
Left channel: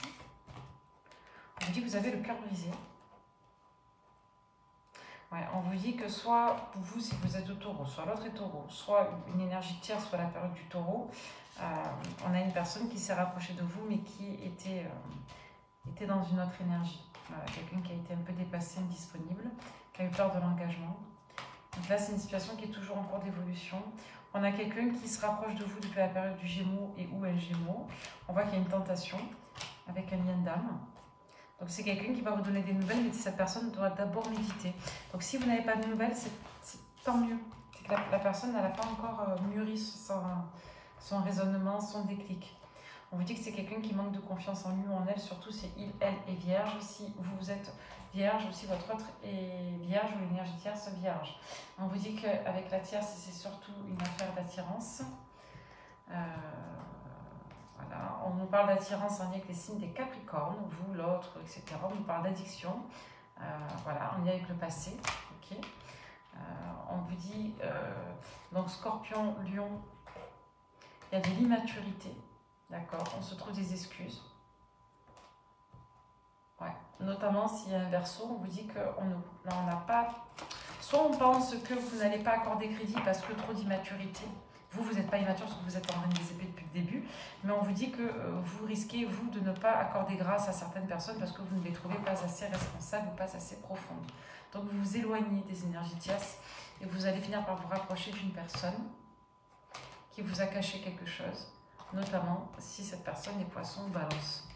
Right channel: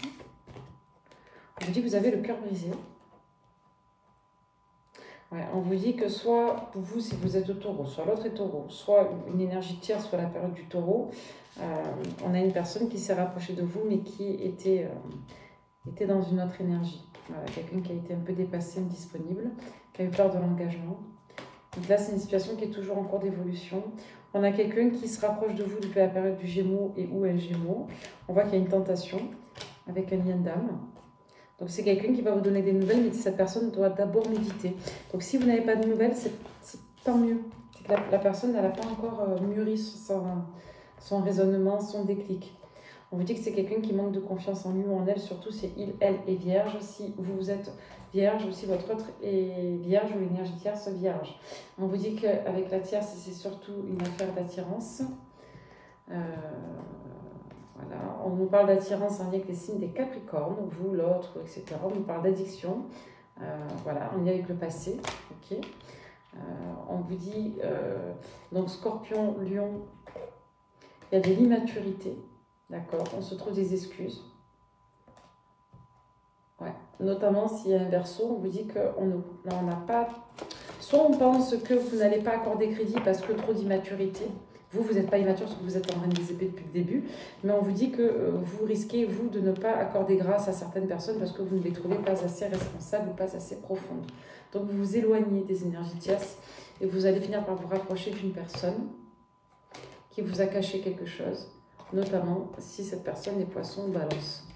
on vous dit que vous avez le cœur brisé. Ouais, on vous dit que soit pour vous, si vous êtes au taureau, soit l'autre est taureau, soit une énergie tierce, soit la période du taureau, on a une personne qui s'est rapprochée de vous, mais qui était dans une autre énergie. Voilà, quelqu'un qui a été un peu dépassé, indisponible, qui a eu peur de l'engagement. Donc là, c'est une situation qui est toujours en cours d'évolution. On a quelqu'un qui se rapproche de vous depuis la période du Gémeaux et ou un Gémeaux. On voit qu'il y a une tentation avec un lien d'âme. Donc c'est quelqu'un qui va vous donner des nouvelles, mais cette personne doit d'abord méditer. Donc si vous n'avez pas de nouvelles, c'est tant mieux. C'est que la personne n'a pas encore mûri son raisonnement, son déclic. On vous dit que c'est quelqu'un qui manque de confiance en lui ou en elle, surtout si il, elle est vierge. Si vous êtes vierge ou si votre autre est vierge ou l'énergie tierce vierge. On vous dit qu'avec la tierce, c'est surtout une affaire d'attirance. Voilà. On nous parle d'attirance en lien avec les signes des Capricornes, vous, l'autre, etc. On nous parle d'addiction, voilà, en lien avec le passé. Ok. On vous dit, donc Scorpion, Lion, il y a de l'immaturité, d'accord. On se trouve des excuses. Ouais. Notamment s'il y a un Verseau, on vous dit qu'on n'a pas... Soit on pense que vous n'allez pas accorder crédit parce que trop d'immaturité. Vous n'êtes pas immature parce que vous êtes en reine des épées depuis le début, mais on vous dit que vous risquez, vous, de ne pas accorder grâce à certaines personnes parce que vous ne les trouvez pas assez responsables ou pas assez profondes. Donc vous vous éloignez des énergies tierces et vous allez finir par vous rapprocher d'une personne qui vous a caché quelque chose, notamment si cette personne est Poisson ou Balance.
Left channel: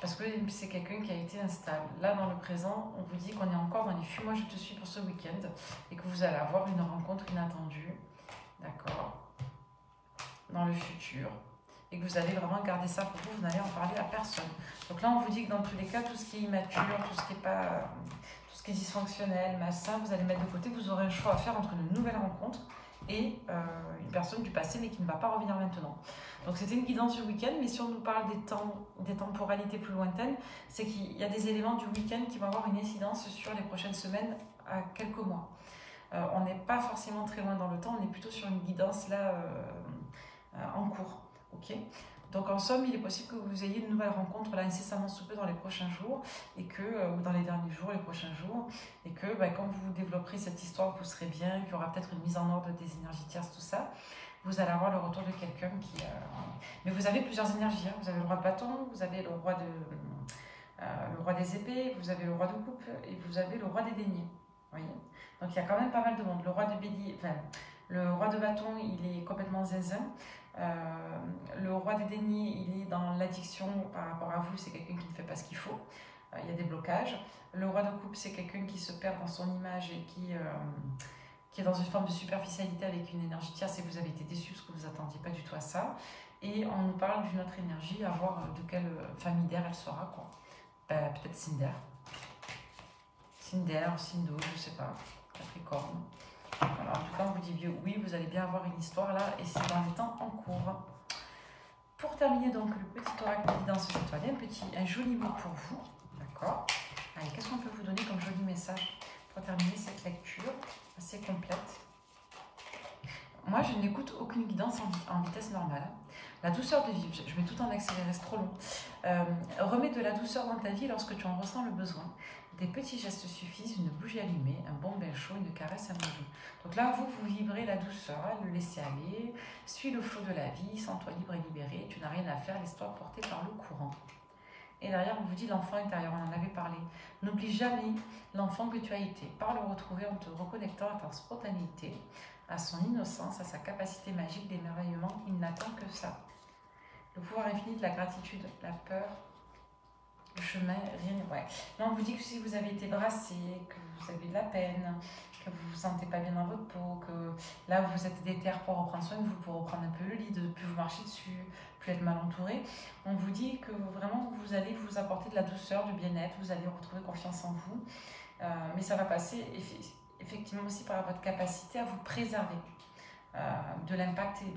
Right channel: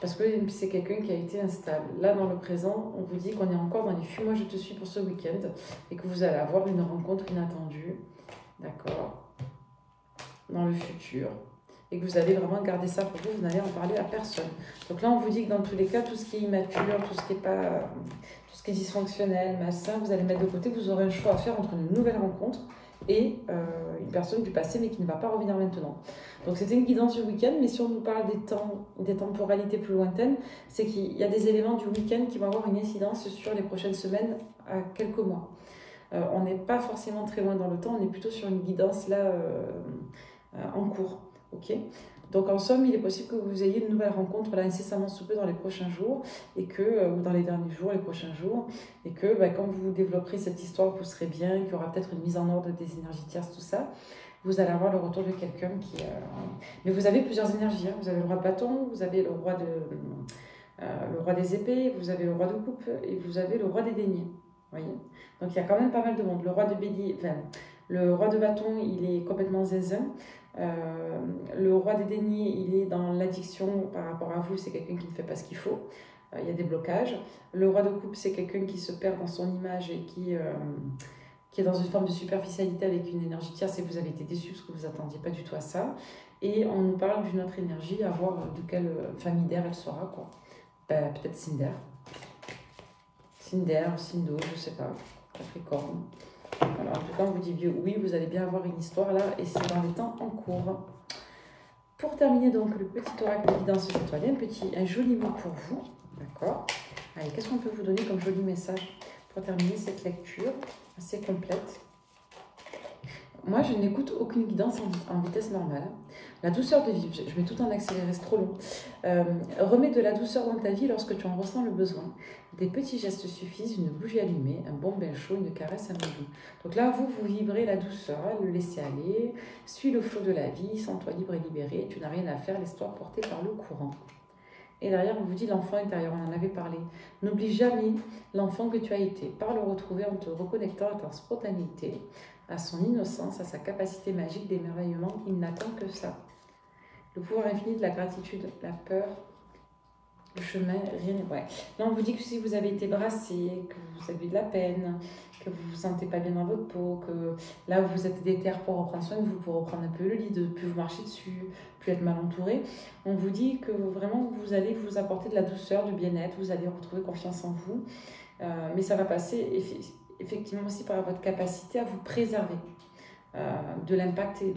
Parce que c'est quelqu'un qui a été instable. Là, dans le présent, on vous dit qu'on est encore dans les fuis-moi je te suis pour ce week-end et que vous allez avoir une rencontre inattendue. D'accord, dans le futur, et que vous allez vraiment garder ça pour vous, vous n'allez en parler à personne. Donc là, on vous dit que dans tous les cas, tout ce qui est immature, tout ce qui est dysfonctionnel, malsain, vous allez mettre de côté, vous aurez un choix à faire entre une nouvelle rencontre et une personne du passé, mais qui ne va pas revenir maintenant. Donc c'était une guidance du week-end, mais si on nous parle des temporalités plus lointaines, c'est qu'il y a des éléments du week-end qui vont avoir une incidence sur les prochaines semaines à quelques mois. On n'est pas forcément très loin dans le temps, on est plutôt sur une guidance là en cours. Ok. Donc en somme, il est possible que vous ayez une nouvelle rencontre là incessamment sous peu dans les prochains jours, et que, ou dans les derniers jours, les prochains jours, et que quand vous développerez cette histoire, vous serez bien, qu'il y aura peut-être une mise en ordre des énergies tierces, tout ça, vous allez avoir le retour de quelqu'un qui... Mais vous avez plusieurs énergies, hein. Vous avez le roi de bâton, vous avez le roi des épées, vous avez le roi de coupe, et vous avez le roi des deniers. Voyez. Donc il y a quand même pas mal de monde. Le roi de bélier, enfin, le roi de bâton, il est complètement zinzin. Le roi des deniers, il est dans l'addiction par rapport à vous, c'est quelqu'un qui ne fait pas ce qu'il faut. Il y a des blocages. Le roi de coupe, c'est quelqu'un qui se perd dans son image et qui est dans une forme de superficialité avec une énergie tierce et vous avez été déçu parce que vous n'attendiez pas du tout à ça. Et on nous parle d'une autre énergie, à voir de quelle famille d'air elle sera, quoi. Ben, peut-être Cinder. Cinder, Cindo, je ne sais pas. Capricorne. Alors, en tout cas, on vous dit oui, vous allez bien avoir une histoire là, et c'est dans les temps en cours. Pour terminer donc le petit oracle de guidance étoilée, un joli mot pour vous, d'accord. Allez, qu'est-ce qu'on peut vous donner comme joli message pour pour terminer cette lecture assez complète. Moi, je n'écoute aucune guidance en vitesse normale. La douceur de vivre, je mets tout en accéléré, c'est trop long. Remets de la douceur dans ta vie lorsque tu en ressens le besoin. Des petits gestes suffisent, une bougie allumée, un bon bain chaud, une caresse, un mot doux. Donc là, vous vibrez la douceur, le laisser aller, suis le flot de la vie, sens-toi libre et libéré, tu n'as rien à faire, laisse-toi porter par le courant. Et derrière, on vous dit l'enfant intérieur, on en avait parlé. N'oublie jamais l'enfant que tu as été, par le retrouver en te reconnectant à ta spontanéité, à son innocence, à sa capacité magique d'émerveillement. Il n'attend que ça. Le pouvoir infini de la gratitude, la peur, le chemin, rien. Ouais. Là, on vous dit que si vous avez été brassé, que vous avez eu de la peine, que vous ne vous sentez pas bien dans votre peau, que là, vous êtes déter pour reprendre soin de vous, pour reprendre un peu le lit, de ne plus vous marcher dessus, plus être mal entouré, on vous dit que vraiment, vous allez vous apporter de la douceur, du bien-être, vous allez retrouver confiance en vous, mais ça va passer effectivement aussi par votre capacité à vous préserver de l'impact et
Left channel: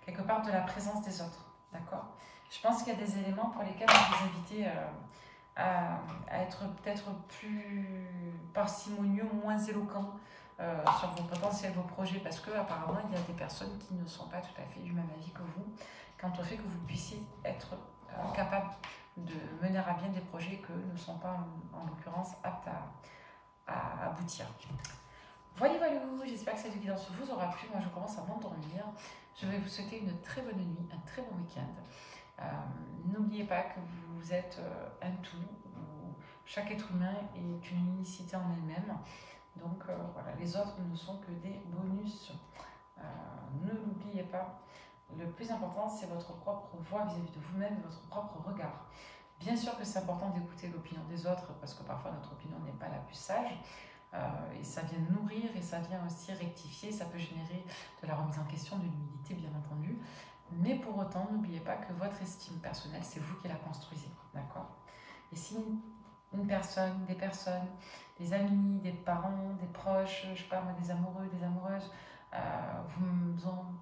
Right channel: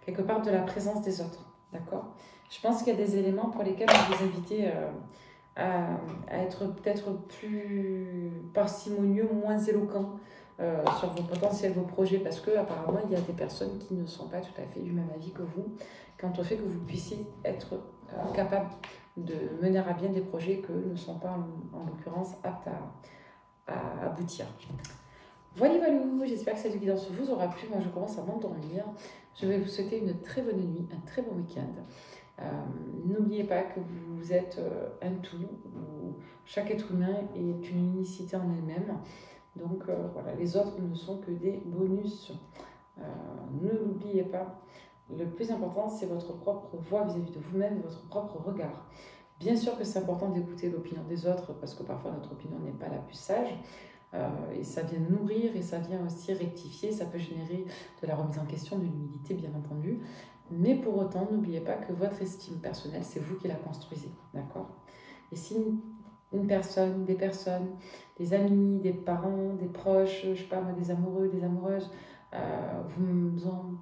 quelque part de la présence des autres, d'accord? Je pense qu'il y a des éléments pour lesquels on vous inviter à être peut-être plus parcimonieux, moins éloquent sur vos potentiels, vos projets, parce que apparemment il y a des personnes qui ne sont pas tout à fait du même avis que vous, quant au fait que vous puissiez être capable de mener à bien des projets que ne sont pas en l'occurrence aptes à aboutir. Voilà, j'espère que cette guidance vous aura plu. Moi, je commence à m'endormir. Je vais vous souhaiter une très bonne nuit, un très bon week-end. N'oubliez pas que vous êtes un tout, où chaque être humain est une unicité en elle-même. Donc, voilà, les autres ne sont que des bonus. Ne l'oubliez pas. Le plus important, c'est votre propre voix vis-à-vis de vous-même, votre propre regard. Bien sûr que c'est important d'écouter l'opinion des autres, parce que parfois notre opinion n'est pas la plus sage. Et ça vient nourrir et ça vient aussi rectifier, ça peut générer de la remise en question, de l'humilité bien entendu, mais pour autant n'oubliez pas que votre estime personnelle c'est vous qui la construisez, d'accord? Et si une personne, des amis, des parents, des proches, je sais pas moi, des amoureux, des amoureuses vous ont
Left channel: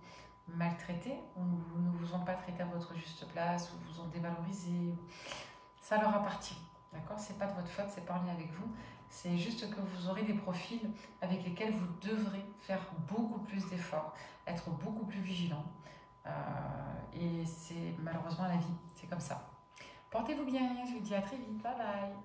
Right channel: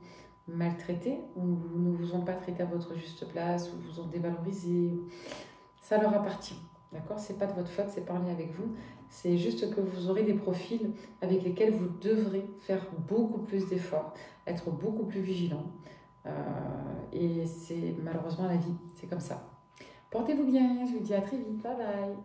maltraité ou ne vous ont pas traité à votre juste place ou vous ont dévalorisé, ça leur appartient. D'accord? C'est pas de votre faute, c'est pas en lien avec vous. C'est juste que vous aurez des profils avec lesquels vous devrez faire beaucoup plus d'efforts, être beaucoup plus vigilant. Et c'est malheureusement la vie, c'est comme ça. Portez-vous bien, je vous dis à très vite, bye bye.